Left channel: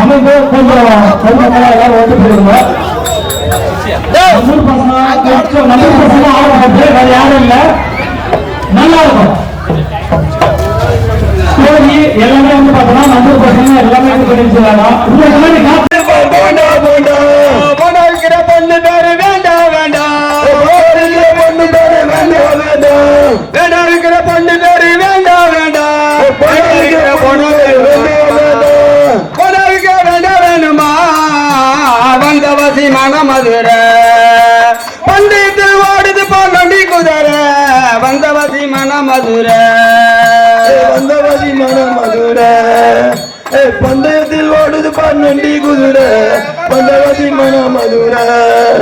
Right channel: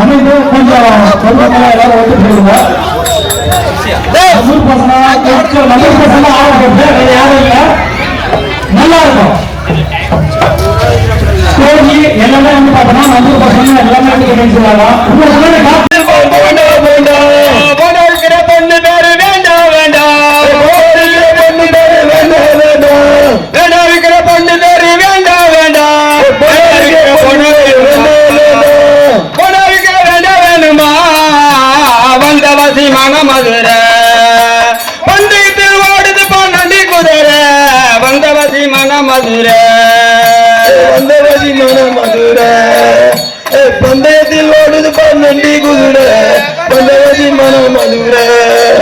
அமைந்து கொஞ்சம் எல்லாரும் ஓட்டு போடுங்க. யாரும் இல்ல, நல்லா இருக்கும். எல்லாமே வந்து பார்த்தோம்னா மஞ்சள் பசங்க எல்லாமே பொண்ணு பேரு வேண்டாம் வேண்டாம், பொண்ணு பேரு வேண்டாம் வேண்டாம், இருக்கிற பொண்ணு பேரு வேண்டாம் வேண்டாம், பொண்ணு வேண்டாம் வேணுமா வந்தவசி மனமதுரை பந்தயத்தில் ஓடுது பாண்டி குதிரை வந்தவசி மனமதுரை வந்தவசி மனமதுரை பந்தயத்தில் ஓடுது பாண்டி குதிரை வந்தவசி மனமதுரை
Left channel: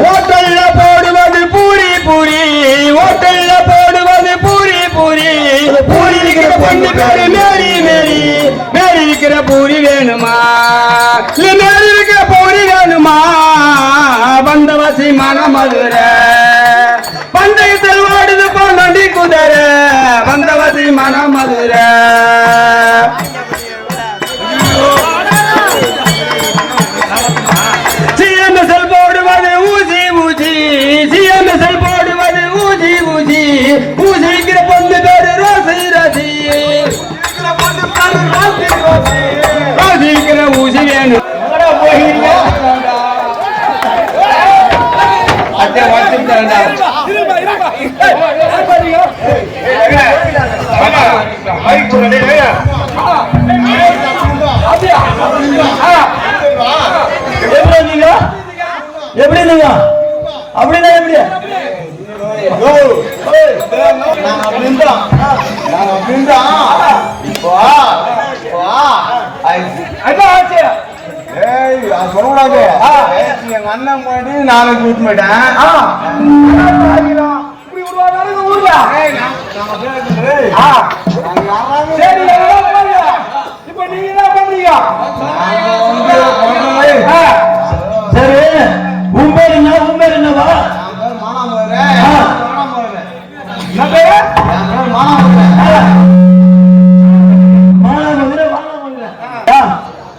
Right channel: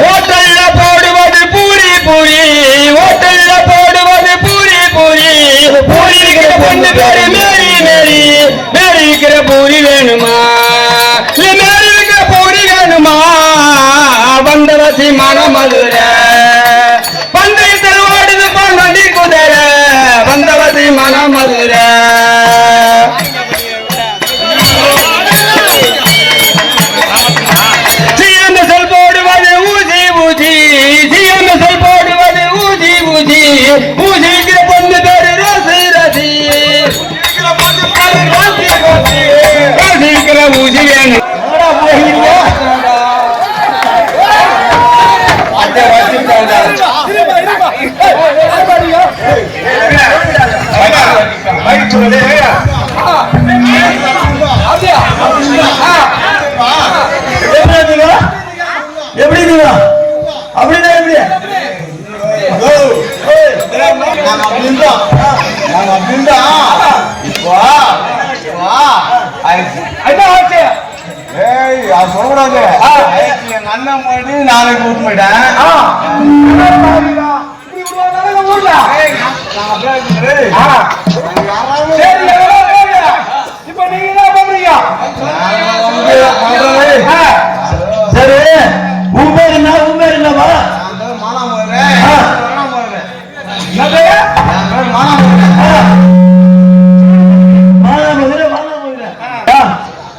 ஹோட்டல்ல போடுவது பூரி பூரி ஹோட்டல்ல போடுவது பூரி பூரி பூரி இருக்கிற பொண்ணு பேரு மேரி மேரி மேரி இருக்கிற பூரி வேணுமா மேரி இருக்கிற பூரி வேணுமா வந்தவசி மனமதுரை பந்தயத்தில் ஓடுது பாண்டி குதிரை வந்தவசி மனமதுரை பூஜிக்கிற பொண்ணு பேரு ரசி ரசி பூஜிக்கிற பூஜி வேணும். எப்படி நீங்க அப்படிதான் எப்படி சொல்லக்கூடாது. எங்க அண்ணன் போயிட்டு நாளைக்கு கூட்டு போயிட்டேன். சரி உன் பேர் என்ன? உன் பேர் என்னவா?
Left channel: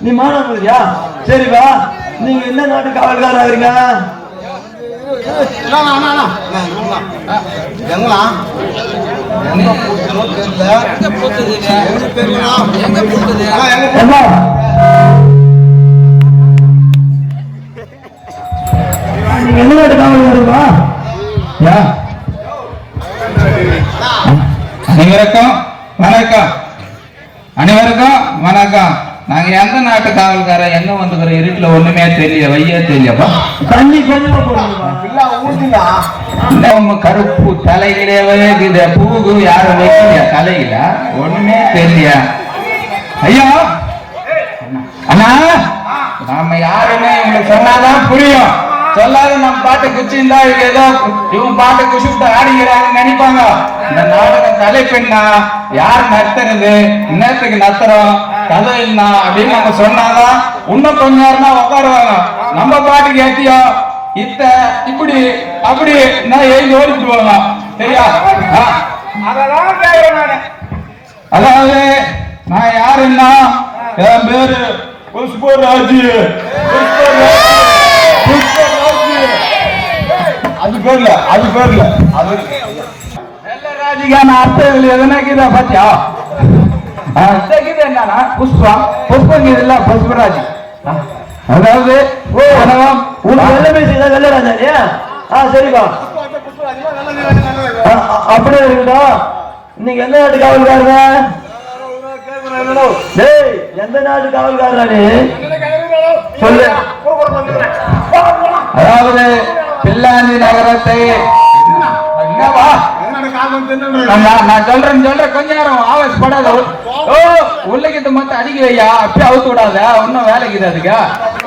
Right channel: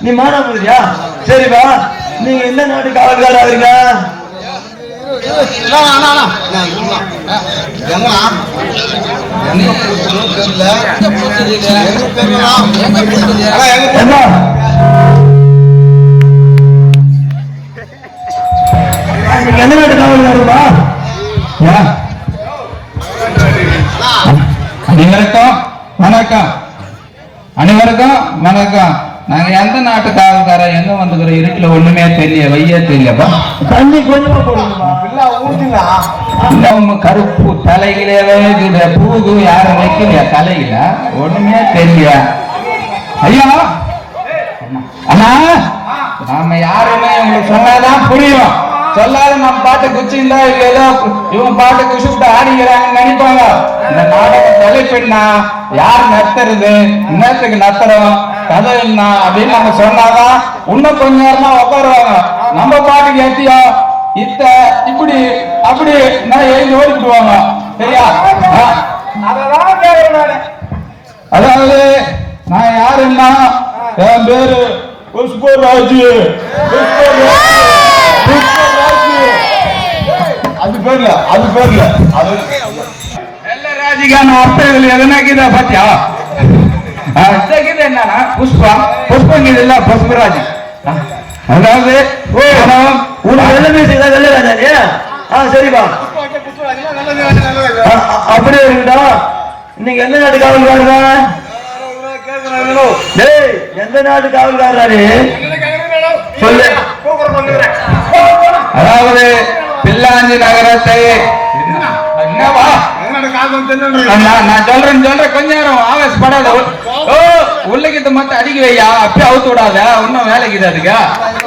நீ மானாமதுரையா? சரிப்பா, நீங்க எந்த நாட்டு காவல்காரா இருக்க? நீங்க எந்த நாட்டு காவல்காரா? அனைவருக்கும் வணக்கம். அனைவருக்கும் வணக்கம். நாங்க எந்த நாட்டு காவல்கார எங்க வந்துக்கிற இருட்டுல ஒண்ணுமே தெரியல, வையே தெரியப்பா. தண்ணி கருப்பு தலையிலே பூகு யாரும் வைக்கலையா தலையில ஒண்ணுமே தெரியல. ஐயா அண்ணா, நாம யாருமே உங்களுக்கு சொன்னாதான் புரியும். சொல்லாத நம்ம பாட்டு குச்சிருந்தா ஏதோ இவங்க பாட்டு குச்சிட்டு ஆடிக்கிறாங்கன்னு நினைப்பாங்க. இந்த நாடக தலைப்பெண்ணா யார் நத்துறது, இன்னத்துக்கு நத்துறோம் கதை என்ன அப்படின்னு நம்ம சொன்னாதான் இன்னும் கொஞ்ச நேரமா உட்காருவாங்க. நம்ம பாட்டுக்கு ஏத்தியா இத்த இப்படி அப்படி நான் எழுதி ஓடிக்குவாங்க. சரியா? அதாவது நான் யாருன்னா என் பேரு புஷ்பராஜ். அது பேர்ல ராஜிகான அர்த்தங்கள் எதனாக்குதா பாத்தியா? என்னன்னா புஷ்பம் புஷ்பம் இல்ல புஷ்பராஜ். அதாவது வெள்ளராஜா. சரிப்பா, அப்படியே இருக்கட்டும். இன்னைக்கு எந்த நாட்டு காவல்காரங்க? எந்த நாட்டு காவல்காரனே சொல்லு. அதாவது பில்லாஞ்சி நகரத்தை என்னவா நான் சொல்றேன் கொஞ்ச நேரம் ஆவேசப்படாத. உள்ளகிட்ட மட்டும் அடிக்க வையா, அப்பயே அவுத்து விடாத. ஒன்னும் வேலைக்கு அதுக்கா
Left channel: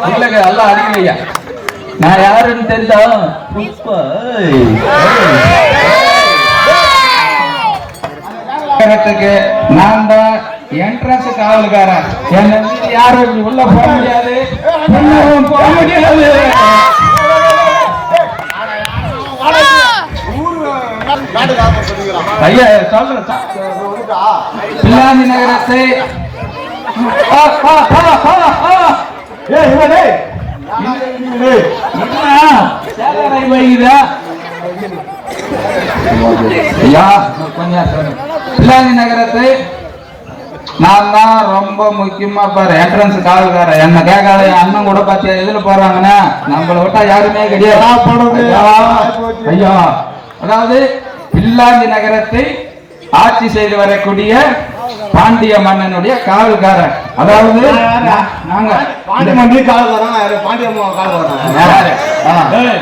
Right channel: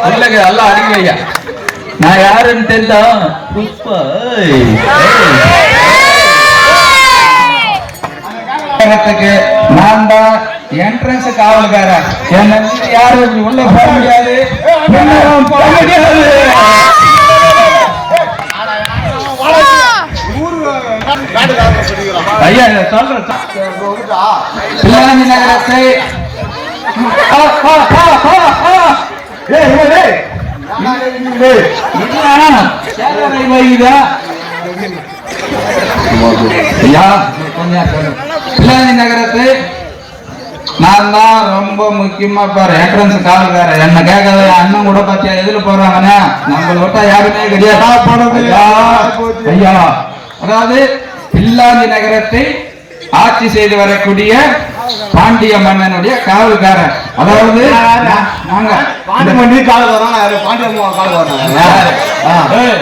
உள்ளக எல்லாம் அடிக்க வையா. நான் யாருன்னு தெரிஞ்சா நான் தான் என்ட்ரன்ஸ் காவல்காரன். யாரும் உள்ள போக முடியாது, போக முடியாது. ஐயா சொல்றேன். பில்லாஞ்சி நகரத்தை பிள்ளாஞ்சி நகரத்து நான் தான் ரொம்ப முக்கியமா பாரு என்ட்ரன்ஸ் காவல்காரன் என்ன கேட்காத அண்ணன் கூட பார்த்து எதுல போறாங்கன்னு நம்மள விட்டா யாருமே கிடையாது ஐயா. அதாவது பிள்ளாஞ்சி நகரத்தை ஆட்சி செய்து வரக்கூடிய பாண்டிய மன்னனுடைய காவல்காரன். அதாவது நாங்க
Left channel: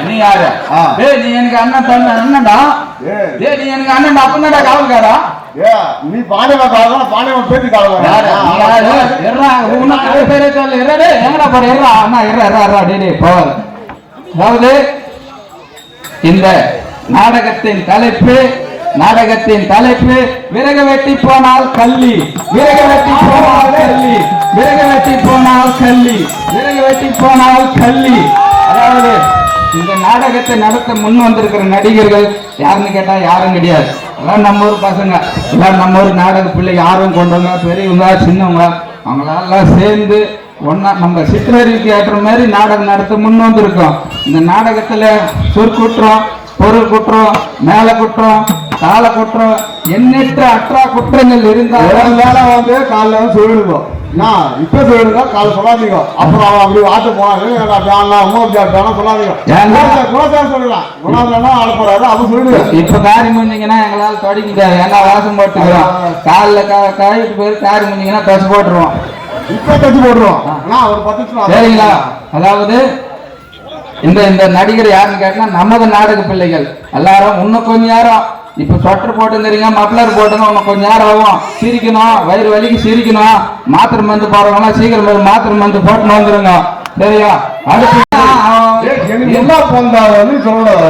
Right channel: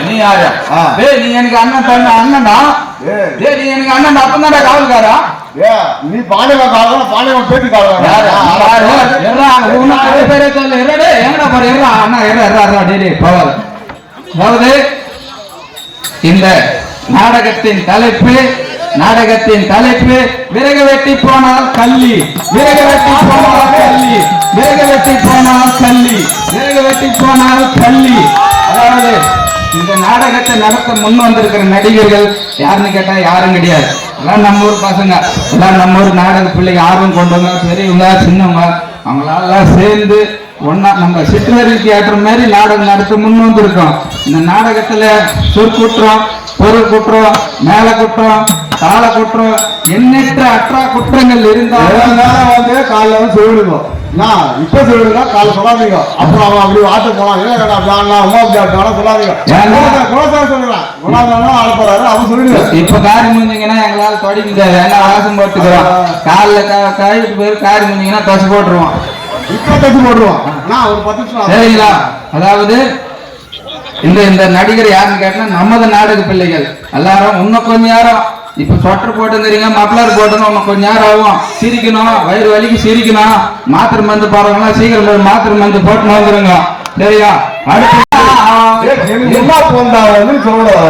நீ யாரு? நீ எனக்கு அண்ணன் அண்ணன்டா. நீ எனக்கு அண்ணன் அப்பந்தாடா காவல்காரா? நீ பாண்டியவன் காவல் பாண்டியவன் பேட்டி காவல் பேரே சொல்ல எறடே எங்கடா பாரு எறா அண்ணா எறா டேடி போவாத. அதாவது இந்த நாடகத்தின் தலைப்பு விறகு வெட்டி போனால் கள்ளி, விறகு வெட்டி போனால் கள்ளி, விறகு வெட்டி போனால் கள்ளி, விறகு வெட்டி போனால் கள்ளி. அதாவது இந்த நாடகத்தை நடத்த முன் வந்திருக்கிற நடிகர்கள் யாருன்னு கேட்டா யாரும் கிடையாது. எல்லாம் நம்ம ஊர் பசங்க, எல்லாம் நம்ம ஊர் நாடக பிள்ளைங்க ஆர்வம் கொண்டவங்க, பெரியவங்க சின்னவங்க, அவங்களெல்லாம் சேர்ந்து ஒன்னா நம்ம சிற்றறி தியேட்டர் மாதிரி நாடகம் நடத்த முன் வந்திருக்கோம். இந்த நாடகத்துல சொற்குற்றம், பொருள் குற்றம், மேல குற்றம், தாள குற்றம், எண்ணற்ற அற்றா குற்றங்கள் இருந்தாலும் காலைல வந்து சொல்லிடுங்க. இப்ப சொல்லிடுங்க, காலை சொல்லாதீங்க. அப்புறம் அவன் அப்படி ஆட்டு போனான் சொல்லாதீங்க. அவன் சொல்லிடுங்க. இப்ப காரி முடிஞ்சீங்கன்னா எங்களால தொட முடியாது. ஏன்னா வாசம் போட்டுக்கிறோம். காலில் கழுவிட்டு போய் காரி முடிஞ்சீங்கன்னா தச்சு போட்டுருவோம். இப்ப தச்சு போட்டுருவோம். ஒரு 10 நிமிஷம் சரிங்களா? அதாவது இந்த நடிகர் யாருன்னு கேட்டா நமது நாடக பிள்ளைகள் எல்லாரும் இன்னும் கொஞ்சம் நேரம் இப்ப சொட்டர் போட்டுங்கிறீங்க, மப்ளர் போட்டுங்க, இன்னும் கொஞ்சம் நேரம் ஆகும். சிரிக்கணும், வயிறு வலிக்கு சிரிக்கணும். மாத்திரை மருந்து போறவங்க சீக்கிரம் மாத்திரை மருந்து போட்டு வந்துருங்க. சரியா? அடுத்து எல்லாம் போந்தாலும் சொல்லணும்.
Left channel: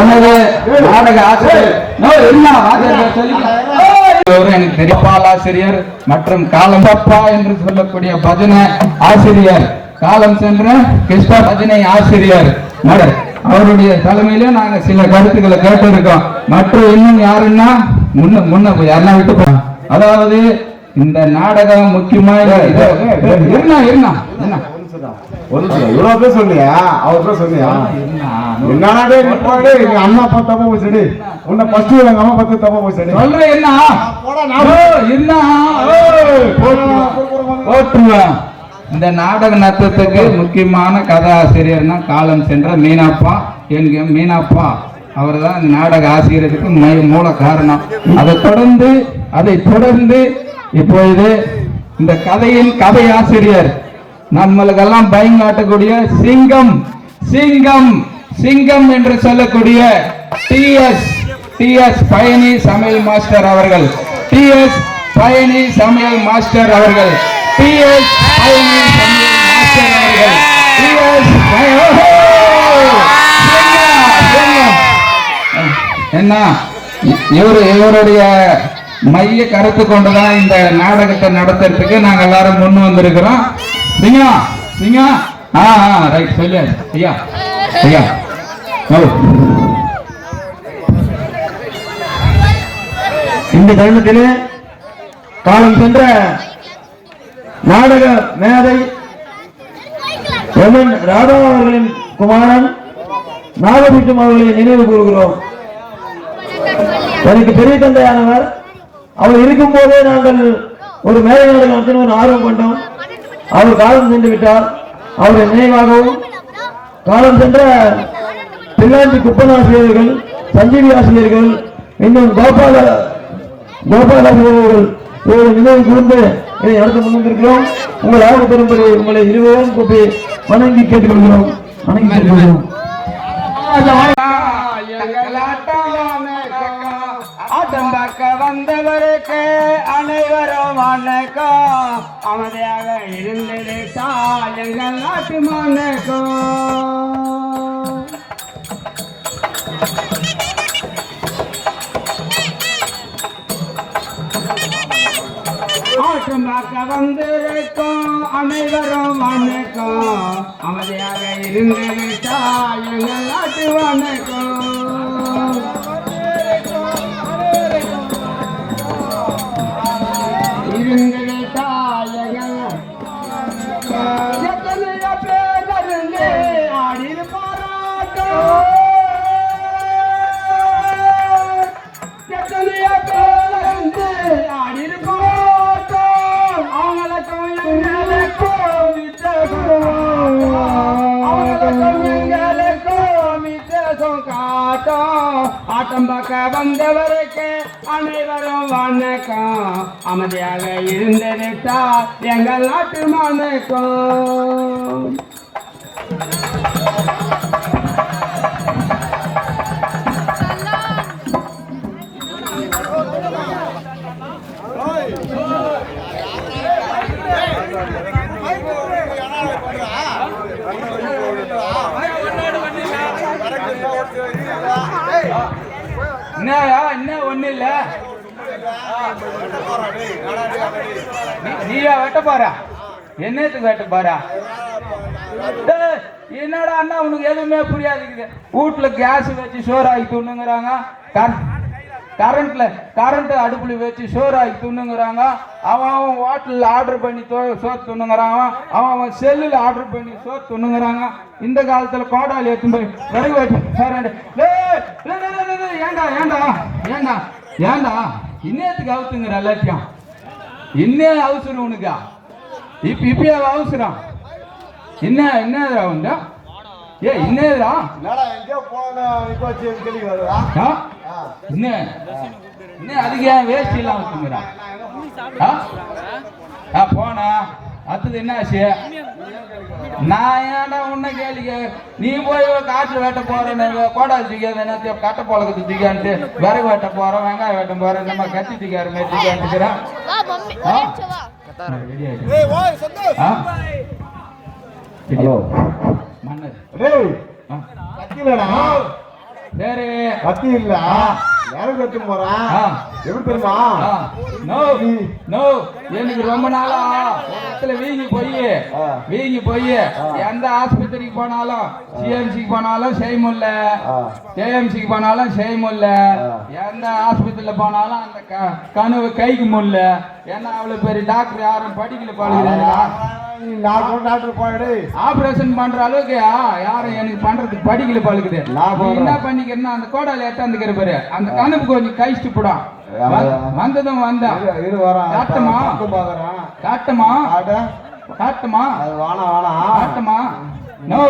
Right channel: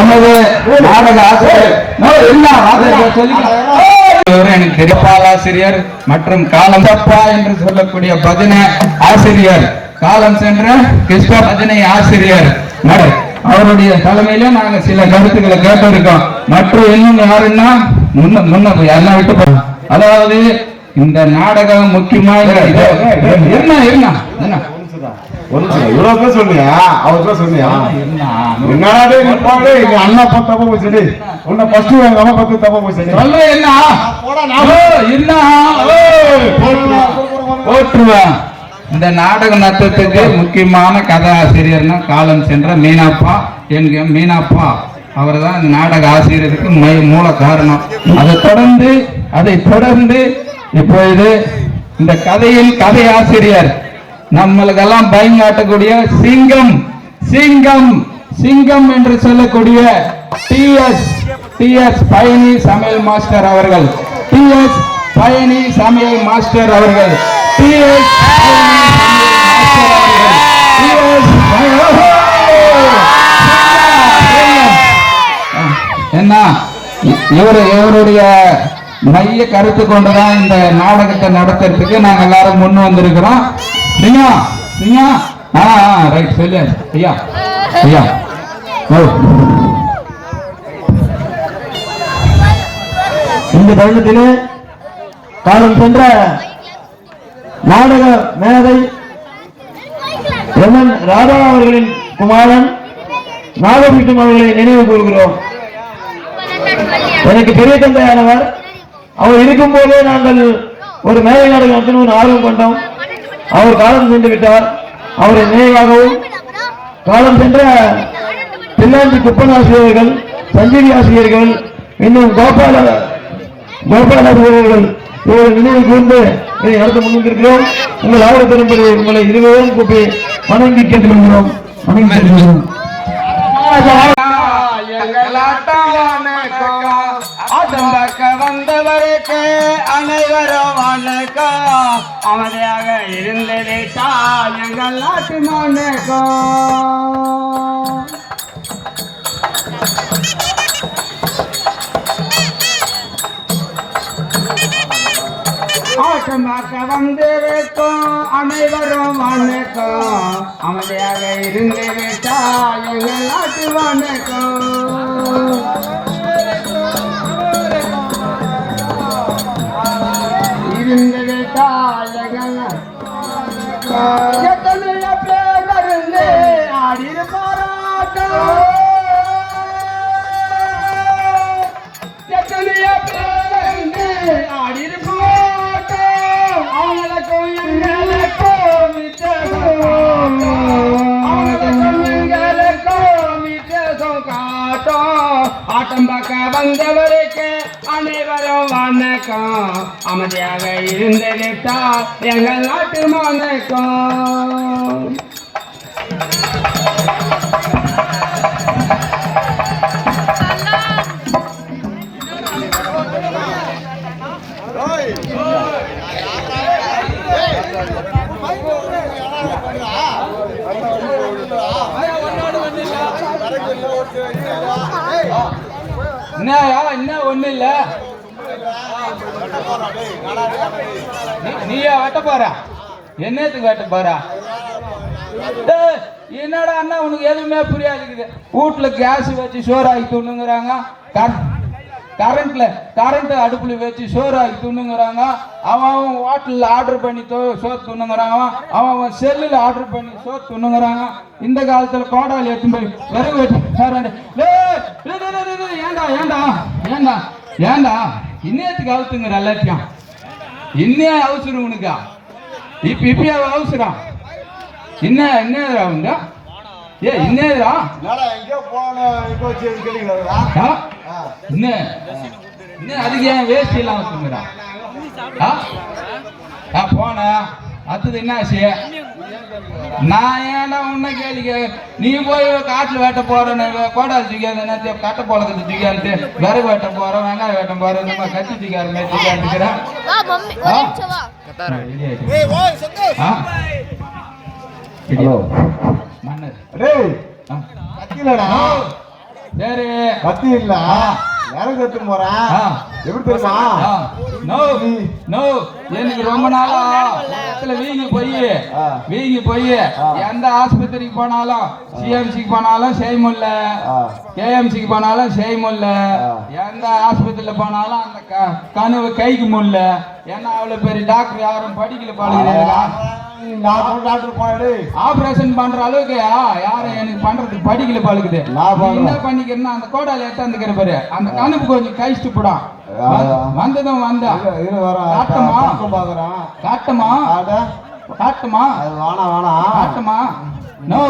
எமது நாடக ஆசிரியர் எனக்கு தெரிப்பாலாசிரியர் மற்றும் காலம் தப்பா என்று சொல்லக்கூடிய பஜனை ஆசிரியர், காலம் சென்ற கிருஷ்ண பஜனை ஆசிரியர் அவருடைய தலைமையில நாங்க சில கருத்துக்களை கேட்டிருக்கோம். மற்றும் இன்னும் யாருன்னா முன்ன யாரெல்லாம் விட்டு போறோம். அதாவது இந்த நாடகம் முக்கியமா இவ்வளவு பேர் சொன்னியா? அவர் பேர் சொன்னியா? என்னடா எங்க அண்ணா பத்து தப்பா போச்சு. உன்னை ஃபர்ஸ்ட் எங்க அம்மா பத்து தப்பா போச்சு. போட்டுருவேன். இந்த நாடக நத்தத்துக்கு முக்கியமான கதாசிரியர்னா காலம் சென்ற மீனாப்பா. என்க மீனாப்பா அவர் தான் இந்த நாடக ஆசிரியருக்கு மூல காரணம். அதை தொடர்ந்து இப்போ இது இந்த கதையின் கதை ஆசிரியர் நம்மளுக்கெல்லாம் பயங்காட்டக்கூடிய சிங்கம் என்று சொல்லக்கூடிய டிஎஸ் பயணி சமையல் மாஸ்டர் அவர்கள். டிஎஸ் பயணி சமையல் மாஸ்டர் அவர்கள். என்ன இவருடைய மைய கருத்து கொண்டுதான் இந்த நாடகத்தை நடத்துறதுக்கு நாங்க எல்லாரும் முன் வந்திருக்கிறோம். சிங்கா ரைட் சொல்லு ஐயா. இந்த தருணத்திலே காலம் சென்ற நாடக மேதை எம்என் ராதா அவர்களின் குமாரன் நாகபூஷன் அவர்களை நினைவு கூறுகிறோம். எனக்கு பெரிய தந்தையானவர். அவர் இருக்கும் போதே நாங்கள் ஒரு மேலை நாடகம் நடத்தின ஒரு ஆர்வம் கொண்டோம். அவர் காலம் சென்று விட்டார். அவரை நினைவாகவும் காலம் சென்ற பிள்ளாஞ்சி குப்பன் ஆசிரியர்கள், சஞ்சீவி ஆசிரியர்கள், இன்னும் கோபால ஆசிரியர்கள் இவர்கள் நினைவு கூர்ந்து இதை நடத்த முன்வந்திருக்கிறோம். உங்கள் ஆர்வம் பெறும்படி உங்களை இருவரும் கூப்பி வணங்கி கேட்டுக்கொள்கிறோம். வந்தவருக்கு அனைவரும் வணக்கம். அமைதியாக இருந்து விட்டால் எங்கள் நாட்டு வணக்கம். ஆட்டமாக்க வந்திருக்கோம் அனைவரும் வணக்கம். அமைதியாக இருந்து விட்டால் எங்கள் நாட்டு வணக்கம். ஆட்டம் பார்க்க வந்தவருக்கு அனைவரும் வணக்கம். அமைதியாக இருந்திருந்தா எங்கள் நாட்டு வணக்கம். என்ன ஒண்ணு இல்ல, நீயா வெட்ட போற? என்னத்துக்கு வெட்ட போற? என்னடா அண்ணா உனக்கு எதுவுமே புரியாது. வீட்டுல கேஸ் வச்சு சோறாக்கி துண்ணுங்கிறாங்க, கரண்ட் அடுப்புல வச்சு சோறாக்கி துண்ணுங்கிறாங்க. அவன் ஹோட்டல்ல ஆர்டர் பண்ணி சோறு துண்ணுங்கிறாங்க. அவன் செல்லுல ஆர்டர் பண்ணி சோறு துண்ணுங்கிறாங்க. இந்த காலத்துல கோடாலி எடுத்து போய் விறகு வச்சு ஏண்டா ஏண்டா ஏண்டா ஏண்டா இன்னத்துக்கு அவுத்துங்கிற எல்லாத்தையும். இன்னும் அவசரம் உனக்கா? இப்ப அவசரம் என்னதுரா உங்க? ஏ என்னதுரா என்ன அதுக்கு ஏன் வேஸ்ட் எல்லாம் வச்சுங்கிறா? போனா அடுத்தது என்ன ஆச்சு? நான் ஏன்னா உன்ன கேள்வி, நீ போய் காட்டுல வேட்ட போறேன்னு கோடா தூக்காது, கட்டை பழக்கத்தை தூக்கான்ட்டு விறகு வேட்ட போறேன், வெங்காயம் வேட்ட போறேன், நம்ம கத்தி தூக்காரு மாதிரி தூக்காந்துக்கிறேன். சரி கத்தி இல்ல விறகு எடுத்து போறேன். எப்படி பேசா? எனக்கு ரொம்ப நாளா வீங்கி போய் எந்த ஆஸ்பத்திரிக்கு போனாலும், சிஎம்சிக்கு போனாலும் செய்ய முடியல, கேஎம்சிக்கு போனாலும் செய்ய முடியல, எந்த ஆஸ்பத்திரியில போனாலும் அந்த கனவு கைக்கு முடியல. ஏன்னா அவ்வளவு பெரிய டாக்டர் யாரும் படிக்கல பாருங்க. ஆபரேஷன் பண்ற அளவுக்கு யாரும் எனக்கு பண்றதுக்கு படிக்கல பழகுது. என்ன பண்ணிக்கிறேன்னா அந்த கோடால எட்டாந்துக்கிற பாரு, அந்த கணக்கு கொஞ்சம் கழிச்சுட்டு போடும். வந்ததும் வந்தா காட்டுமா காட்டுமா காட்டுமா காட்டுமா? நோ,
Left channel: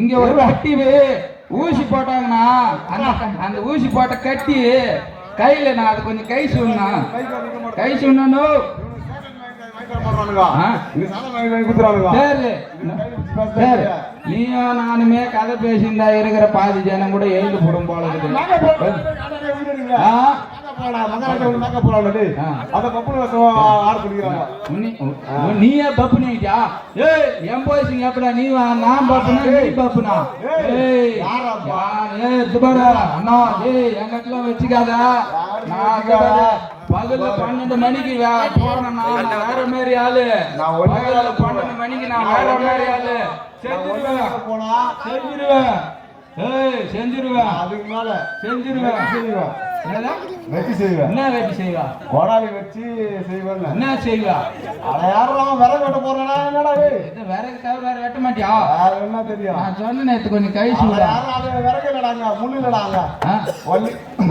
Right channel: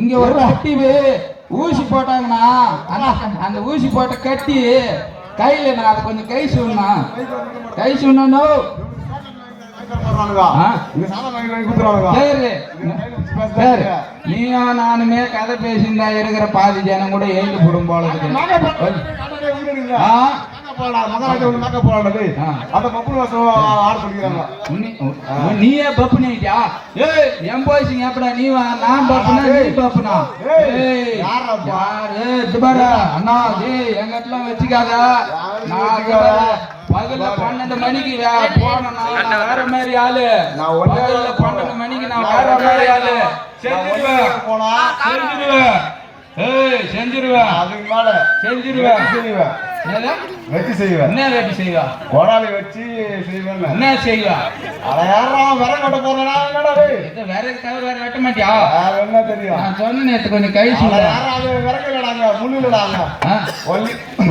இங்க ஒரு கட்டி ஊசி போட்டாங்கன்னா அந்த ஊசி போட்ட கட்டி கையில நான் அதை கொஞ்சம் கை சொன்னா சரி. நீயும் நானுமே கதை பேசியிருந்தா இருக்கிற பாதி ஜனம் கூட எழுந்து போடும் போல இருக்குது. நீயே பப்புனியா? என் போய்ச்சிங்க எப்படா நீ? நான் பப்புனா நீ பப்புனா? யாரு அண்ணா எங்க இடத்துல வச்சுக்காதா? நான் பகல்ல 12 மணிக்கு வேற மாதிரி ஆளு, 12 மணிக்கு நான் வேற மாதிரி ஆளு. செஞ்சிருவேன் அதுக்கு மேல செஞ்சிருவேன். வெட்டி செய்வேன். என்ன வெட்டி செய்வா? கோடாலி வச்சு செய்வேன். என்ன செய்வா? யாரும் விறகு வெட்ட போறா? என்னடா விறகு வேற வெட்ட மாட்டியா? என்ன தெரியும்? நான் சொன்ன நேரத்து கொஞ்சம் கை சொல்ல. விறகு இல்லடாங்க, முள்ளு இல்லடாங்க.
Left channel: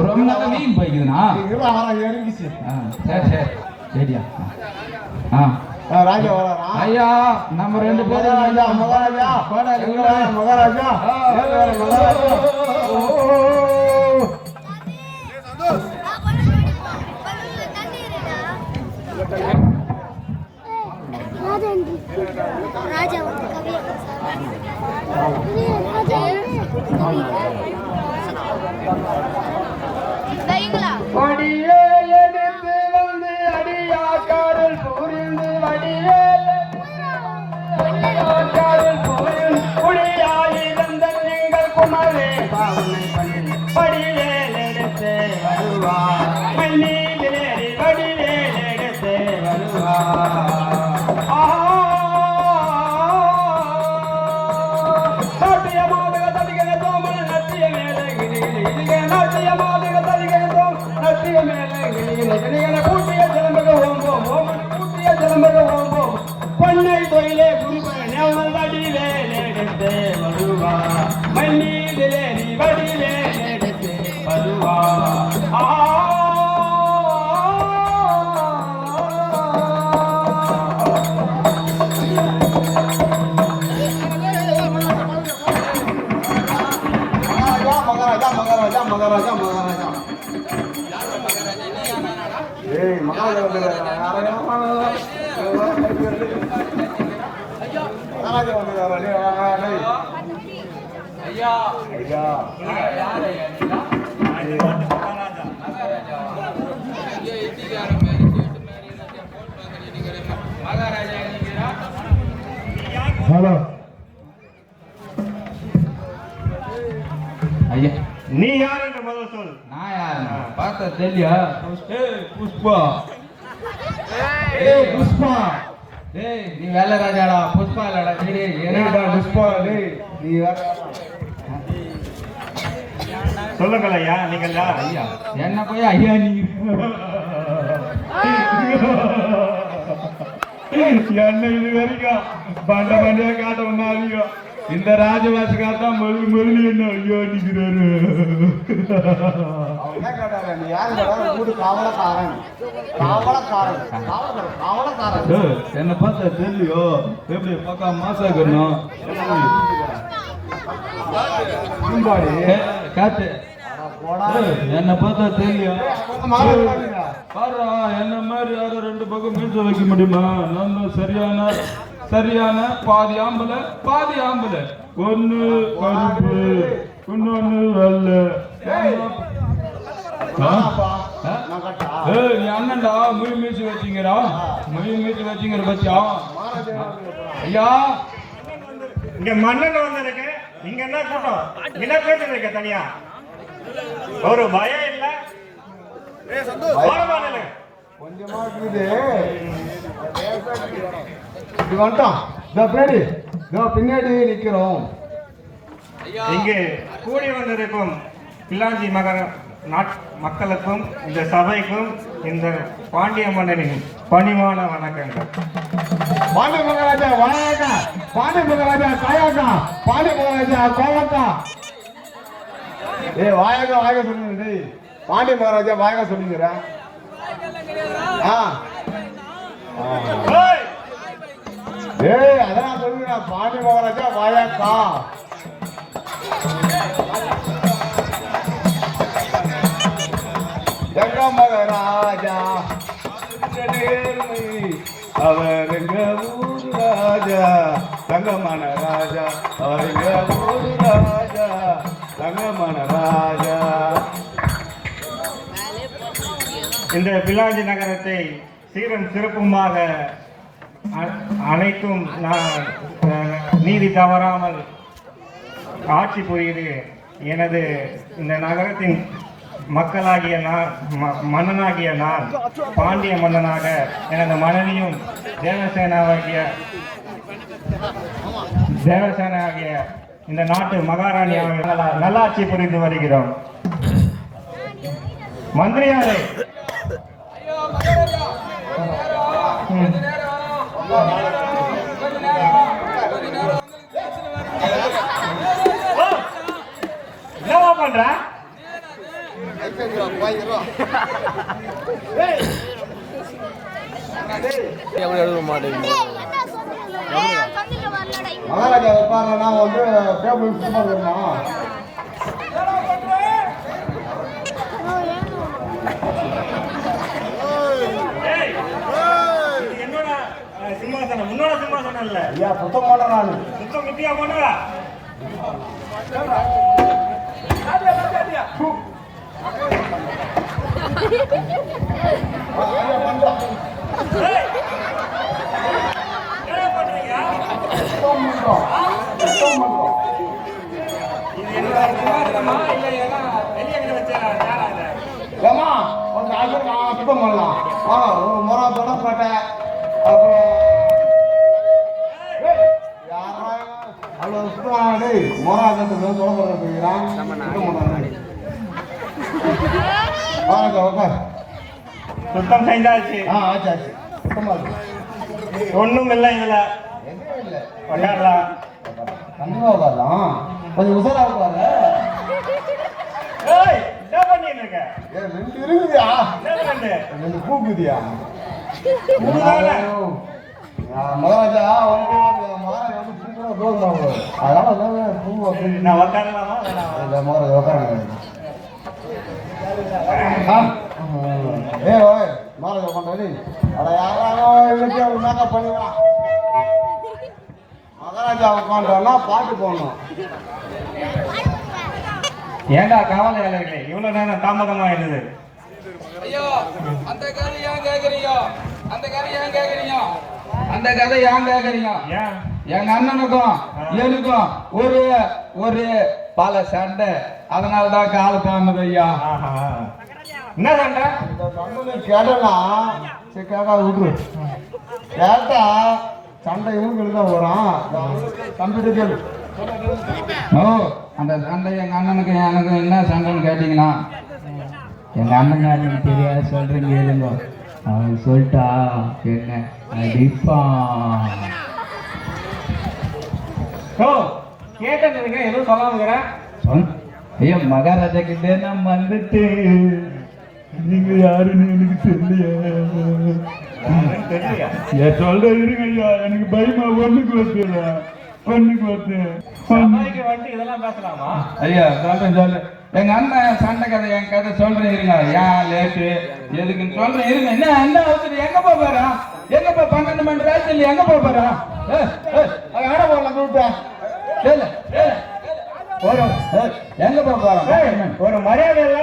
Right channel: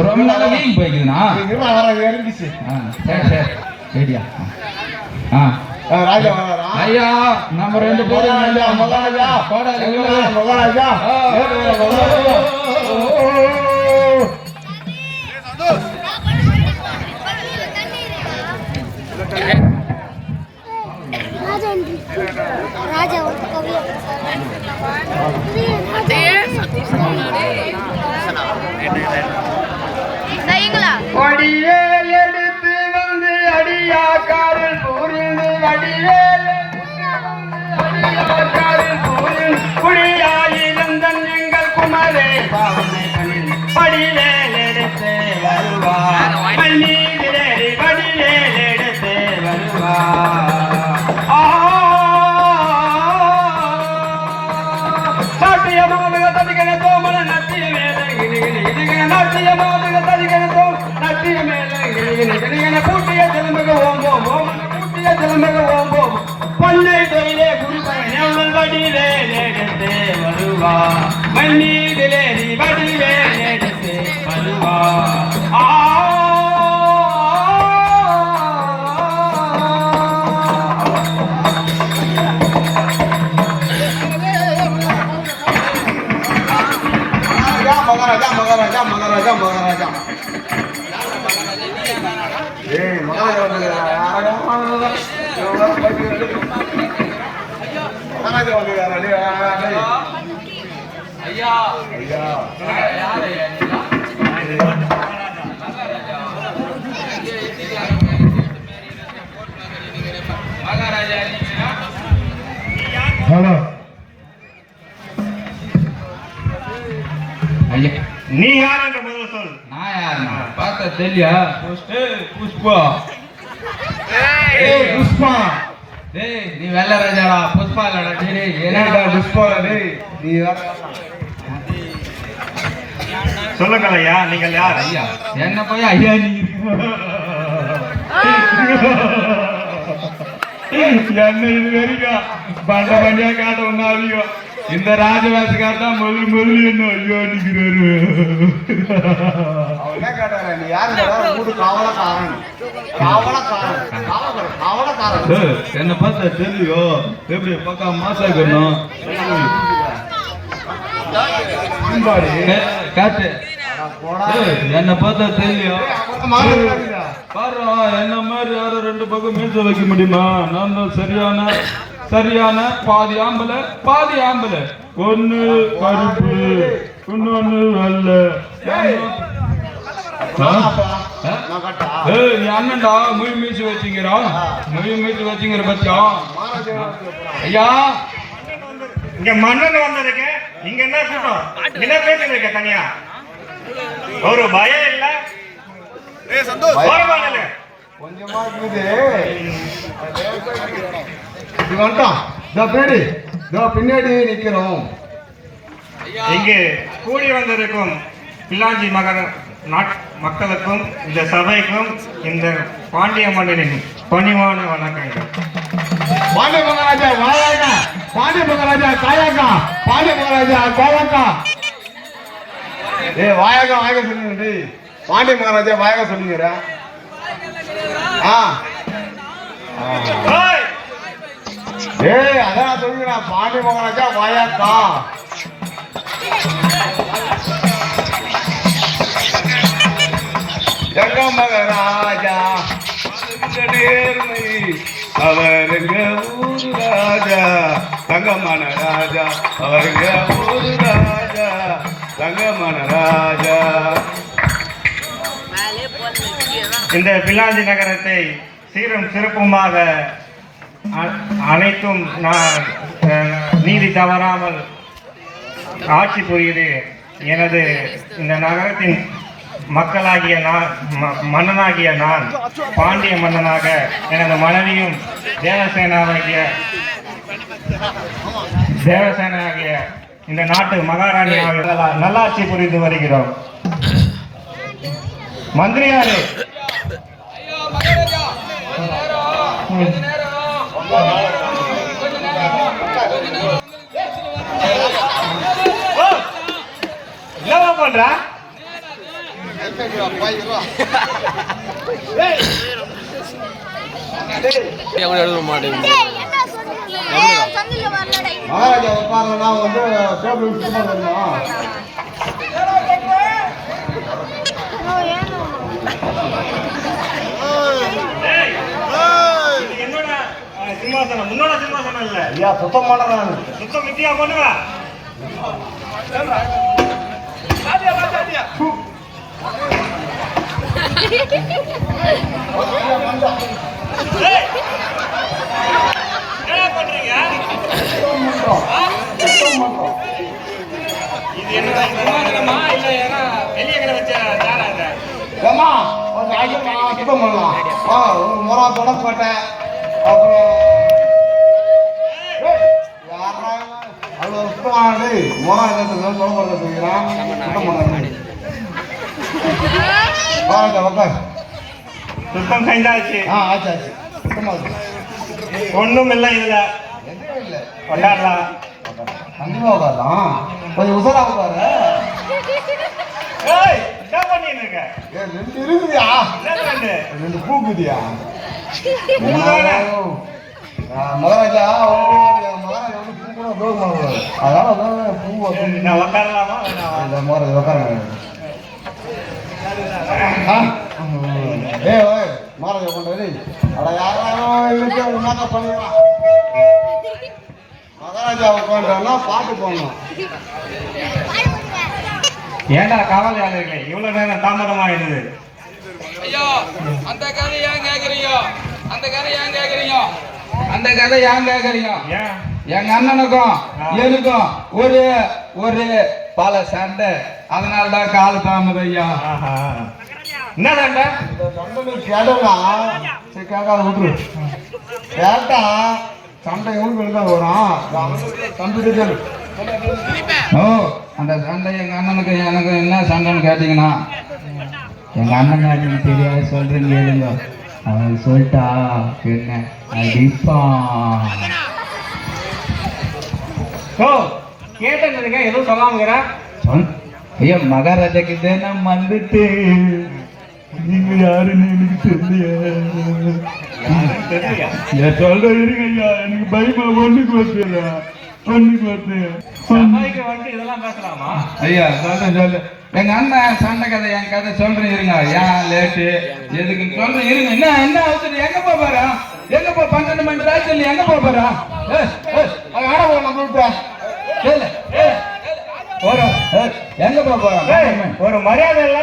ரொம்ப நாளா வீங்கி போய்க்குதுண்ணா. எரிஞ்சிச்சு. சரி சரியா? ராஜா ஐயா, நம்ம 2 பேரும் மகாராஜா கோடாலி மகாராஜா ராஜா ஒரு கவியை கொடியே எடுத்து வந்து அடியாக்காரில் புரிந்து வடிவேல் அடியாக்காரில் புரிந்து குடியாயிருந்தன் எங்கள் குமரே பாவனை பண்ணில் வடிவேல் எடுத்து வருவார். மண்ணீரிலே வடிவேல் எடுத்து வருவார். பொன்னை தொழிலே குருபன் வடிவே எடுத்து வருவா. மண்ணீரிலே வடிவே எடுத்து வருவா. மகாராஜா மகாராஜா மகாராஜா மகாராஜா ஹலோ ஐயா நீ யார் என்று முதல் சொல். நான் யாருண்ணா பார்த்தா தெரியல புஷ்பா புஷ்பா டேய் நீ வெள்ள ராஜாடா புஷ்பா இல்லடா டேய் என்னடா புஷ்பா டேய் நீ சொல்லுங்கள் ஐயா, நீங்கள் யார்? ஐயா என்ன போய் ஐயா நீ என்ன இது வரைக்கும் பண்ட பண்டிகை காட்ட ஒன்னாவியோ இந்த ராஜவேஷக்கார தான் முதல் என்ன ஐயோ நிக்கிறாரு. என்ன பார்த்தா தெரியும் எப்படி பக்கா மாசாக்கணும் காட்டு என்ன பார்த்தா தெரியும் பாரு என்ன மாதிரி யாரும் ரெண்டு பக்கம் மீச வைக்க முடியுமா? நான் தான் சரியான பாதி ஆம்பளை ஒண்ணு கருப்பு இன்னொன்னு வெள்ளை. நீ அண்ணன்டா முய் மீச்சு வச்சுங்கிறா பத்தியா ஐயா இங்க மன்னன் வந்திருக்கு, இங்க என்ன கூட்டம்? என்ன பேசிட்டு இருக்க தனியா? ஒரு பயம் இல்ல? ஓரமானல. கொஞ்சமா இருக்குது இது வந்துட்டோம். பின்னாடி நிக்கிறோம். இங்கே கூடி வந்திருக்கும் பிள்ளாஞ்சி மக்களுக்கும் இந்த சபைக்கும் இந்த பாண்டிய மன்னனின் பணிவான வணக்கங்கள். பாண்டிய மகாராஜா வாயாக்கா, பாண்டிய மகாராஜா காயாக்கா, பாண்டிய மகாராஜா கோவாக்கா. வாயாக்கா சொல்லுங்க. பாண்டிய மகாராஜா வாயாக்கா சொல்லுங்க. அதான் சொல்லுங்க. பாண்டிய மகாராஜா வாயாக்கா. எங்க மகாராஜா நேர்மை அவருங்க ஊரு ராஜா, தங்கமான ராஜா அவருங்க ஊரு ராஜா, தங்கமான ராஜா. இந்த பிள்ளாஞ்சி நகரத்தை சீரும் சிறப்புமாக அனைத்தும் நீதி தவறாமல் ஆட்சி புரியுது. எனது இந்த நகரத்தின் மக்களாகிய நான், மன்னனாகிய நான், பாண்டிய மன்னனாக எனது மனைவியும் தேவசேனாகிய இந்த நாட்டு மகாராணியாக நல்லாட்சி புரிந்து வருகிறோம். மந்திரியாரே, என்னவா பண்ற? மகாராஜா உட்கார்ந்தா வந்து டேபிள் சும்மா வரணும். என்னோட சிம்மாசனம், முன்னோட சிம்மாசனம் இல்ல. ஐயா சுத்தம் பண்ண நான் சுத்தம் வித்தியா பண்ணுவா. என்ன பண்றீங்க? இது என்னோட சிம்மாசனமா இல்ல ஏன்னா வெளியே வச்ச சேரா இது? ஏமா ஒரு ஆளு சுத்தம் பண்ணலாம். ஒரு முறை தொடக்கப்பட்டேன். அப்புறம் அவ்வளோ சுத்தமானது முறை எதாவது தொடப்பட செய்கிறான். சுத்தம் பண்ண உட்கார். சுத்தம் செஞ்சாச்சு. ஆச்சு ஆச்சு. சுத்தமாக ஒண்ணும் இல்லை இதுல. எதுவும் இல்லை. கொண்டாடலாம். கண்டிப்பா உட்காரலாம். கொஞ்சம் உசரா உட்காரு. ஏய், என்ன பண்ணிட்டு இருக்க? ரெண்டு இருக்குதியா? ரெண்டு பூக்குதியா? மகாராஜா மகாராஜா வந்து பூ கூட உபயோகமாகுது. அதனால பூ நான் உட்காரலாமா? இந்த மகாராஜா உட்கார மகாராஜா உட்காந்துனா பாட்டு போடணும். ஏண்டா காவல்காரர்களே இவ்வளவு நேரம் தாமதமாயிடுது? ஐயோ அந்த கதை ஏன் கேக்குறீங்க? அந்த கதை ஏன் கேக்குறீங்க? அந்த கதை ஏன் கேக்குறீங்க? ஏன்? எங்க அண்ணனுக்கும் எனக்கும் ஒரு ஒரு பல சண்டை, அதனாலதான் கால தாமதம் ஐயா. ஆஹா. என்ன சண்டை? இந்த சண்டை கேட்டனா சரி கேட்காத விட்டுரு. கேட்டா சண்டை இவங்களுக்கு தான் வரும். கம்ப்யூட்டர் கேளு. ஓ அந்த சண்டை எங்க அண்ணனுக்கு எனக்கு என்ன சண்டைன்னு கேட்டீங்கன்னா, எங்க அண்ணன் எனக்கு தெரியாது சொல்றேன்னு கேளுங்க. அவன் சொல்லிட்டா என்ன அடிப்பான். ஓ கேட்டதுங்க எதுவும் சொல்லாம ஐயா மகாராஜா கிட்ட நான் வந்துட்டு நீங்க யாருன்னு எனக்கு தெரியலையா? சொல்றீங்க ஐயா, எனக்கு பயமா ஒண்ணுக்கு வந்து சபைக்கு வந்து இதெல்லாம் பேசலாமா? ஐயா சொல்றேன் சொல்லு. எங்க அண்ணன் சண்டை கதை என் கதை சொல்றேன் இருங்க. ஏன் லேட்டு எதுக்கு சொல்றேன் இருங்க. என்ன என்ன அவசரம்? எங்க போறா? எங்க போ? 12 மணி ராத்திரி எங்க போறா? ஆட போகலாம் கூப்பிட்டேன். எங்க போறா? ஒரு மரியாதை இல்ல.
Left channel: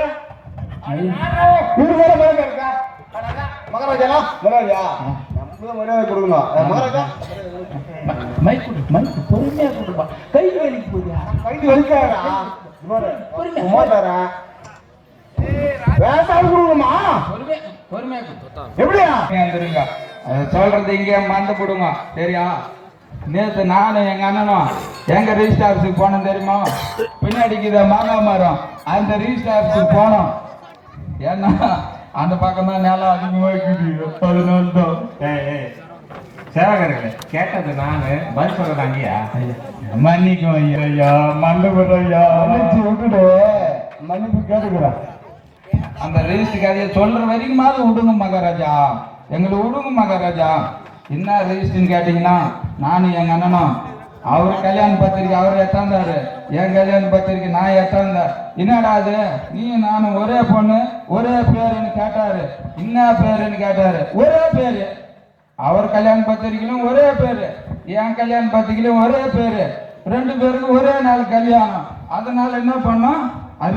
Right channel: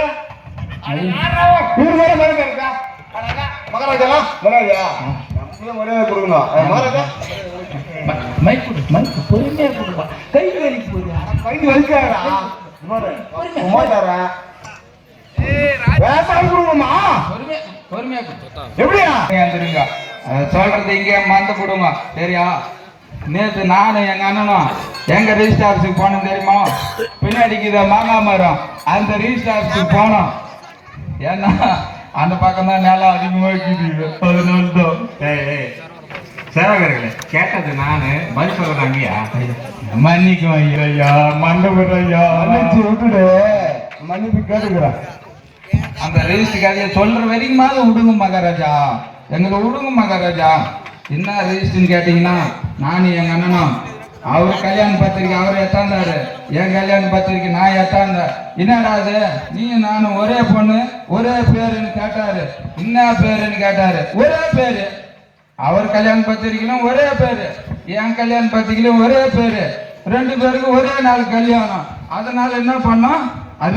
இவரு கூட மரம் இருக்கா? மகாராஜா மகாராஜா மரியாதை கொடுக்கணும். மகாராஜா மைக் மைக் பொறுமையா கொடுப்பா. கை வலிக்கு போறியா? கை வலிக்காதா? உமாதாரன் வேசால் கொடுக்கணுமா? பொறுமையா எப்படியா? வந்துருங்க. சொல்றது இங்கே மறந்து போடுங்க. சரியா? நேற்று நானும் எங்க அண்ணனும் எங்க ரிஜிஸ்டர் ஆஃபீஸுக்கு போனோம் தெரியுமா? பின்னாடிக்கு மாங்காய் மரம், அந்த ரிஜிஸ்டர் ஆஃபீஸுக்கு போனோம். ஏன்னா அந்த பக்கம் தான் நிலம் அதிகமாக இருக்குது. அதனால்தான் சேவகர்களே கேட்டது நானு, பதில் சொல்றது அங்கேயா? மன்னிக்கும் ஐயா, மண்டபம் ஐயா, விட்டுடு, மன்னிப்பு கேட்டுக்கிறேன். அந்த ரெஜிஸ்டர் கதையை சொல்ற வரைக்குமாவது விடுங்க மகாராஜா, எங்களை விடுங்க மகாராஜா. என்ன ரெஜிஸ்டர்னு கேட்டீங்கன்னா, நானும் எங்க அண்ணனும் அவர் கல்யாண பத்திரிக்கை அவர் எத்தாந்தாரு, என் கல்யாண பத்திரிக்கை நான் எத்தாந்தேன். என்னடா அது நீயும் நானும் ஒரே பொண்ணு ஒரே பேருன்னு கேட்டாரு. என்ன பேருன்னு கேட்டாரு. ஒரே பேரு. அவர் கல்யாண பத்திரிக்கையிலும் ஒரே பேரு, என் கல்யாண பத்திரிக்கையிலும் ஒரே பேரு, 2 பேருக்கும் ஒரே நாள் கல்யாணம். அதனால என்ன பண்ணோம்,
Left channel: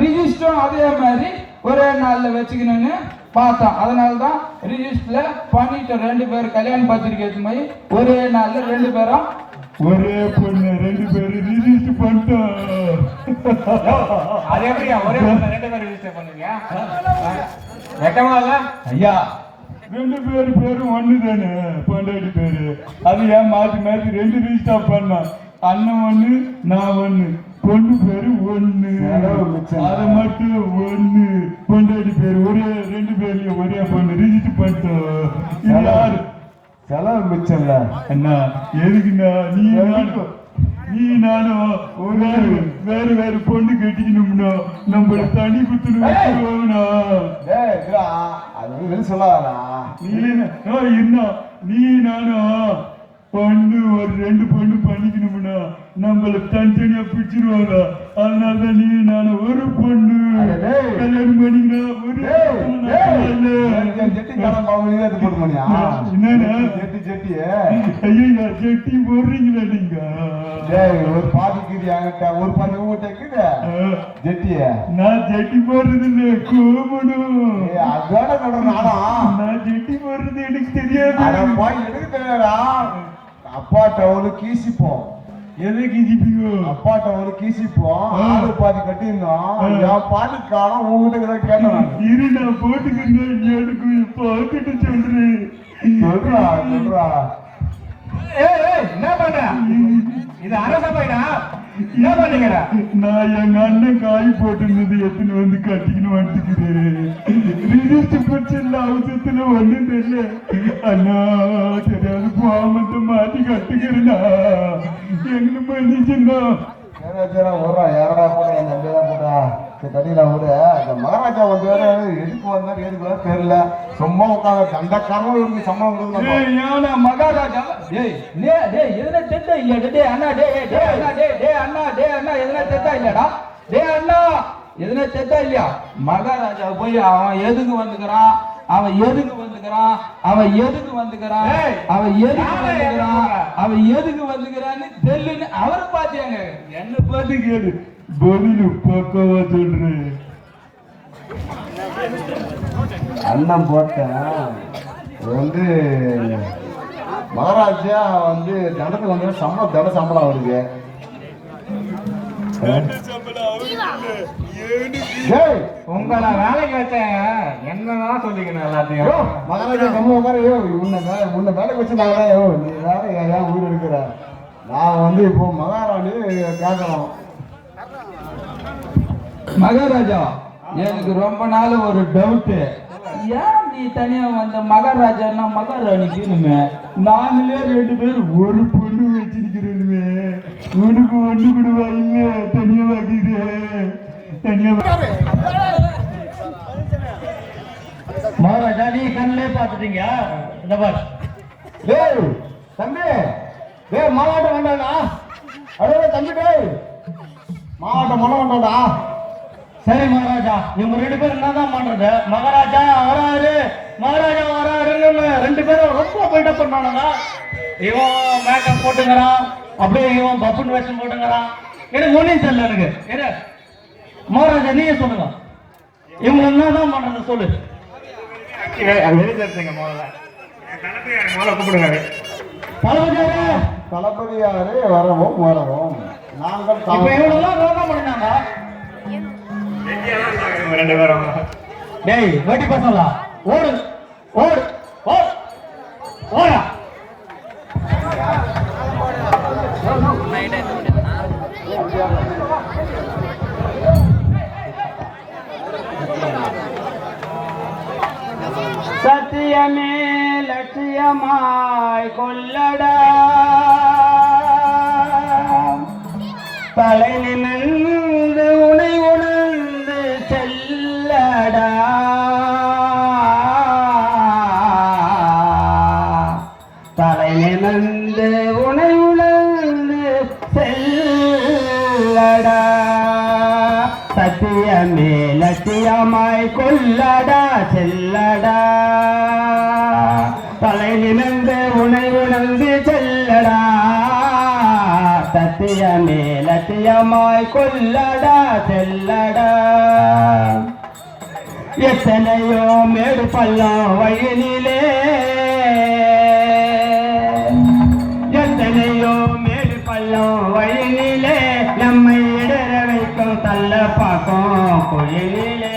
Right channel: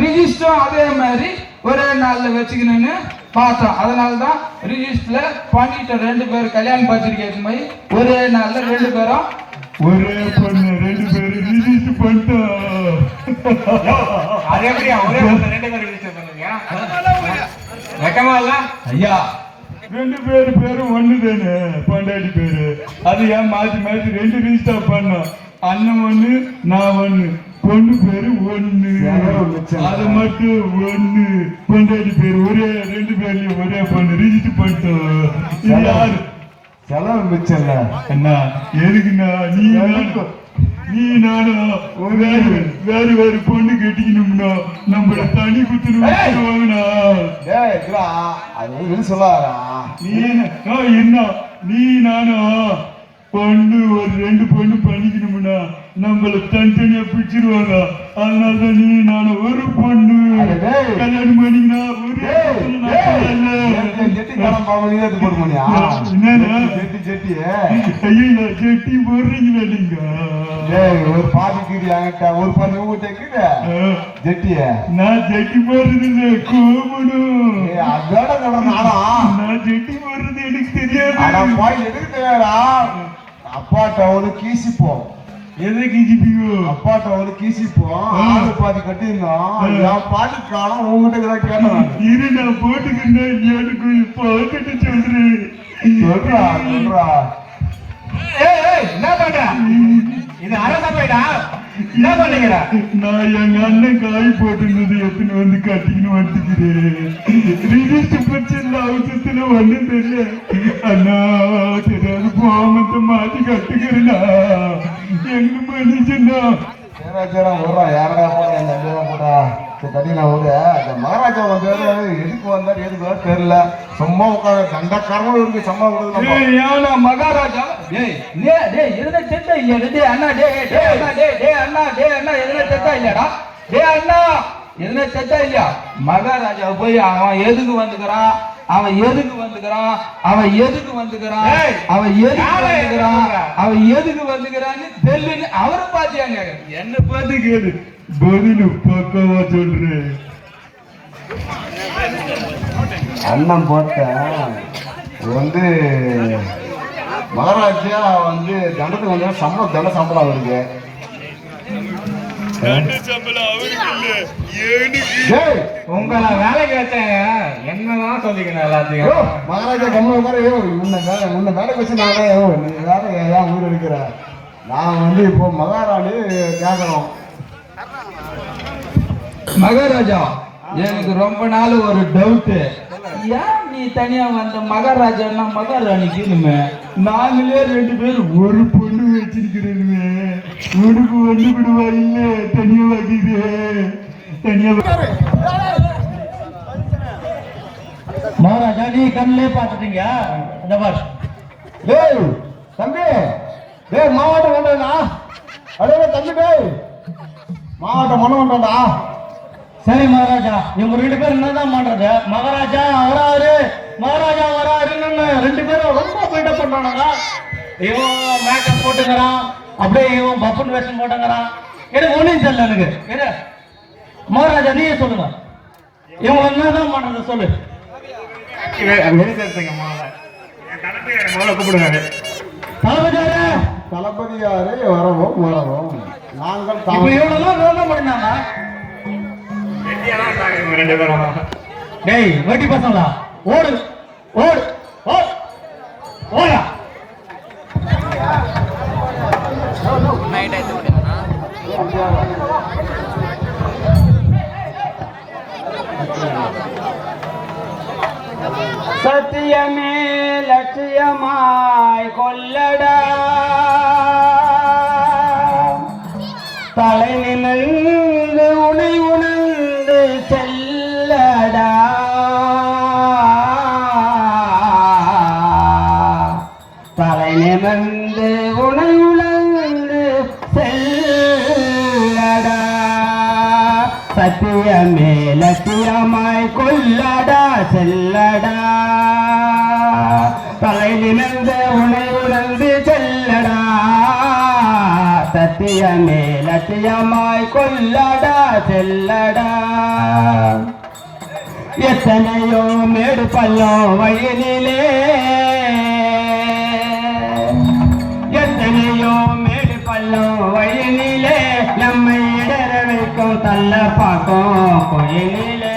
ரிஜிஸ்டரும் அதே மாதிரி ஒரே நாள்ல வச்சுக்கணும்னு பார்த்தோம். அதனாலதான் ரிஜிஸ்டர்ல பண்ணிட்ட 2 பேர் கல்யாண பத்திரிக்கை போய் ஒரே நாள்ல 2 பேரும் ஒரே பொண்ணு 2 பேரும் ரிஜிஸ்டர் பண்ணிட்டோம். அது எப்படியா ஒரே 2 பேர் ரிஜிஸ்டர் பண்ணுவீங்க? வெக்கமா இல்ல ஐயா? 2 பேரும் ஒண்ணு தானே, பொண்டாடி பேரு. அது ஏன் மாத்தி மாத்தி 2 ரிஜிஸ்டர் பண்ணோம். அண்ணன் ஒண்ணு நான் ஒண்ணு, பொண்ணு பேரு ஒண்ணு, அது மட்டும் ஒண்ணு. பொண்டாடி பேரு ஒரே 2 பேர்லயும் ஒரே பொண்ணு ரிஜிஸ்டர் பண்ணிட்டோம். இது யாரு? செலவு மிச்சம்ல அண்ணா எதுக்குண்ணா? நீ நானும் வேறு வேறு பொண்ணு கட்டிக்கணும்னா நம்மள தனி குத்துன்னு வாங்கினா அது சொல்லாரா? நீ என்ன நீ நானும் பொண்ணு ஒரு 2 பொண்ணு பண்ணிக்கணும்னா நம்மள தனித்தனியா பிடிச்சிருவாங்க. அதனாலதான் நீ நானும் ஒரு பொண்ணு கல்யாணம் பண்ணிக்கினா ஜெட்டி போடுறீங்களா நீங்க? ஒரு பாதிக்கு என்கிட்ட ஒரு பண்ணி உங்ககிட்ட ஜெட்டிய நான் ஜெட்டி போடுறது இல்லை, கூப்பிடும். அதோட சொல்றேன் நான் ஜெட்டி போடுறது எனக்கு தெரியாது. எதுக்கு தெரியாதா? அப்பாட்ட ஒரு கீசிப்போம். எதை கிஞ்சிப்பீங்க? அப்பாட்ட ஒரு கீசிப்போம். ஆளு பாதி கட்டிருந்தோம். என் பாதி காலம் உங்ககிட்ட தான் கேட்டேன். இரு நான் போட்டுக்கிறேன். எனக்கு பார்த்துட்டு சொல்றேன். சொல்றா சொல்றா. என்ன பண்ற? இது அரசபைடா. என்ன பண்ணுகிற? நான் எங்க அண்ணன் காய் போட்டுருந்தது எத்தனை வந்து கட்டிக்கணும் வந்துக்கிறேன். ரிஜிஸ்டர் பட்சத்துல அவசரத்துல ஒண்ணும் தெரியல. அண்ணா தெரியாது போமத்தை மாத்தி கட்டுக்கிறேன்னா எங்க மனுஷன்னா சரி ஓடுறா. யாரடா போடுறா? என் தம்பிதான் போடுறா. சரி தனியா ஊரு. இந்த மகாராஜா வந்து எதுக்கு வந்தாரு எதுக்கு வர தெரியல. சும்மா உட்காந்து தண்டக்காரனும் இருக்கு. சம்மா ஏன்னா மகாராஜா எதுனா செத்தா இல்லையா? அண்ணா எதுனா செத்தா இல்லையாடா? அண்ணா எதுனா செத்தா இல்லையா? மகாராஜா போய் அவன் எதுக்கு வந்துக்கிறான், அவன் எதுக்கு வந்துக்கிறான், அவன் எதுக்கு வந்துக்கிறான், ஏய், அவன் எதுக்கு யாரை வந்துக்கிறான், எதுக்கு? அவன் எதுக்கு வந்துக்கிறான்னு தெரியலன்னு அவரை பாத்தியாங்க. என்ன பார்த்து கேளு, பதிலு பக்கவா சொல்றேன். அண்ணன் போட்டேன் வந்து மகாராஜா வந்து தண்டத்துக்கு வந்து சம்பளம் அவருக்கு. டேய், உங்களை வேலைக்கு வச்சாங்க என்னதான் சொல்லிக்கணும் எல்லாத்தையும். யோ, மகாராஜா கம்ம மாதிரி உன்னை வேலைக்கு வச்சு நான் நீ வேற ஏன் ஊர் எடுக்கிற? நான் வந்து இப்போ மகாராணி கேட்கணும். மகாராஜா, எனக்கு ரொம்ப நாள் ஒரு டவுட். ஏன் நீ தனியா வந்த மகாராஜான்னா மகாராணிக்கு இனிமே நாங்களே 2 பேரும் ஒரு பொண்ணு வச்சிருக்கிறேன்னு உனக்கு ஒண்ணு விடுவா இல்ல தனியா வாங்கிது தனியா. மகாராஜா நீ கண்ணிலே பார்த்துட்டீங்க. இந்த பார் டேய் தம்பி, டேய் மாவட்டம் வேண்டாம்டா. அடே தம்பி, டேய் மாவட்டம் பண்ண வேண்டாம்டா. சரி மகாராஜா, இவங்க 2 பேரும் என்னதான் பண்றது? மகாராஜா வராரு, மகாராஜா வராருன்னு 2 பேரும் ரொம்ப போயிட்ட பண்ணானுங்க. இவன் மேக்கப் போட்டுங்கிறான், அப்படியே இவன் பப்புன் வேஷம் போட்டுங்கிறான். எனக்கு ஒன்றும் தெரியல. எனக்கு என்ன மகாராஜா நீங்க சொல்லுங்க, இவங்க என்னதான் பண்றது சொல்லு. வெளிச்சேர்த்துங்க முதல்ல. முதல்ல கூப்பிடுங்க. தளபதியாரே, தளபதியாரே வரவும் நாங்கள் இப்ப இவங்கெல்லாம் என்ன பண்ணாங்க? ரெடியாதான் இருந்தாங்க இவங்க 2 பேரும். டேய் வெட்டி பசங்களா, ஓடு ஓடு ஓடு ஓடா. சத்தியமே லட்சியமாய் கொள்ளடா, தலை நிமிர்ந்து உனை உணர்ந்து செல்லடா, தலை நிமிர்ந்து உனை உணர்ந்து செல்லடா, சத்தியமே லட்சியமாய் கொள்ளடா செல்லடா, தலை நிமிர்ந்து உனை உணர்ந்து செல்லடா, சத்தியமே லட்சியமாய் கொள்ளடா செல்லடா. எத்தனையோ மேடு பள்ளம் வயலிலே, எத்தனையோ மேடு பள்ளம் வயலிலே, நம்மை இடர வைக்கும் தள்ள பாக்கும் கோயிலே,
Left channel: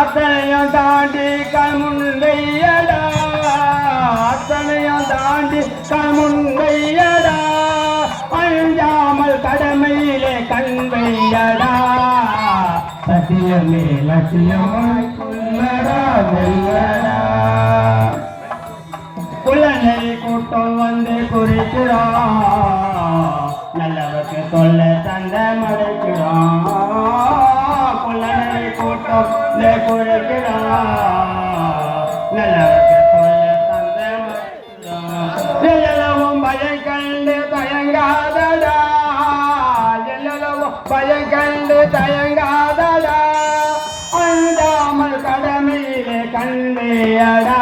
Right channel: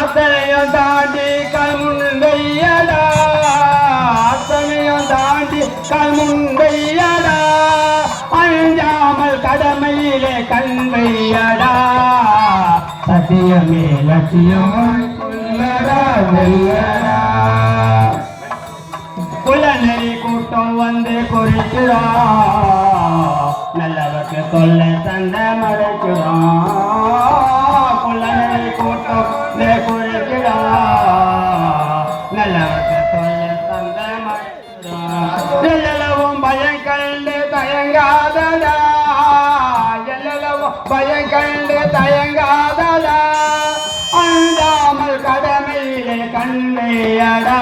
அத்தனையும் தாண்டி கல்முன்கையடா, அத்தனையும் தாண்டி கல்முன்கையடா, அஞ்சாமல் கடமையிலே கண்வையடா, சத்தியமே லட்சியமாய் கொள்ளடா வெல்லடா. குள்ளநெறி கூட்டம் வந்து குறிக்கிறா, நல்லவருக்கு தொல்லை தந்த மறைக்கிறான். குள்ளநெறி கூட்டம் குறிக்கிறா, நல்லவருக்கு தொல்லை தந்த மறைக்கிறான். எல்லவும் பயம் கண்டு தயங்காதடா, எல்லவும் பயம் கண்டு தயங்காதடா, அஞ்சாமல் கடமையிலே கண்மையடா,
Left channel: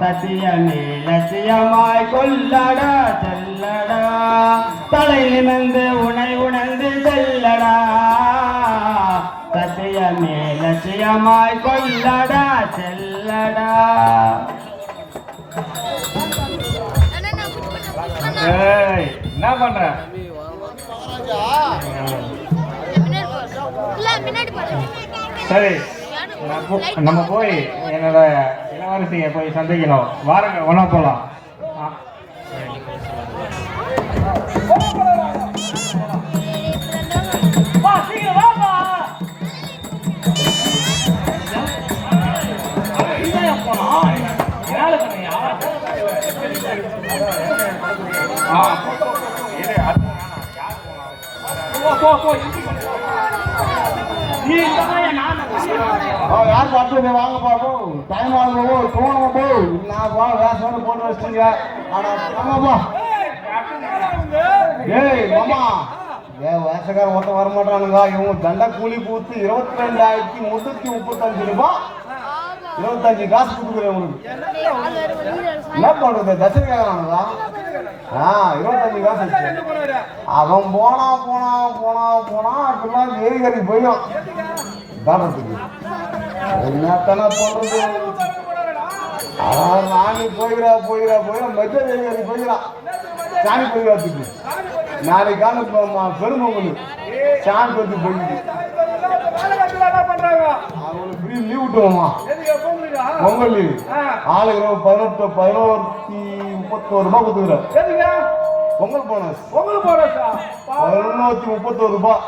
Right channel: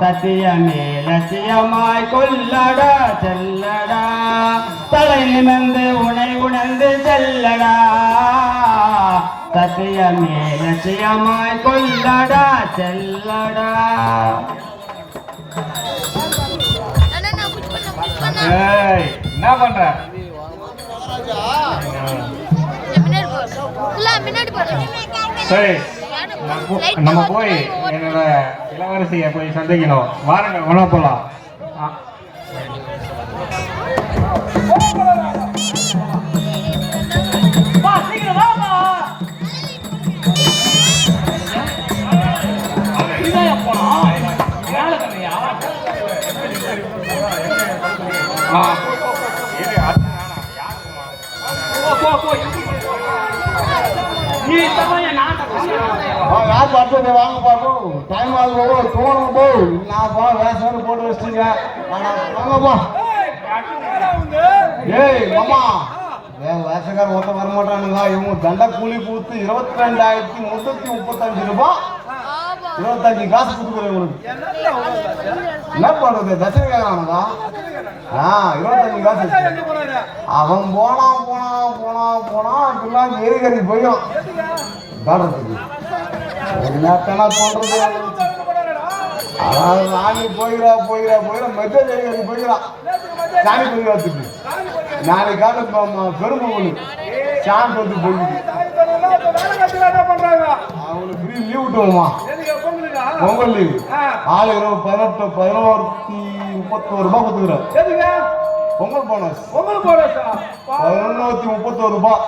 சத்தியமே லட்சியமாய் கொள்ளடா செல்லடா, தலை நிமிர்ந்து உனை உணர்ந்து செல்லடா, சத்தியமே லட்சியமாய் கொள்ளடா செல்லடா. ஏய், என்ன பண்ற? சரி, நம்ம போய் என்னோட இளவரசியை போய் சந்திக்கணும். வாருங்க, ஒண்ணா போலாம். யார் பார்த்து வாங்க பார்ப்போம். டைம் ஆகும், போகணும் போ. நான் போ வேஷம் போட்டு வச்சிட்டீங்க. ஆனா ஆமாப்பா. ஏய் மாமா, வேஷக்காரன் மொத்தம் வரமாட்டானுங்க. இவங்க தண்டை கூலி பூத்து 22,335 ரூபாய். 25 காசு கொடுக்குறேன் உங்களுக்கு. என்ன பண்றது தட்சணை கேட்கறானுங்க. 25 காசு. அவன் போனா அப்படிலாம் ஏரிகறி போயிடும் தானத்துக்கு. என்னத்தனா பண்றது? நானி போயிடா மத்திய ஏரிகறி போயிடா சாமி போயிடாத்துக்கு. நாளைக்கான பெருமொழி சாமி போட்டு போயிடுது. அவங்களுக்கு ஃப்ரீ லீவ் விட்டுவோமா? பொங்கல் லீவ். ஆளுக்கு 1131 ரூபாய் கொடுத்துக்கிறேன். பொங்கல் போனஸ் 1131 ரூபாய்.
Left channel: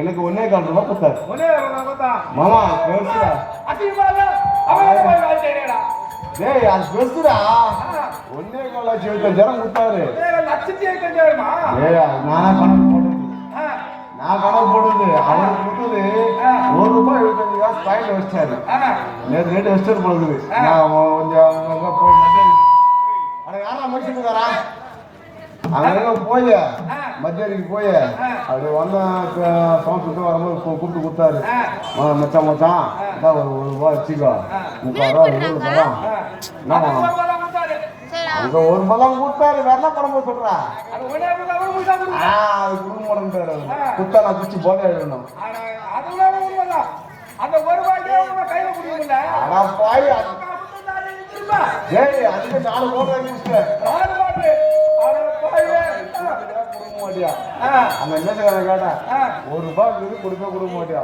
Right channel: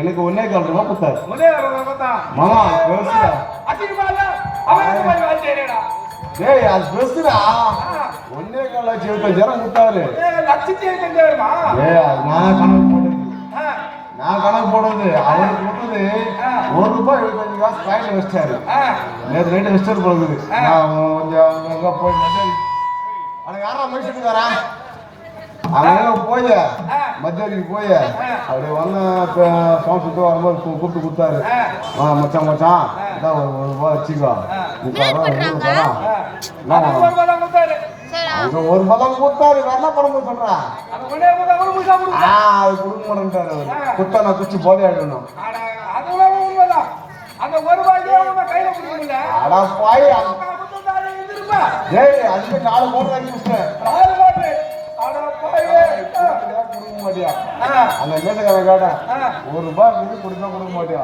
எனக்கு 1.25 ரூபாய் கொடுத்தாரு. மாமா பேசுறா. ஏய் அது பேசுறா. 1.25 கொடுத்தாரு. நான் கணக்கு போடுறது அவருக்கு கொடுத்தது ₹1.75 பாயிண்ட் வச்சிட்டாரு. நேற்று ரேட்டு வச்சிட்டு போகுது. நான் கொஞ்சம் அங்கே போய் ஆனால் யாரா மனுஷனுக்காரா அங்கே போய் மத்தியானிக்கு போய் அப்படி வந்தேன். சவுண்ட் சுட்டு வரும்போது கூப்பிட்டு கொடுத்தாரு. மச்சான் இதான் ₹1 வச்சுக்கோ. ₹30 ரூபா என்ன பண்ணணும்? அங்க ₹1 தான் கொடுத்தாரு. வேற என்ன பண்ண சொல்றான்? அது கொடுக்க மாட்டேன்ட்டாரு. குத்தா நான் குச்சி போல ஆயிடணும். ஏய் அதுக்கு 4 கோடி வாங்கிட்டேன். அந்த மேசக்கார கேட்டான் ₹1 கொடுக்க மாட்டியா?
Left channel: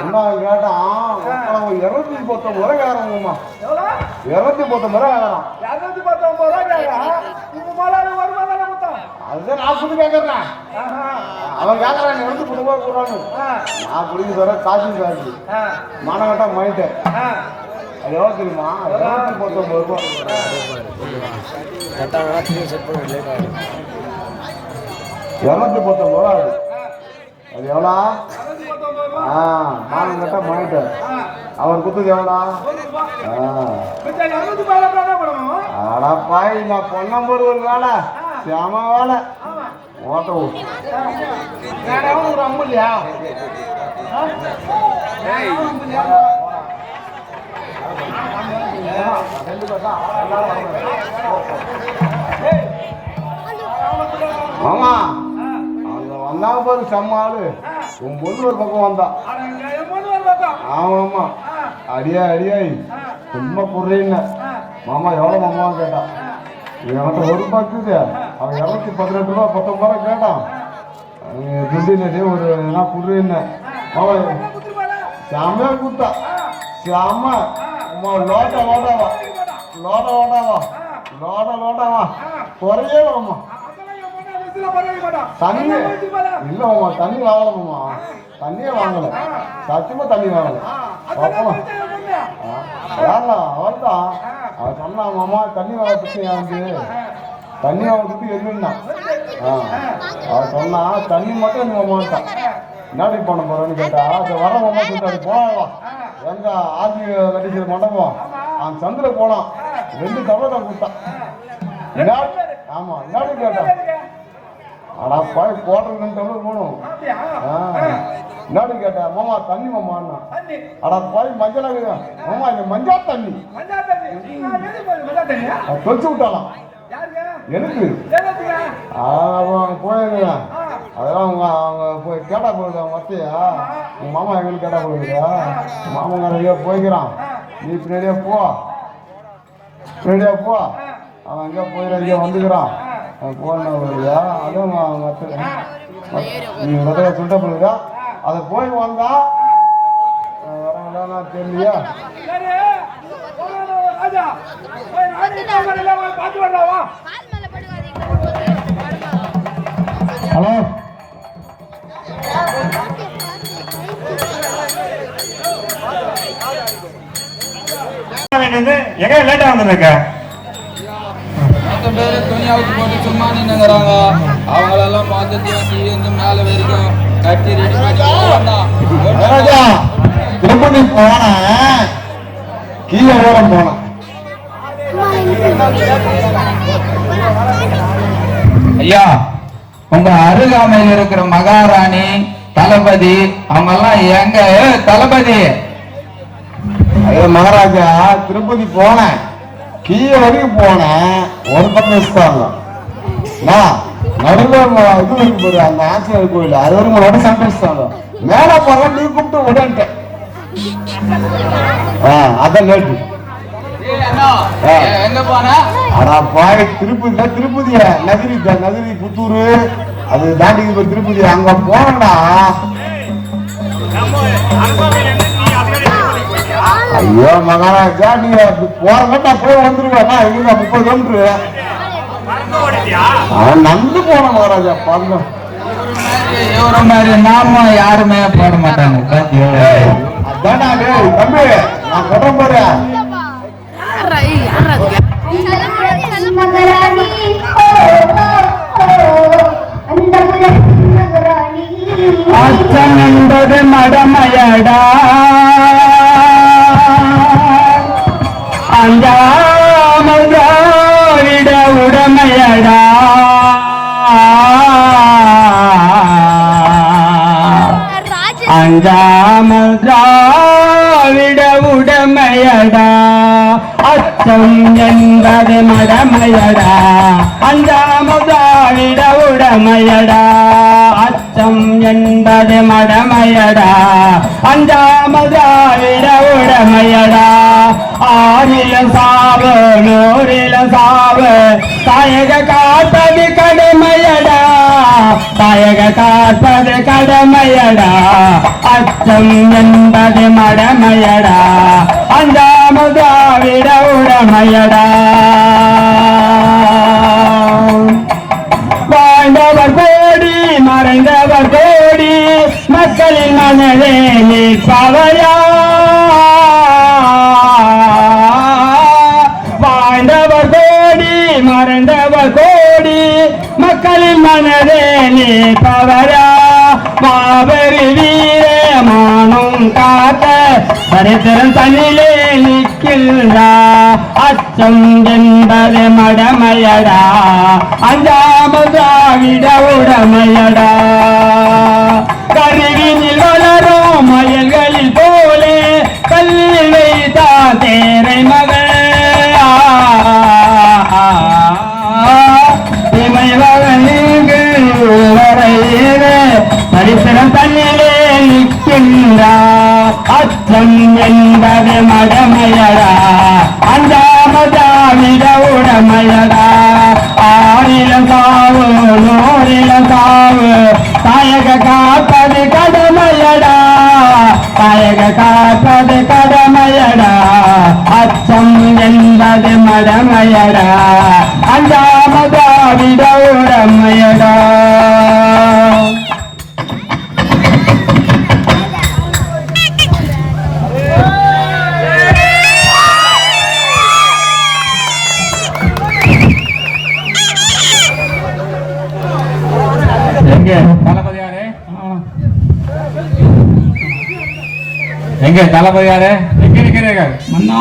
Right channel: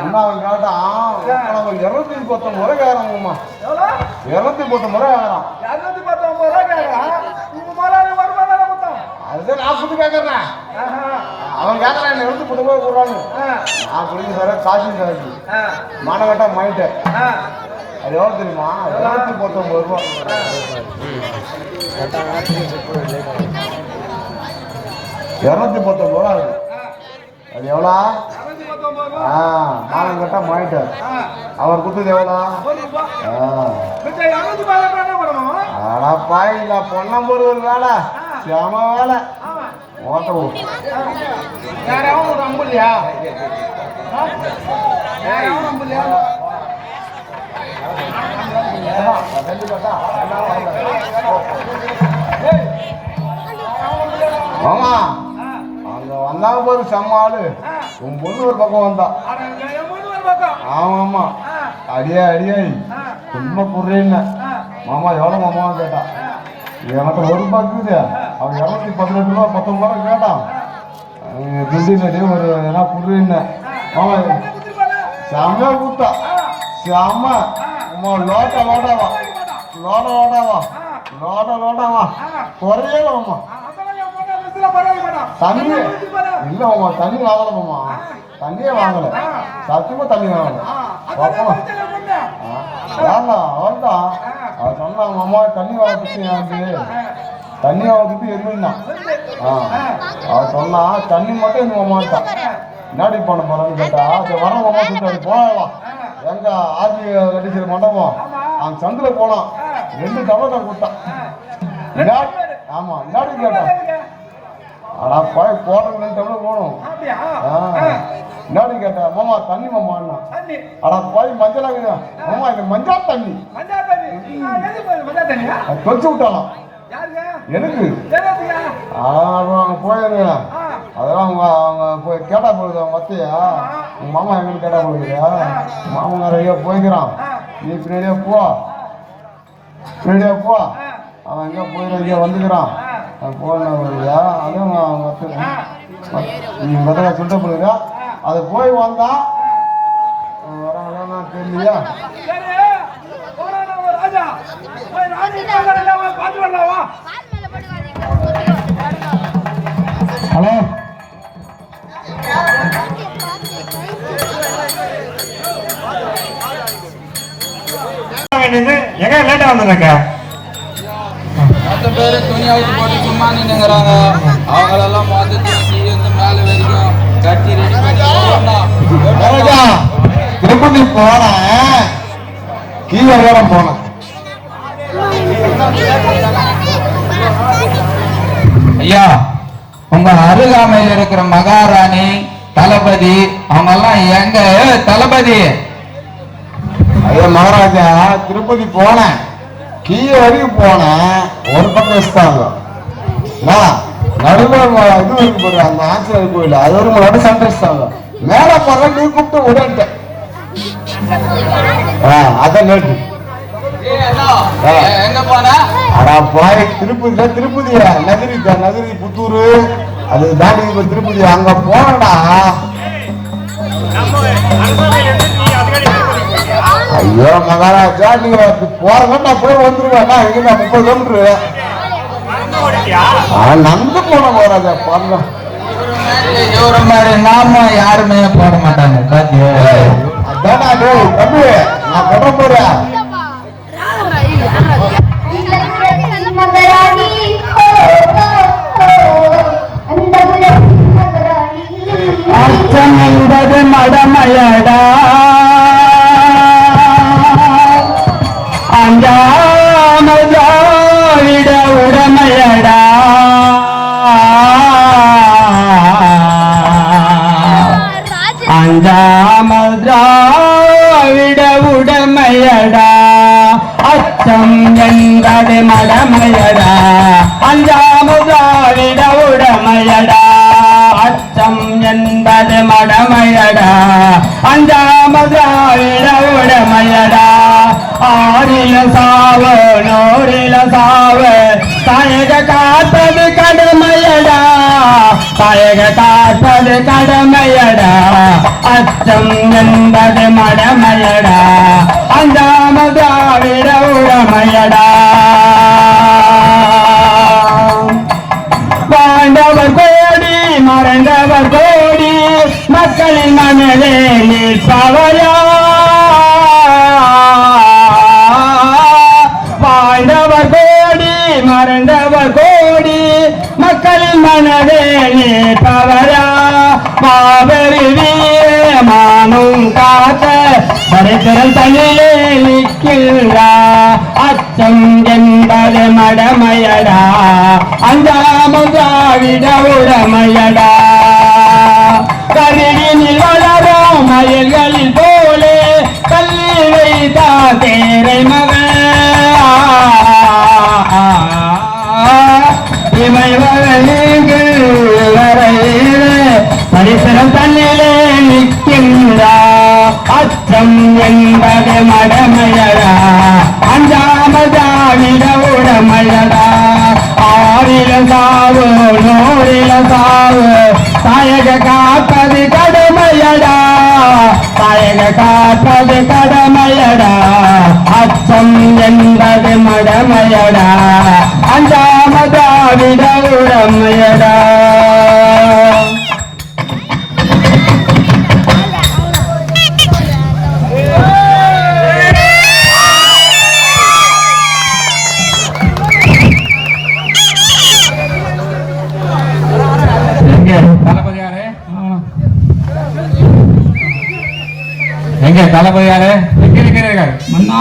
என்ன அவன் கேட்டான்? அவன் 219 முறை கேட்கறான். 219 முறை கேட்கறான். அதுதான் நான் புது கேட்கறேன். அவன் கேட்கறான் 219 ரூபாய் கூடாது. நான் குடிக்க சொல்ற காசு காசு மானகட்டா மாயிட்டேன். அது எவ்வளோ தெரியுமா? 219 ரூபாய். ₹219 அது எவ்வளோ? மானம் கட்டா மாயிட்டேன். அவர் கொடுத்தது எவ்வளோ? பாய் நான் பொன்னம்பூர் ஒரு வேலை செம வேலை ஓட்ட இல்லையா? ஆமா அங்க வந்தாங்க பாரு செம்ம ஆளு. உன் பொண்ணு ஒரு பக்கம் வந்தா. ஆமாம்மா அடியாய் சும்மா புரியல. மாமா எவ்வளோ மாமான்னு கேட்டான். என்கிட்ட ₹1 இருக்குது. அவன் 218 ரூபா 19 கேட்டான். துண்டினே ஒரு என்ன புரியல. அவன் செம்மையா கூட்டா செம்ம லோடாவா குறையலம்மா. தண்ணி இல்லம்மா தண்ணி வாங்கலம்மா. தண்ணியே வாங்கல. சத்தியமா தண்ணி வாங்கல. வேண்டாம் அவன்தான் அவன் சொன்னாங்க அம்மா தண்ணி வாங்கத்துக்கு எனக்கு தண்ணி வாங்கத்துக்கு எதுவும்தான். அவன் சொன்னா தண்ணி மட்டும் எங்க அம்மாட்டான். என்னடி பண்ண போறேன்னு கேட்டா அது வரவங்க அம்மா சொல்லிட்டாரு போனவா எங்க ஆர்மி கட்டிக்கிற மண்டபம் அவன் சந்தில போனான். 2 டபுள் கொடுத்தான். ஆமா என்னடி கேட்டான். ஆனா போய் போடுறது 2 டபுள் போகணும். என்னடி கேட்டா மாமா தண்ணி மாமா ஆனா போய் மஞ்சள் ஆகுது மாமா இந்த மஞ்சா தண்ணி தொலைச்சு விட்டாலாம் எனக்கு. அவங்க போயிருங்க அதெல்லாம் அவங்க போய் கேட்டா போகுது. அவங்க வத்தையா உங்க மாமா எங்களுக்கு கேட்டா போகுதுயா. மாமா நிறைய போய்க்கிறான். நீ பின்னாடியே போ அவன் எங்கே போயிட வந்துக்கிறான். போனா அதுவும் நான் அவங்க நீ முதல்ல சொல்லிட்ட போடுங்க. அதை போய் வந்தா வராங்களா தெரியலையா. ஹலோ எங்க லேட்டா வந்திருக்க? 10 பேர் துணி அவுத்து போட்டு சும்மா நின்னுங்கிறாங்க. அவங்களெல்லாம் பார்த்துட்டு கீழே மேலே வரைக்கும் கட்டி திருப்பதி போனேன். கீழே வேற போனேன். ஐயா உங்க அருகாமையில் இருக்கிற மகாராணி தளபதி அவங்க எல்லாம் எங்க? தளபதி ஐயா மகாராஜா, திருப்பதி போனேன், கீழே வரைக்கும் போனேன், ஒரு பக்கம் வச்சுட்டாங்க. நடுவில் இது இருக்கு பாரு, அந்த ஆஞ்சநேயர் கோயில், அது ஒரு முன்னாடி சண்டை மேல போற நீ கூப்பிட்டு உடன்ட்டேன். அதான் லேட்டு. எங்க போன திருப்பதியா நகரி புத்தூரு அது தாண்டி திருப்பதி அங்க போனடா. ஐயோ மகாராஜா, நீங்க போற மட்டும் அப்படியே வந்துருவாங்க. இங்க 30 கிலோமீட்டர் நடந்து போன மகாராஜா. பாருங்க இவர மாதிரி நாம யாருமே போட மாட்டாங்க. அதான் தம்பி, நான் கொண்டு போறேன். அச்சம் என்பது மடமையடா, அஞ்சாமல் திராவிட உடமையடா, அஞ்சாமல் திராவிட உடமையடா. அச்சம் என்பது மடமையடா, அஞ்சாமல் திராவிட உடமையடா. அச்சம் என்பது மடமையடா, அஞ்சாமல் திராவிட உடமையடா. ஆறில சாவு நூறில சாவு, தாயக காப்பது கடமையடா, தாயக காப்பது கடமையடா. அச்சம் என்பது மடமையடா, அஞ்சாமல் திராவிட உடமையடா. வாழ்ந்தவர் கோடி மறைந்தவர் கோடி, மக்களின் மனதே நிற்பவரா. வாழ்ந்தவர் கோடி மறைந்தவர் கோடி, மக்களின் மனதே நிற்பவரா. காவிரி வீரமானும் காத்த சரித்திரம் தனிலே நிற்கின்றா. அச்சம் என்பது மடமையடா, அஞ்சாமல் திராவிட உடமையடா. கருகினில் வளரும் மயில்களில் போலே, கல்லில் வைத்தா தேரை மகன். இமை மகனுக்கு வரையிலே சரித்திரம் தன்னிலே நிற்கின்றா. அச்சம் என்பது மடமையடா, அஞ்சாமல் திராவிட உடமையடா. ஆறில சாவு நூறில சாவு, தாயக காப்பது கடமையடா, தாயக காப்பது கடமையடா. அச்சம் என்பது மடமையடா, அஞ்சாமல் திராவிட உடமையடா. எங்க தளபதியாரு எங்க இருக்கிறீர்கள்? மன்னா,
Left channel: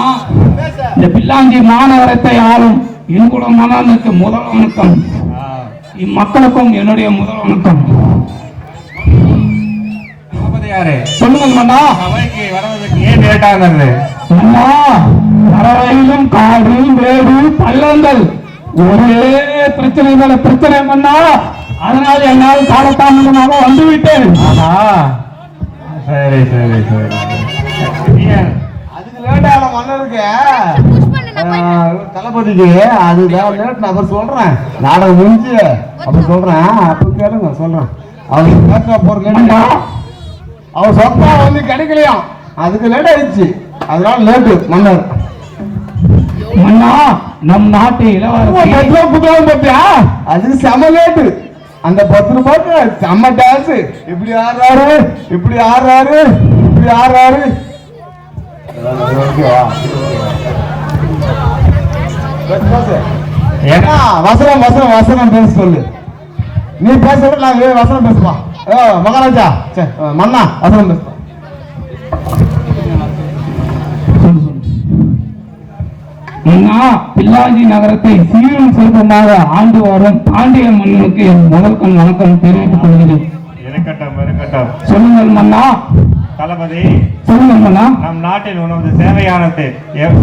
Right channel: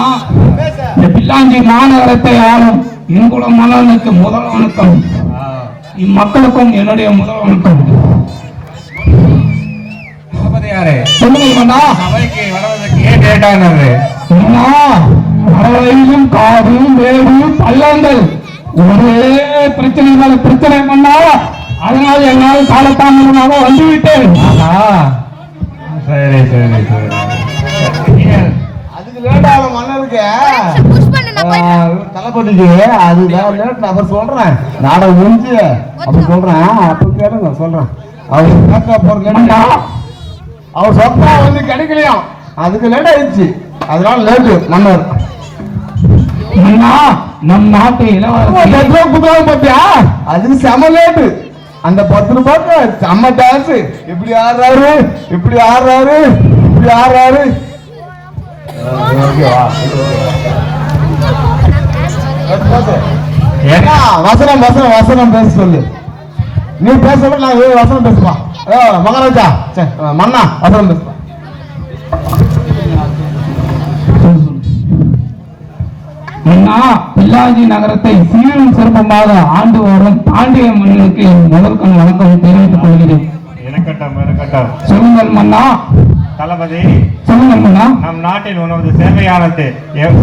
இந்த பில்லாஞ்சி மாநகரத்தை ஆளும் இங்குள்ள மன்னனுக்கு முதல் வணக்கம். இம்மக்களுக்கும் என்னுடைய முதல் வணக்கம். தளபதியாரு சொல்லுங்கள் மன்னா. சபைக்கு வருவதற்கு ஏன் கேட்டாங்க? மன்னா, அறையிலும் காடு வேடு பள்ளங்கள் ஒரே பிரச்சனை மேல பிரச்சனை மன்னா. அதனால் என்னால் காலத்தாமதமாக வந்து விட்டேன். சரி சரி சரி. அதுக்கு லேட்டால மன்னருக்கு தளபதிக்கு அது லேட். நான் சொல்றேன், நாடகம் முடிஞ்சு அப்ப சொல்றேன், அப்ப கேளுங்க சொல்றேன். அவங்க கேட்க போறது அவன் சொத்தா வந்து கிடைக்கலையா, அதுக்கு லேட் ஆயிடுச்சு. அதனால லேட்டு மன்னர். நம் நாட்டு இளவரசி புத்தகம் பார்த்தியா, அதுக்கு செம லேட்டு. அந்த 10 ரூபாய்க்கு செம்ம டான்ஸ். இப்படி ஆடுறாரு இப்படி ஆடுறாரு இப்படி ஆடுறாரு. ஏன்னா வசனம் வசனம் வசனம் பேச சொல்லு. நீ பேச நான் வசனம் பேசுவா. மகாராஜா மன்னா வசனம் பேசுவா. பில்லாஞ்சி நகரத்தை சீரும் சிறப்பமாக ஆண்டு வரும் பாண்டிய மன்னனுக்கு முதல் வணக்கம் தெரிவித்துக் கொள்கிறேன். இருக்கட்டும் இருக்கட்டும். சொல்லுங்கள் மன்னா. தளபதி தளபதி, சொல்லுங்க மன்னா. நம் நாட்டில் உணவு சேவையானது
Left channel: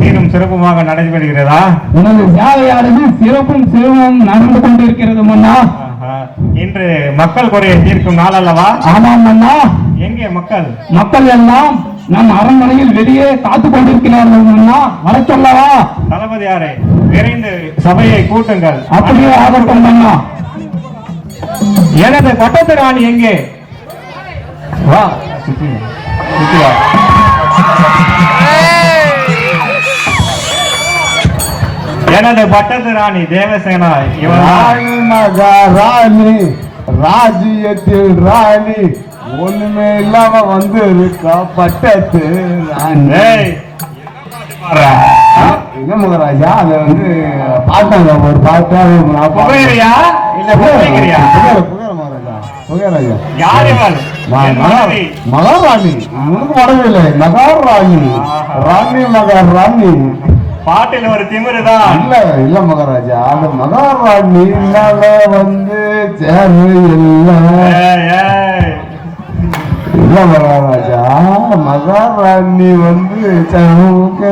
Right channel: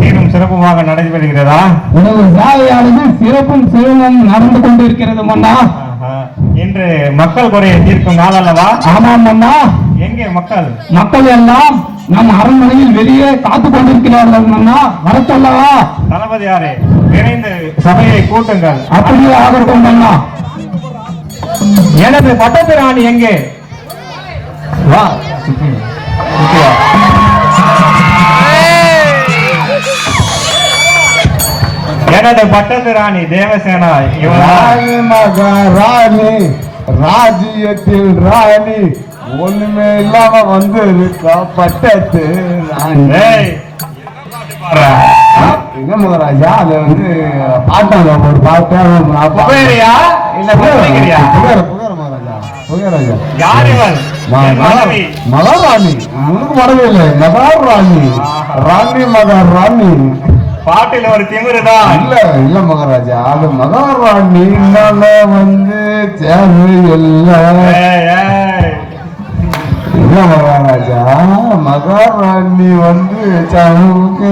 சீரும் சிறப்புமாக நடைபெறுகிறதா? உனது சேவையானது சிறப்பும் சிறப்பும் நடந்து கொண்டிருக்கிறது மன்னா. ஆஹா. இன்று மக்கள் குறையை தீர்க்கும் நாள் அல்லவா? ஆமாம் மன்னா. எங்கே மக்கள்? மக்கள் எல்லாம் நம் அரண்மனையில் வெளியே காத்து கொண்டிருக்கிறார்கள் மன்னா. வரச்சல்லவா? தளபதியாரே, விரைந்து சபையை கூட்டுங்கள். அப்படியே ஆகட்டும் மன்னா. எனது பட்டத்து ராணி எங்கே? வா சுத்தி வா. எனது பட்டத்து ராணி தேவசேனா ராணி மகா ராணி, ராஜ்யத்தில் ராணி, ஒண்ணுமே இல்லாம வந்து இருக்கா பட்டத்து ராணி. ஏய், என்ன மகாராஜா, அது வந்து பாட்டாங்க ஒரு புகையிறியா இல்ல புகையிறியா? புகையராஜா யார் இவள்? என் மனைவி. மகாராணி, உனக்கு மறவில்லை, மகாராணி, ராணி மகாராணி. பாட்டில் ஒரு திமிருதான். இல்ல இல்ல மகாராஜா, அந்த மகாராணி வந்து சேர்ந்து எல்லாம் ஏய், ஏய். இல்ல மகாராஜா, மகாராணி வந்து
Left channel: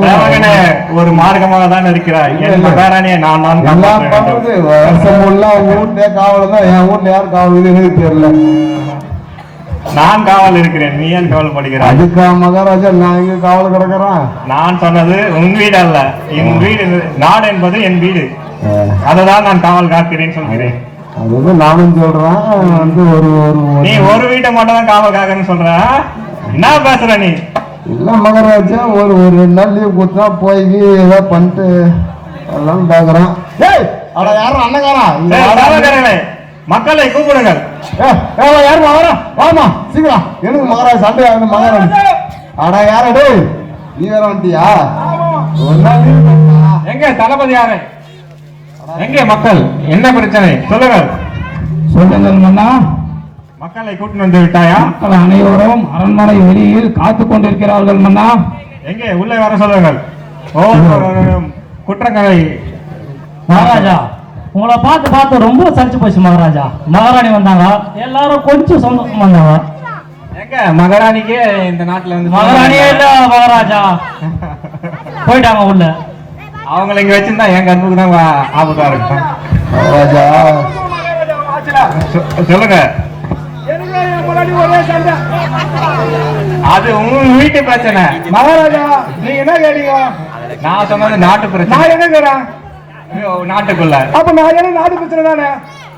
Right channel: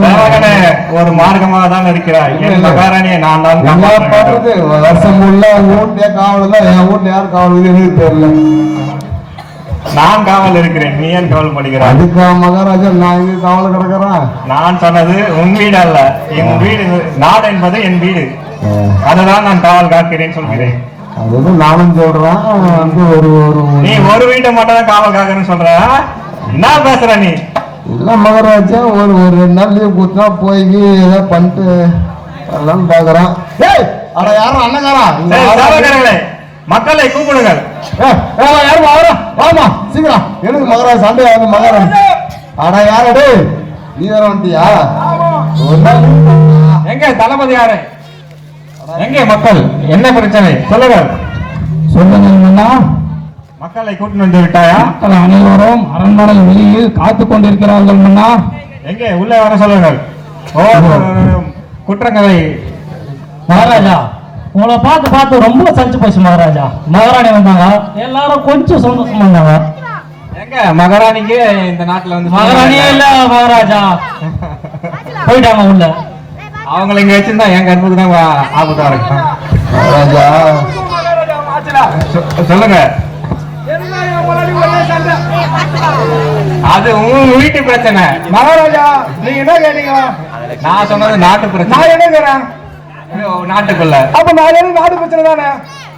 மகனே, ஒரு மார்க்கமாக தான் இருக்கிறாய். என் மகாராணியை நான் தான் எல்லா காப்பாற்ற வேண்டும். பண்றது வருஷம் ஃபுல்லா வீட்லயே காவல் தான். என் வீட்டுல யார் காவல் எனக்கு தெரியல. நான் காவல் இருக்கிறேன், நீ ஏன் கவலைப்படுகிறாய்? அதுக்கா மகாராஜா நான் இங்க காவல் கிடக்குறேன்? நான் சொன்னது உன் வீடு அல்ல, என் வீடு. நாடு என்பது என் வீடு, அதுதான் நான் காவல் காக்கிறேன் சொல்கிறேன். அது வந்து நானும் சொல்றேன் வந்து ஒரு நீ ஒரு வீட்டை மட்டும் தான் காவல் காக்கிறேன்னு சொல்ற? என்ன பேசுற நீ? இல்ல மகாராஜா, ஒரு 2 நாள் லீவ் கொடுத்தா போய் ஏதோ பண்ணிட்டு எல்லாம் பாக்குறேன். ஏய், அட யாரும் அண்ணகாரா? ஏய், காவல்காரர்களே, மக்களை கூப்பிடுங்கள். யாருமா வர? வாமா சீக்கிரம். எனக்கு மகாராஜா சண்டை வந்து மகாராஜா. அட யாரடே, நீ வேற வந்துட்டியா? ஒரு நாள் leave கொடுத்தா. எங்க தளபதி யாரு? எங்கே மக்கள்? என்ன பிரச்சனை சொல்லுங்கள். சொல்லுங்கள் மன்னா. மக்களை கூட்டிட்டு வந்து விட்டாயா? மக்கள் அனைவரும் அரண்மனை வெளியில் காத்து கொண்டிருக்கிறார்கள் மன்னா. எங்கே உள்ளே வர சொல்லுங்கள். குற்றங்களை மகாராஜா, உங்களை பார்த்து பார்த்து ரொம்ப சலிச்சு போச்சு மகாராஜா. மகாராணி வந்தாங்க, எல்லாரும் கொஞ்சம் சந்தோஷமா வந்தாங்க. எங்க மகாராணிக்கு இந்த நாட்டுல வந்து மகாராணியே இல்ல மகாராஜா, போயிட்டாங்க உள்ள. அவங்களை இங்க வச்சிருந்தா என் கண்ணுக்கு தான் ஆபத்தா இருக்கும். மகாராஜா சொல்லுங்க. அது உங்க வீட்டு பிரச்சனை மகாராஜா. நீங்க என்ன கேட்டீங்க? நான் சொன்னது நாட்டு பிரச்சனை. நான் என்ன கேறேன்? நாட்டுக்குள்ள. அப்ப நான் என்ன நாட்டு பிரச்சனை தானே?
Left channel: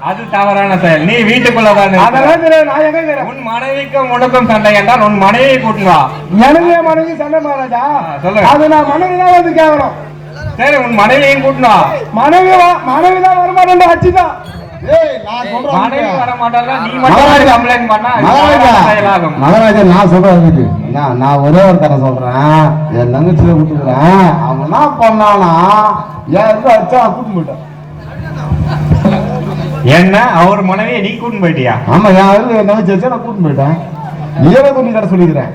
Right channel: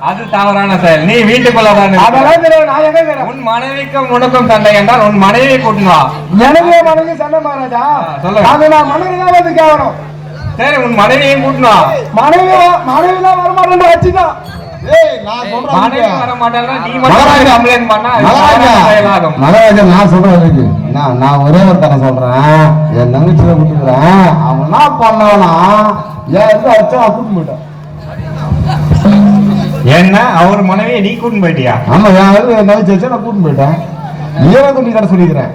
அது தவறான செயல். நீ வீட்டுக்குள்ள தானே. அதெல்லாம் தெரியாது. நான் எங்க கேறேன்? உன் மனைவிக்கும் உனக்கும் சண்டை என்றால் உன் மனைவியை கூட்டணும். எனக்கு மனைவி சண்டை மகாராஜா. சொல்லுங்க. அது நான் மனைவி தான் வந்து கேட்கணும். சரி, உன் மனைவியையும் கூட்டணும். மனைவி தான் வரமாட்டேன் ஆச்சுதான். ஏய், நான் சொல்றேன் மனைவி வர மாட்டாளா? நீ மகாராஜா, மட்டும் கம்ப்ளைண்ட் பண்ணா செயலாகும். மகாராஜா நான் சொல்றேன். நான் ஒரே ஒரு தடவை சொல்றேன். என் தங்கச்சியை விட்டுக்கிறேன். அவங்க என்ன பண்ணானா என் இருந்து அடிச்சா நான் கூட்டு போயிட்டேன். என்ன அவர் மனைவியை நீ கூட்டின்னு போயிட்டியா? ஆமா, என் இருந்து என் தங்கச்சி வச்சா நான் கூட்டு போயிட்டேன். நீயே துணி கடை சொல்லிக்கிறேன்.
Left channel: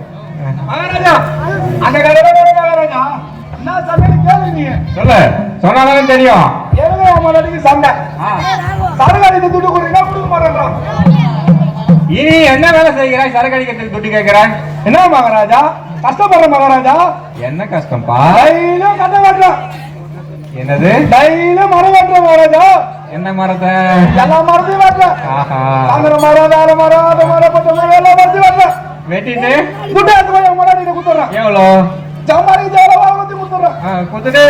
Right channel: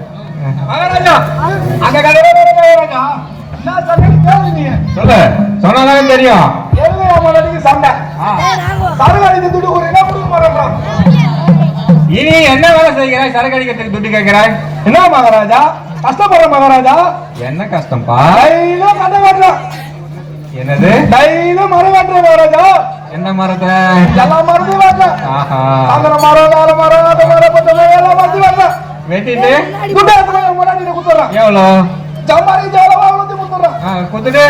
மகாராஜா, அங்க கதவை திறந்து மகாராஜா. நான் சொன்னது கேளுங்க. சொல்லு, சொன்னாதான் தெரியும். சண்டை இனி என்ன வேலை செய்கிறாய்? சரக்கு அடிக்கிறதுக்கு துட்டு கேட்கிறாய்? என்ன மகாராஜா கஷ்டப்படுற மகாராஜா? என்ன கஷ்டம்பா? என்னது? மரம் வெட்டுற மகாராஜா. என்ன மரத்தை? எல்லா மரத்தையும் வெட்டுறேன். வெட்டிட்டு எவ்வளோ குத்துட்டு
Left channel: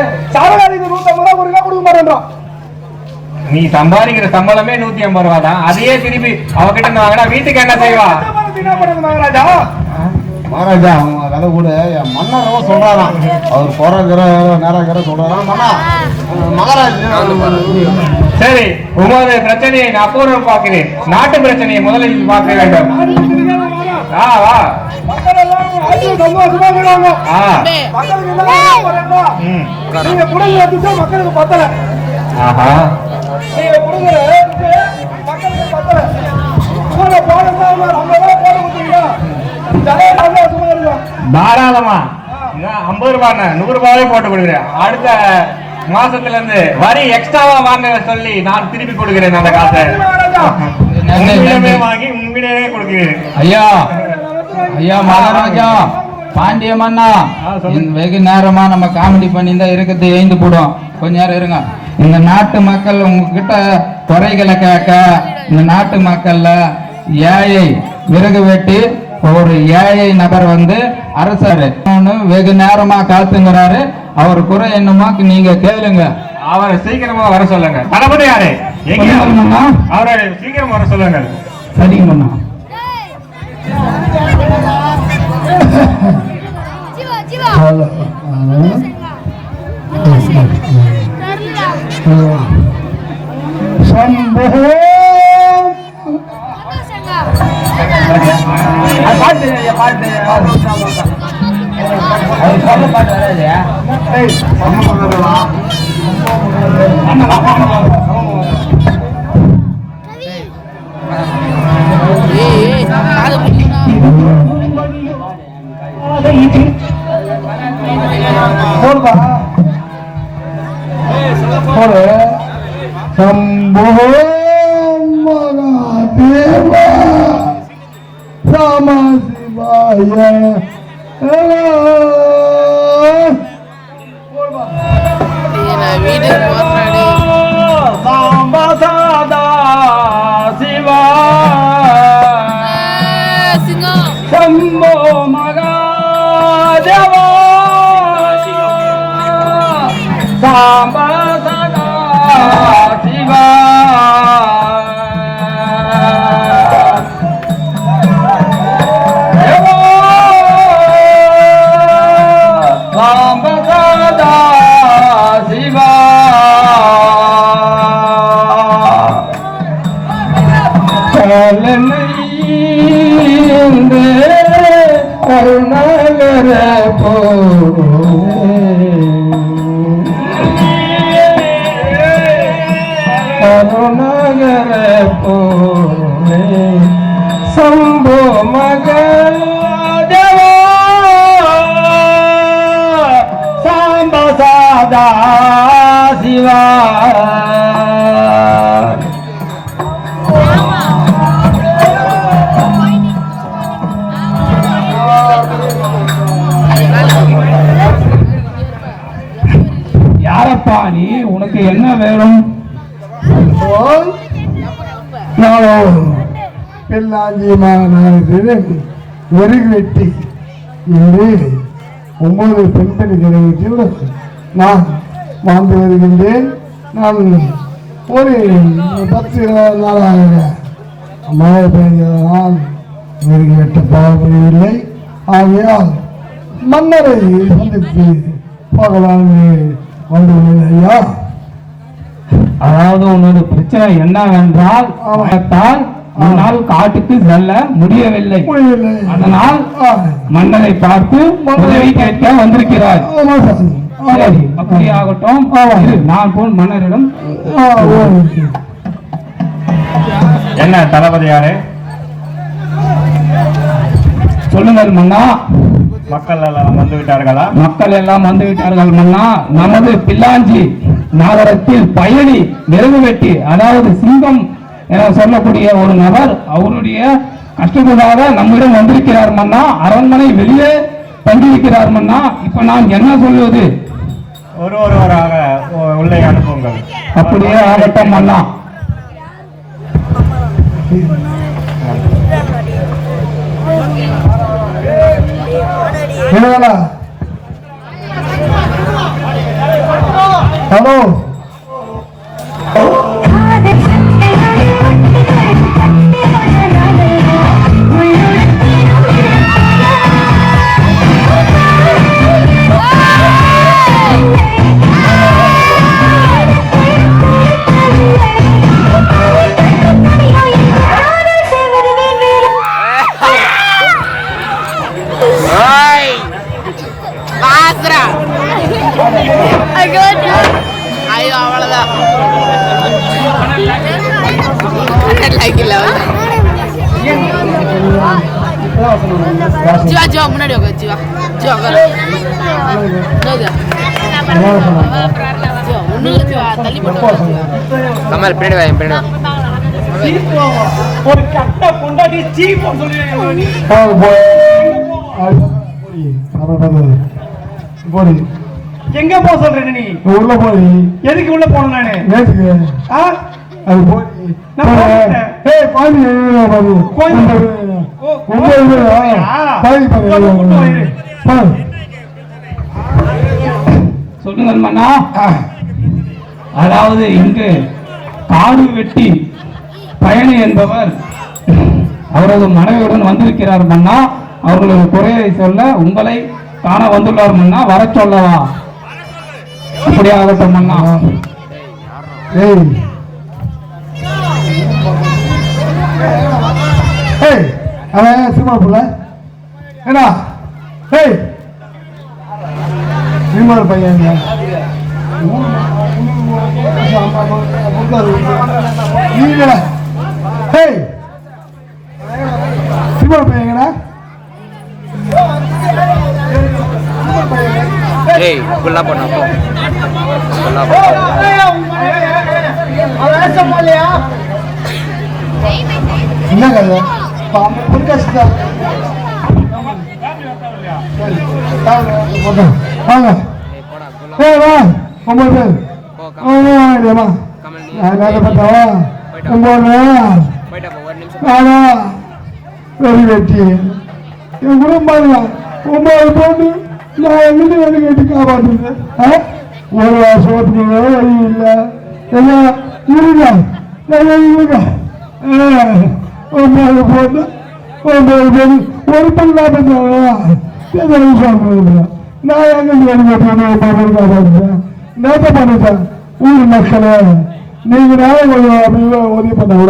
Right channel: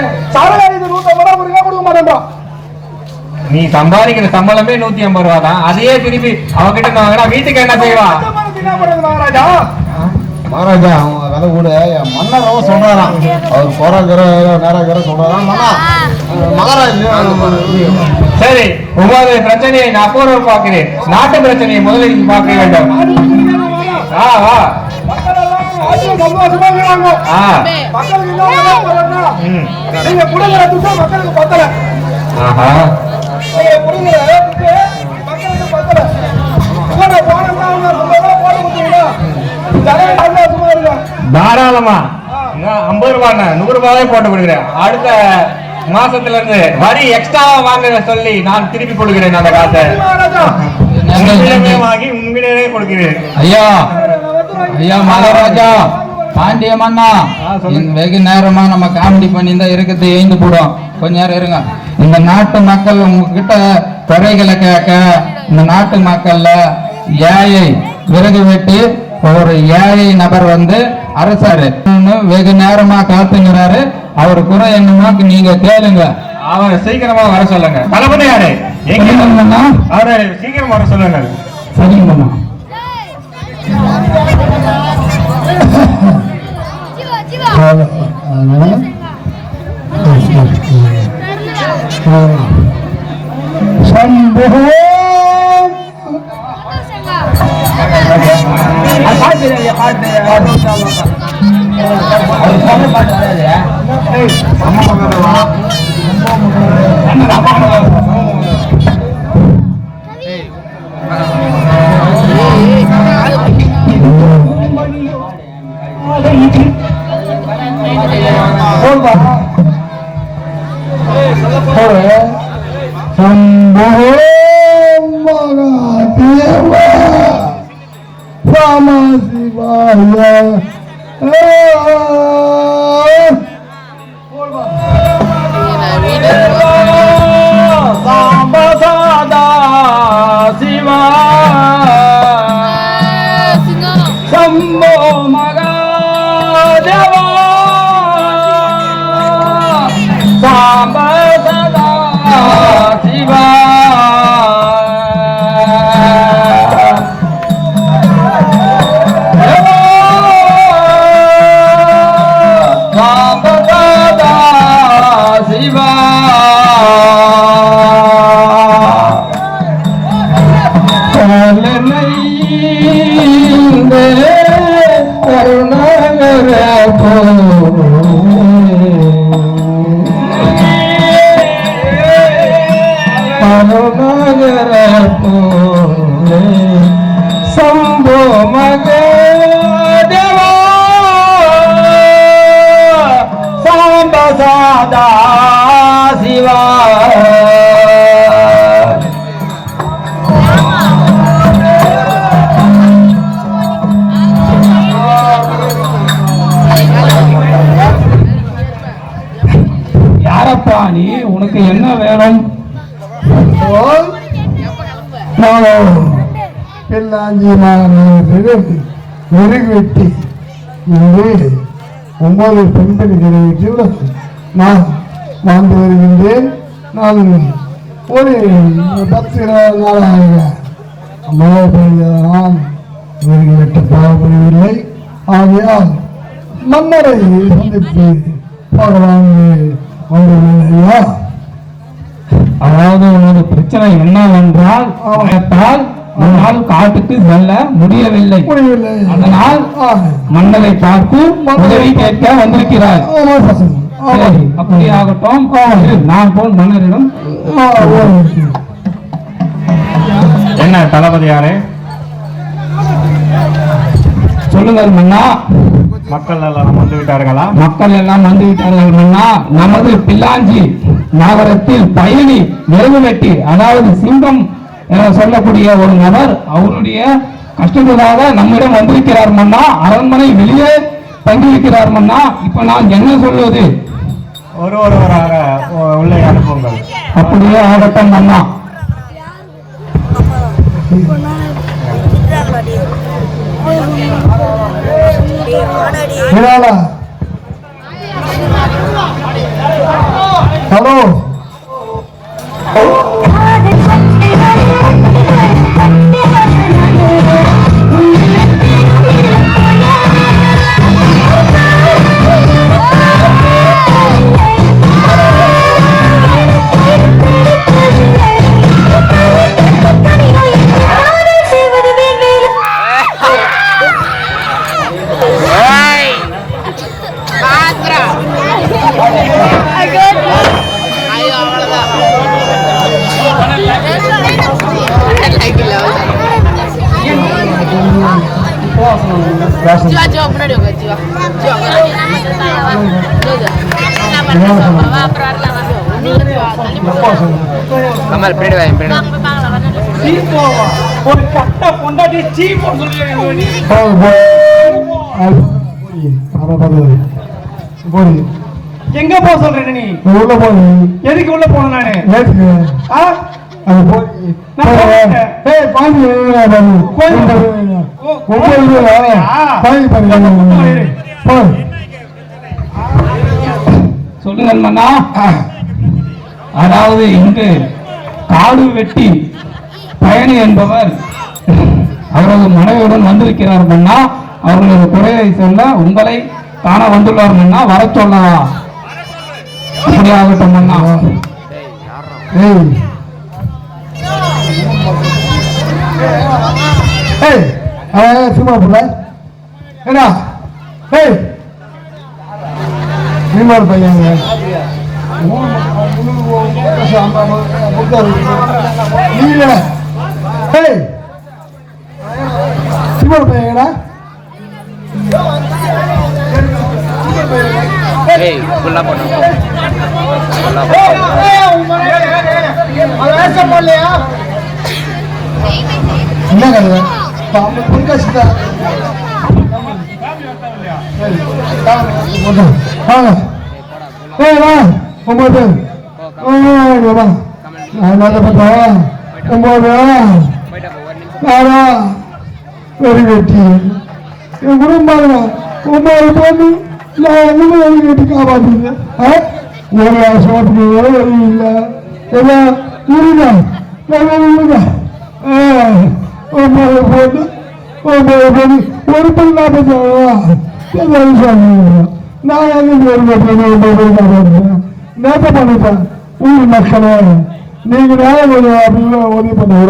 நீ சம்பாதிக்கிற சம்பளமே 150 ரூபா தான். அதையே திருப்பி அவகிட்ட வாங்கினா வீட்டுக்கு என்ன செய்வா? மகாராஜா அவங்க கதை கூட என் மன்னரவ சொல்றாராம். அவர் போறாங்கிற நேராகிற சொல்றாராம். மகாராஜா சரி, உங்களோட பிரச்சனையை நான் அப்புறம் பார்க்கிறேன். நாட்டு பிரச்சனையை முதலில் பார்க்க வேண்டும். வா தாராளமா 50 ரூபாய் 100 ரூபாயே போட்டு கொடுக்குறேன். அடுத்த மாசத்துல இருந்து வரி எக்ஸ்ட்ராவா வாங்க சொல்லி நான் திருப்பி கொடுக்கிறேன். அந்த காசை வாங்கி உண்மையிலே கொடுக்கிறேன். ஐயா, ஐயா மகாராஜா பாண்டிய மன்னா, வெகு நேரமா நம்ம காமெடி பண்ணி தான் இருக்கிறது எழுந்து போடும். கொஞ்ச நேரம் இருங்க. இந்த நாட்டு மக்கள் உங்ககிட்ட குறைகளை கேட்க, இந்த நாட்டு மக்கள்ல ஏழை விறகு வெட்டி ஒரு ஏழை நபர் வந்து அரசாரு வெகு நேரமா காத்துங்கிறாரு. அவர் குறை என்னமா நீங்க கேளுங்க. அவரை சீக்கிரமா வர சொல்லுங்க. தளபதி யாரே எங்க அவரை சீக்கிரம் வர சொல்லுங்க. சரிங்க மன்னா. சம்போ ராம சிவாய சம்போ மகாதேவா சாம்பா சதா சிவா சாம்பா சதா சிவா கருணாகர கருணாகர சம்போ மகாதேவா சாம்ப சாதா சிவா யாரப்பா நீ? உனக்கு என்ன வேணும்? பின்னாஞ்சி மாநகரிடம் விறகு வெட்டி என்று 9 பெண்களை நான் வாழ்ந்து வருகின்றேன். நான் ஒரு 10 நாளாக மழை பெய்ததால் விறகு வெட்ட பாவப்படவில்லை. ஆகையால் மன்னரை சந்தித்து போகலாமே வந்துள்ளதையா? அதாவது உனது பிரச்சனை என்னவென்றால் உன்னால் காட்டுக்கு செல்ல முடியவில்லை. அதனால் மன்னரை பார்த்து உதவி கேட்க வந்திருக்கிறார். சரி, அப்படி ஆகட்டும். நான் போய் மன்னரிடம் என்ன தளபதியாரே சொல்லுங்கள் மன்னா. மக்கள் எல்லாம் வந்து விட்டார்களா? மக்கள் எல்லாம் வந்து விட்டார்கள் மன்னா. நமது பில்லாஞ்சி நகரத்தில் பயணி விறகு வெட்டி, அதாவது சிங்கம் என சொல்லக்கூடிய ஒரு நபர் அவருடைய கஷ்டத்துக்காக நம்மிடம் வந்திருக்கிறார் மன்னா. அரண்மனை வெளியே தங்கியிருக்கிறார் மன்னா. இப்ப நான் என்ன சொல்வது? ஒருவராக உள்ளே அனுப்புங்கள். அப்படியே ஆகட்டும் மன்னா. ஹலோ கமல் பின்னாடி வாங்க, பின்னாடி வா. ஒரு கட்ட பொண்டாட்டி சீ போன்னு சொல்லுவீங்க எங்க போக சொல்றீங்க நீ உள்ள போய் எதுக்கு உள்ள போன நானு ஆ? அது போய் நான் போயிட்டேன். சொல்லுங்கள் மன்னா. அதாவது இங்கு காடு வெட்டி பயணி என்பவர் அவரது மனைவியுடன் வந்திருக்கிறார் மன்னா. அவர்களது குறையை சொல்ல உங்களை காண வந்துள்ளார் மன்னா. வர சொல்லவா? அப்படியாகட்டும் மன்னா. சும்மா பிள்ளை என்ன இன்னொரு பையன் சின்ன பையங்கடா என்ன கதை ஊர் மக்களே நீங்க உதவி பண்ணா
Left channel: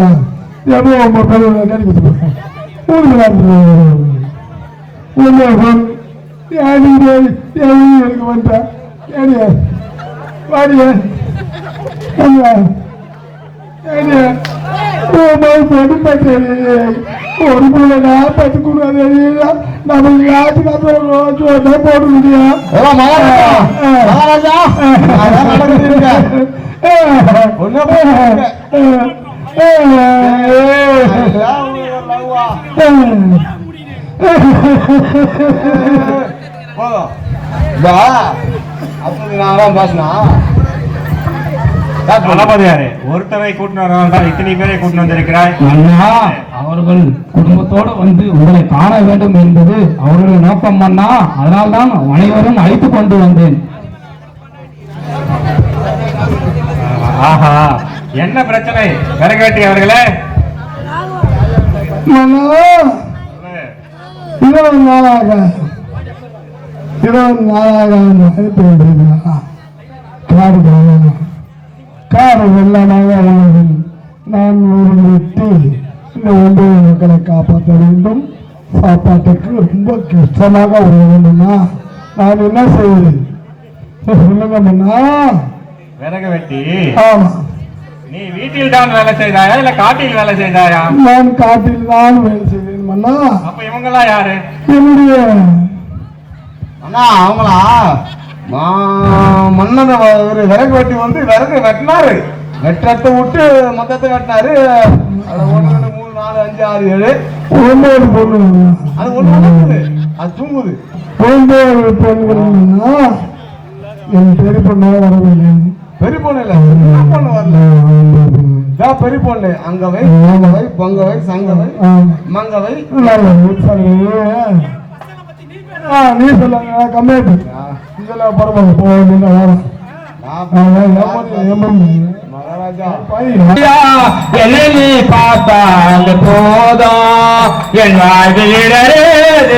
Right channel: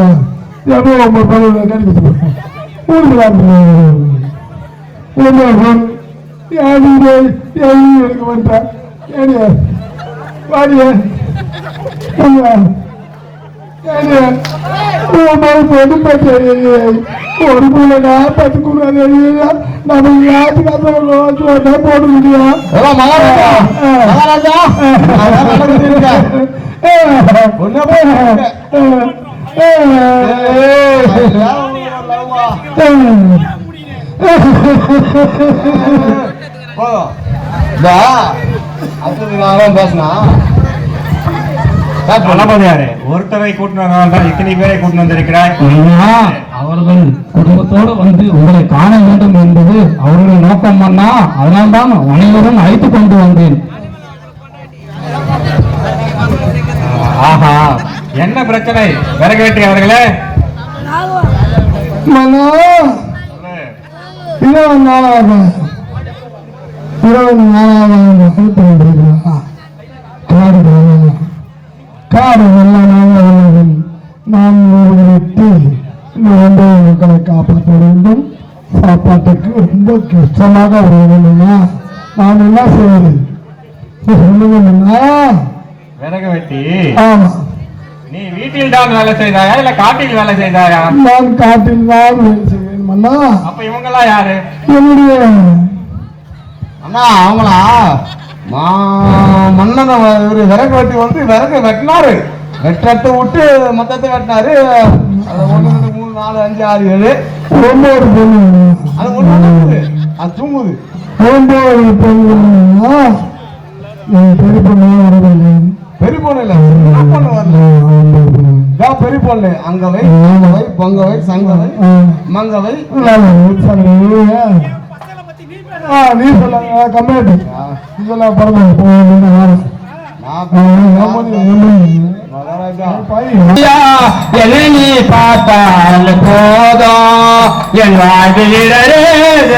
ஒரு பிள்ளைனா பத்துக்கூடாது நம்ம யாத்துக்காக போட முடியும் பேசினா ஒருத்தரை கூட்டினார் இத்தனை பேரை கூட்டிட்டு வந்திருக்கிறார். அவர்கள் குடும்பத்தோடு வந்து உங்களை காண வேண்டும் என்பது அவருடைய நோக்கம் மன்னா. அதனால்தான் அனைவரும் அழைத்துக் கொண்டு வந்தேன். ஆஹா, என்ன பிரச்சனை விறகு வெட்டி அவர்களே? காடு வெள்ளமாக நான் விட்டு மக்களை காப்பாற்ற வேண்டும். சாப்பாட்டுக்கு ரொம்ப கஷ்டமாக வருவதுன்னா நான் என்ன செய்யறேன் சொல்லுங்க. விறகு வெட்டி ஆமா, நீ வீட்டில் தான் வேலை செய்தாயா இல்ல காட்டில் வேலை செய்தாயா? நான் காட்டில் தான் வேலை செய்வேன். அப்ப இவங்கெல்லாம் யாரு? என்னுடைய அண்ணா அவங்களா மன்னன் விறகு வெட்டி வந்து விறகு வெட்டினாரு. வெட்டத்தை விட்டு மொத்தத்தை வெட்டினாரு. அது 1 2 3 4 5 6 7 ஒன்பது பொண்ணு அது ஒண்ணு அது தூங்குது. ஒன்பது பொண்ணு என் பெரிய பொண்ணு வரவில்லை. பெரிய பொண்ணு இல்ல பொண்ணு வரல. பெரிய பொண்ணு அங்கவை அங்கவை பொங்கவை சங்கவை மங்கவை நீ சொல்ல கம்மியாட்டு இதெல்லாம் பரவாயில்ல. என்னை பார்த்தால் போதும் என் வாழ்வில்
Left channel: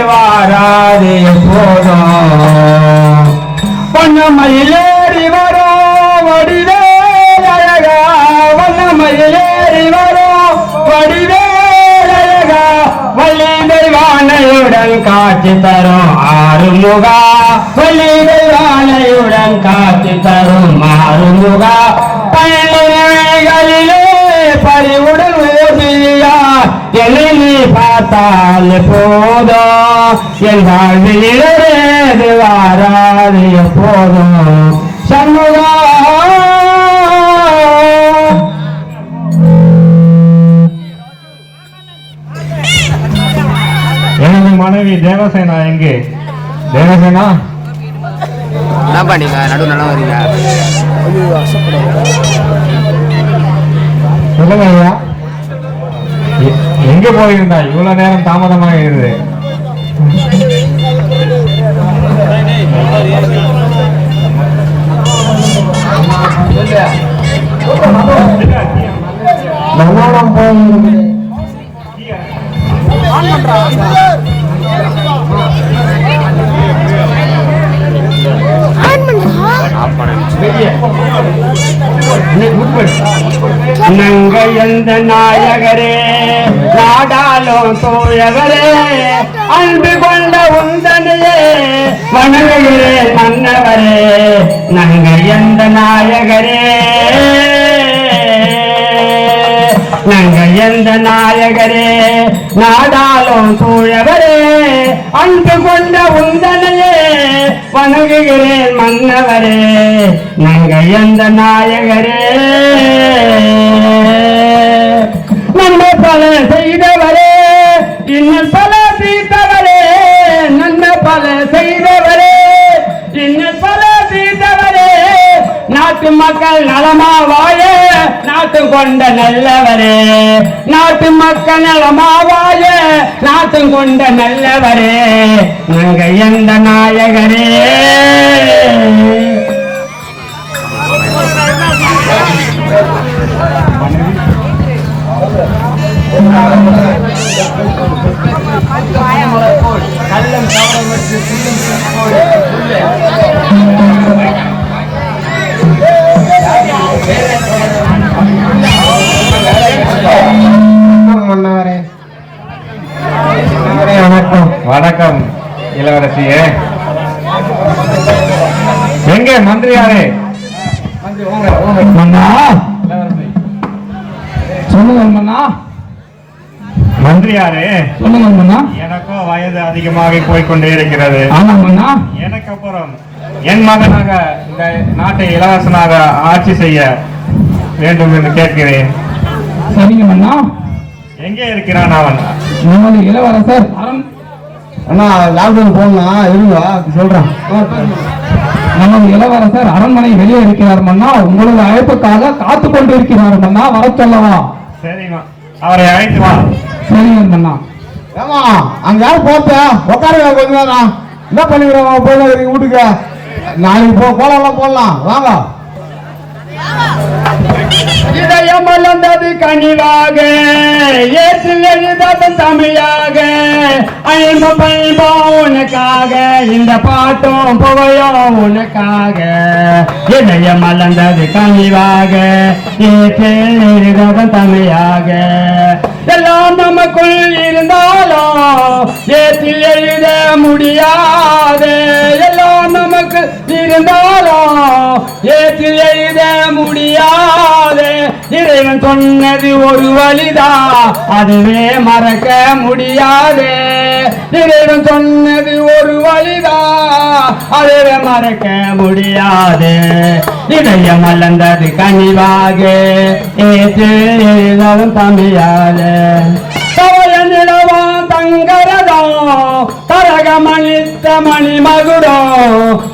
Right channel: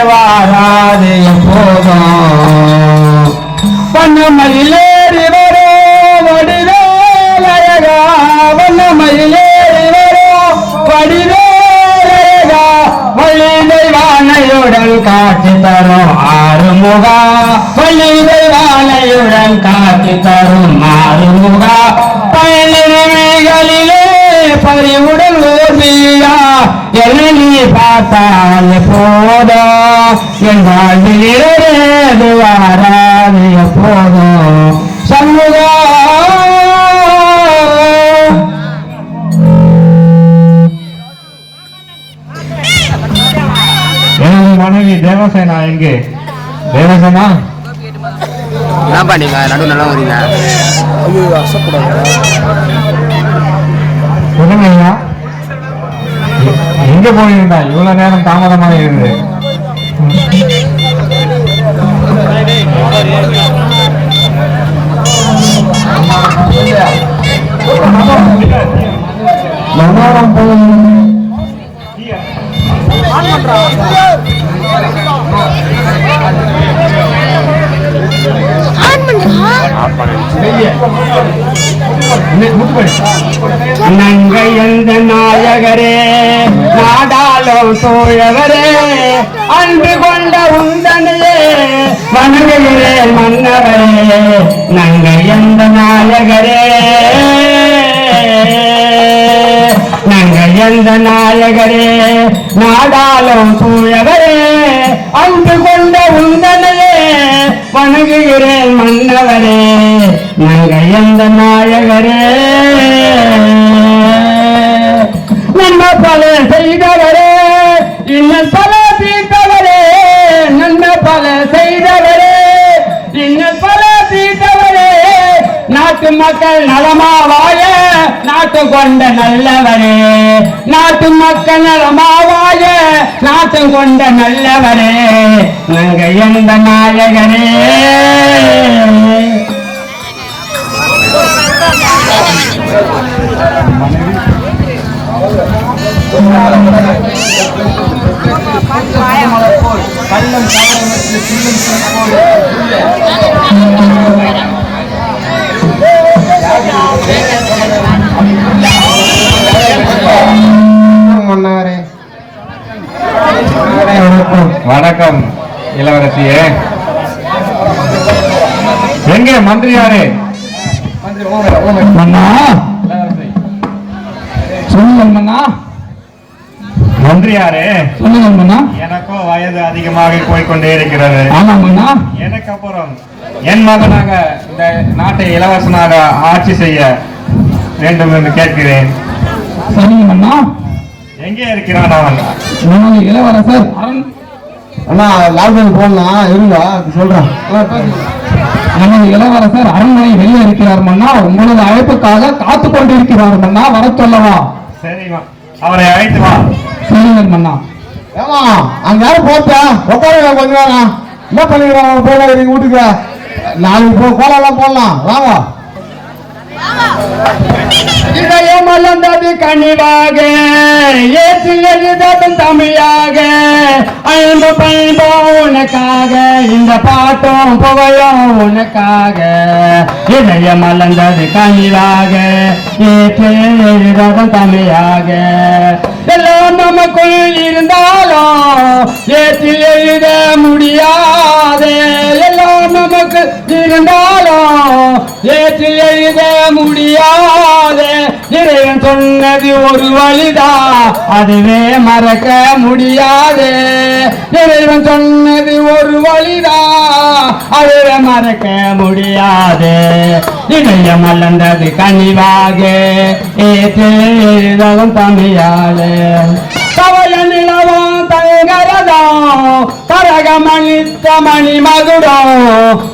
வாராது போதும் வண்ணமயிலேறி வரும் வடிவேலழகா வண்ணமயிலேறி வரும் வடிவேலழகா வள்ளிதை வானையுடன் காட்சி தரும் ஆறுமுகா வள்ளிதை வானையுடன் காட்சி தரும் ஆறுமுகா பயிலிலே பறிவுடன் ஓர்வியா என்னை நீ பார்த்தால் போதும் என் வாழ்வில் வாராது எப்போதும் சண்முகா. தேவசேனா எங்கே? தேவசேனா என்னப்பா நீங்க நடு நல்லா வரீங்க? சொல்லுங்கய்யா, எங்க போயிருந்தா இவ்வளவு நேரம் தாமதமாக இருக்குது? நங்கை எந்த நாயகரே நாடாலும் தோழவரே அன்பு கொண்ட உந்தனையே வணங்குகிறேன் மன்னவரே. நங்கை எந்த நாயகரே நங்கை எந்த நாயகரே நாடாலும் தூயவரே அன்பு கொண்ட உந்தனையே வணங்குகிறேன் மன்னவரே. நங்கை எந்த நாயகரே நன்ம பல செய்தவரே இன்னும் பல தீர்த்தவரே. நன்ம பல செய்தவரே இன்னும் பல தீர்த்தவரே. நாட்டு மக்கள் நலமாவாய நாட்டம் கொண்ட நல்லவரே. நாட்டு மக்கள் நலமாவாய நாட்டம் கொண்ட நல்லவரே. நங்கை எந்த நாயகரே வணக்கம் இளவரசியே. எங்கே மந்திரியாரே? மந்திரியாரே, எனக்கும் வயது அதிகமாக போய்கொண்டே இருக்கிறது. எனக்கு அப்புறம் என் மகனாக இந்த நாட்டை இளவரசனாக ஆட்சி செய்ய வேண்டும் என்று கேட்கிறேன். எங்கே இருக்கிறான் அவன்? இளவரசர் அண்ணா லால்பன் போடலாம் இருங்க சொல்றேன். நமது இளவரசர் அரண்மனை வெளியே இருக்கிறார் மன்னா. உங்களது அழைப்புக்காக காத்து கொண்டிருக்கிறார் மன்னா. வர சொல்லவா? சரிம்மா, அவரை அழைத்து வா. சரிங்க மன்னா. ஏமா அங்க யாரும் போட்டா உட்காருங்க கொஞ்ச நேரம். என்ன பண்ணிக்கிறோம் போய் வீட்டுக்கு? நாளைக்கு கோலம் போடலாம் வாங்க. இதயம் மலர்ந்தது கனிவாக ஏற்றில் எழுததும் தமிழாக அயல்பு பயன்போ உனக்காக இந்த பாட்டும் புகையும் உனக்காக. இதயம் மலர்ந்தது கனிவாக ஏற்றில் எழுததும் தமிழாக. எல்லாம் நமக்குள் இருந்தாலும் ஏற்றில் எழுத முடியாது. எல்லாம் நமக்கு இருந்தாலும் ஏற்றில் எழுத முடியாது. இறைவன் சொன்னது ஒரு வழிதான், அதுவே மறக்க முடியாது. இறைவன் சொன்னது ஒரு வழிதான், அதுவே மறக்க முடியாது. இதயம் மலர்ந்தது கனிவாக ஏற்றவும் தமிழாக. கவல நிலவம் தங்கரதம் கரகமணித்த மணிமகுடம்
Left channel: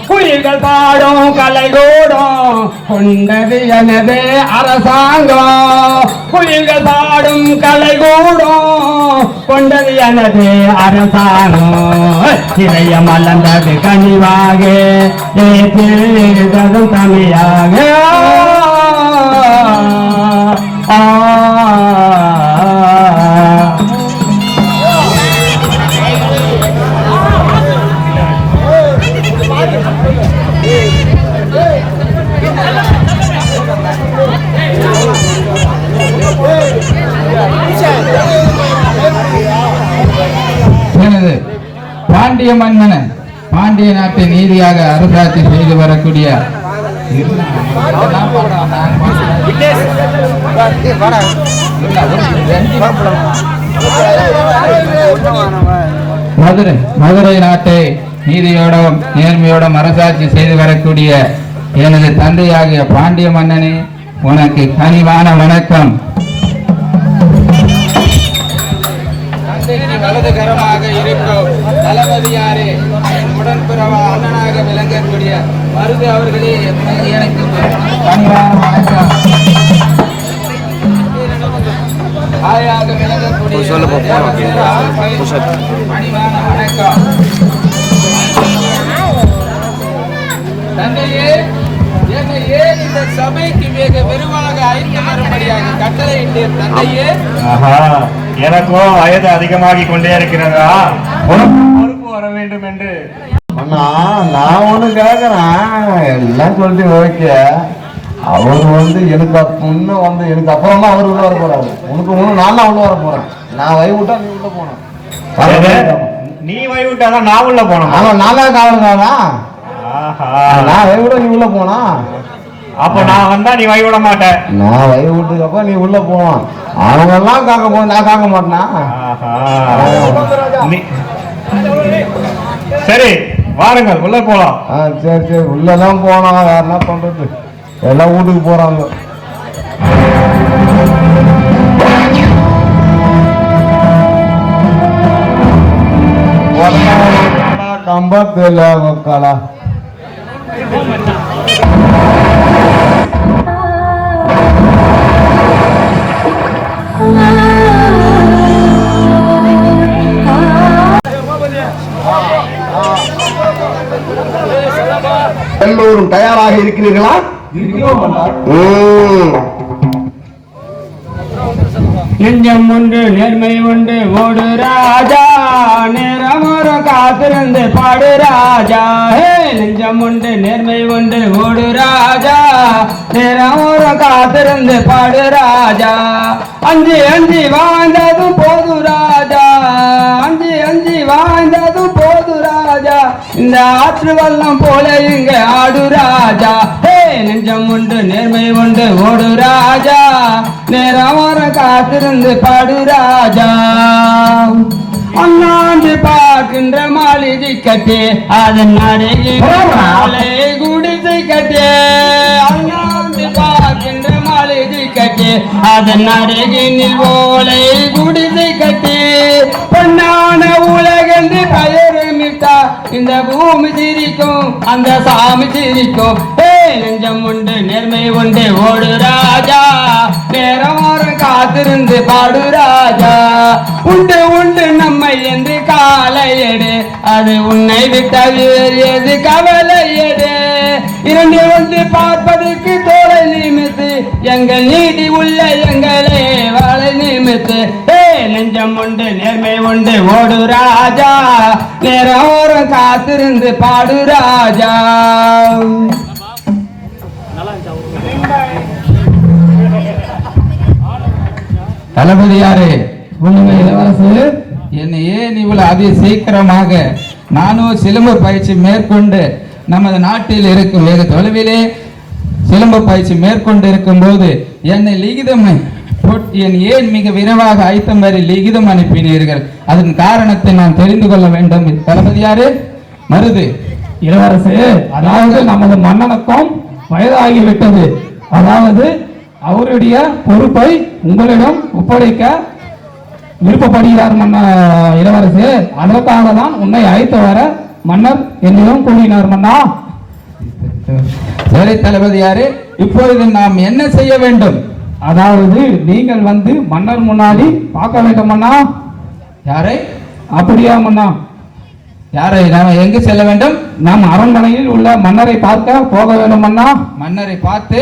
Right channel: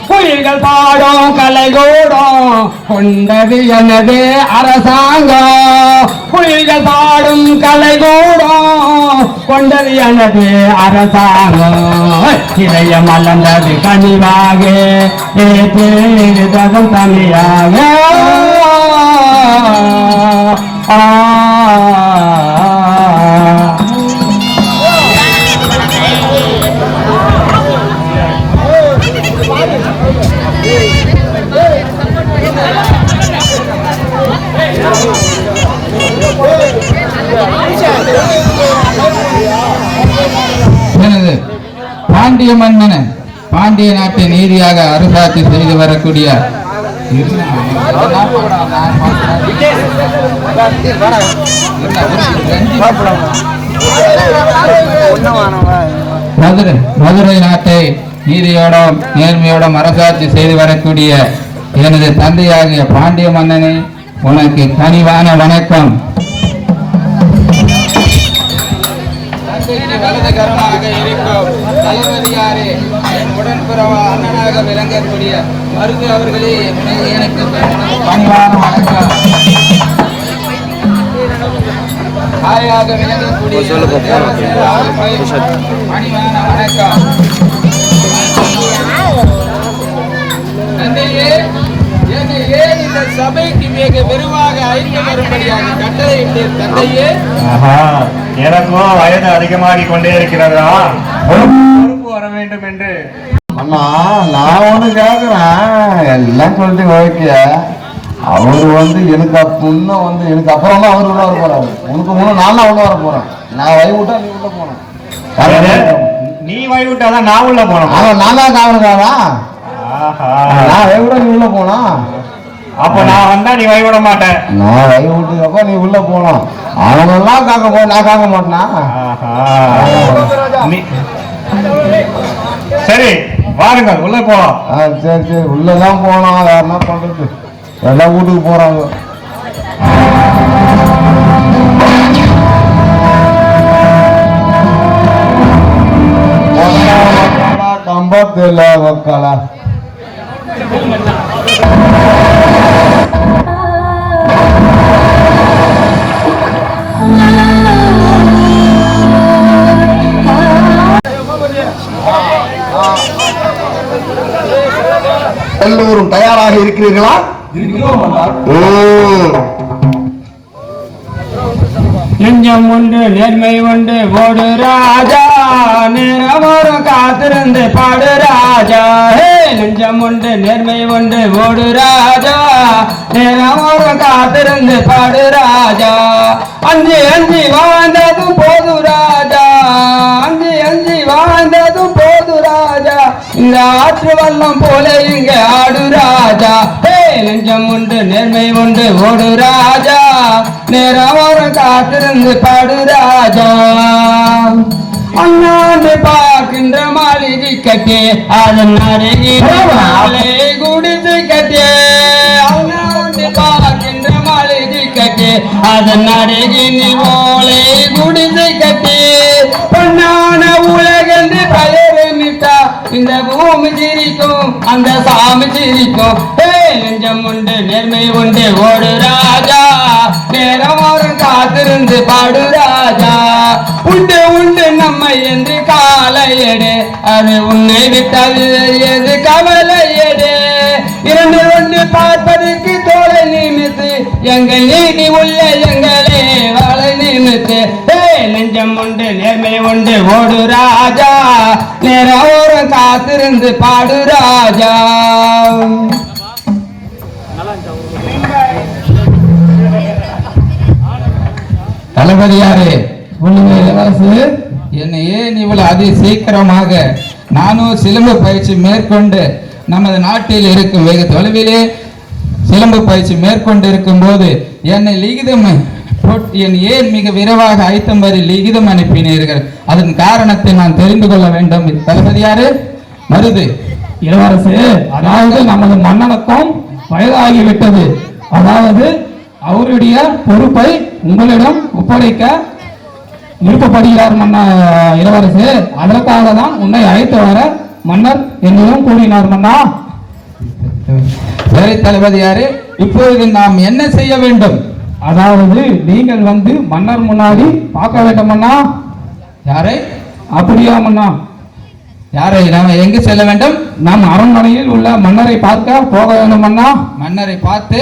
குயில்கள் பாடும் கலைகூடம் கொண்டது எனது அரசாங்கம். குயில்கள் பாடும் கலைகூடம் கொண்டது எனது அரசாங்கம். இதயம் மலர்ந்தது கனிவாக ஏற்றதும் தமிழாக. எனது பாண்டிய மன்னன் பாண்டிய நாட்டை நீதியாக அரசாட்சி செய்து வரக்கூடிய மதுரை நாட்டை நீதியோடும் நேர்மையோடும் அரசாட்சி செய்து வரக்கூடிய எனது தந்தையாகிய பாண்டிய மன்னனை உனக்கு கனிவான வணக்கம். வலதுகரமாக இருக்கும் தளபதியாரே, என் உடன்பிறவா அண்ணனாக விளங்கக்கூடிய மருது அவர்களே எனக்கு பணிவான வணக்கம். தாயாக விளங்கக்கூடிய பணிவான வணக்கம். தந்தையே, என்னை ஏன் இந்த சபைக்கு மிக விரிவாக அழைத்து வரும்படியாக கட்டளையிட்டீர் தந்தையே? எனக்கும் வயது அதிகமாகிக் கொண்டே இருக்கிறதா, பொறுப்பு வர வேண்டும் என்று. அண்ணா நான் ஒண்ணு கேக்குறேன், எல்லாம் சொல்லிட்டு ஓகே. அவர் எனக்கு முன்ன எனக்கு அப்புறமா அவர் உள்ள வர போறாரு. உனக்கு முன்ன நான் தான் உள்ள வர போறேன். நான் வழி விட்டா நீ உள்ள போன. நீ வழி விட்டாதான் நான் உள்ள போனோம். ஆனா நான் தான் காவலுக்காரா? நான் வழி விட நீ உள்ள போனா? அப்ப நான் வந்தா நீ வழி விட மாட்டேன். நான் வழி விட்டதுக்கப்ப நீ உள்ள போனோம். அவனெல்லாம் காக்க போ, நான் காக்க மாட்டேனா? சரி வாருங்கள், உள்ள போலாம். சரி சரி, உள்ளதான் போனோம். வேற என்ன பண்றது, எல்லாம் வீட்டுக்கு போறாங்க. கம்பத்துல வைக்கலா எல்லோரும் தயாராக இருக்கிறீர்களா? நெஞ்சம் உண்டு நேர்மை உண்டு ஓடு ராஜா, நேரமோறும் காத்திருந்து பாடு ராஜா. நெஞ்சம் உண்டு நேர்மை உண்டு ஓடு ராஜா, நேரமோறும் காத்திருந்து பாடு ராஜா. அஞ்சி அஞ்சி வாழ்ந்ததும் போது ராஜா, அஞ்சி அஞ்சி வாழ்ந்ததும் போது ராஜா. இந்த ஆற்று வல்லம் போல இங்க ஆடு ராஜா. நெஞ்சம் உண்டு நேர்மை உண்டு ஓடு ராஜா, நேரம் காத்திருந்து பாடு ராஜா. அண்ணாண்டு பார்க்கின்ற மாளிகை கட்டி அதன் அருகே குடித்து கட்டி, அண்ணாண்டு பார்க்கின்ற மாளிகை கட்டி அதன் அருகினில் ஓலை குடித்து கட்டி. பொன்னான உலகென்று பெயருமிட்டா இந்த பூமி சிரிக்கும், அந்த சாமி சிரிக்கும். நெஞ்சம் உண்டு நேர்மை உண்டு ஓடு ராஜா, நேரம் ஓரம் காத்திருந்து பாடு ராஜா. உண்டு உண்டு நம்மை என்று காலையடு, அது உன்னை விட்டால் எது கவலையடு. இரண்டு ஒன்று பார்ப்பதற்கு தோலை நிமித்து, எங்கள் நீதி உள்ள எங்களே வாழை நிமித்து. நெஞ்சம் உண்டு நேர்மை உண்டு ஓடு ராஜா, நேரம் ஓரம் காத்திருந்து பாடு ராஜா. தளபதியாரே, என்னை ஏன் இவ்வளவு அதி சீக்கிரமாக நானும் சிலம்பு பயிற்சி மேற்கொண்டு நமது நாட்டில் இருக்கும் வெகு தொலைவிலே சிலம்பு பயிற்சி மேற்கொண்டு இருக்கும் போது என்னை லிகிதம் என் ஏன் மிக விரைவாக ஐத்தம் வரை லிகிதம் அனுப்பினீர்கள்? அதன் காரணத்தை நான் தெரிந்து கொள்ள வேண்டும். தளபதியாரே, மருது இளவரசு, அதாவது நமது மன்னனுக்கும் வயதாகிவிட்டது. அதாவது அவருடைய பொறுப்பை உங்களிடம் ஒப்படைக்க விருப்பப்படுகிறார் இளவரசு. அதற்காக தான் உன்னை அழைத்து வர மன்னர் என்னிடம் கூறினார் மன்னா. சரி தளபதியாரே, இப்பொழுது நாம் என்ன செய்ய வேண்டும்? அதாவது நீங்கள் வந்து மன்னர் முன்னாடி பார்க்க வேண்டும் மன்னா. யாரை? அப்படியா மன்னா? யாரை? நாம் எங்கு செல்ல வேண்டும்? நம் அரண்மனையில் உள்ள மன்னரை பார்க்க போக வேண்டும் மன்னா. மன்னரை பார்த்து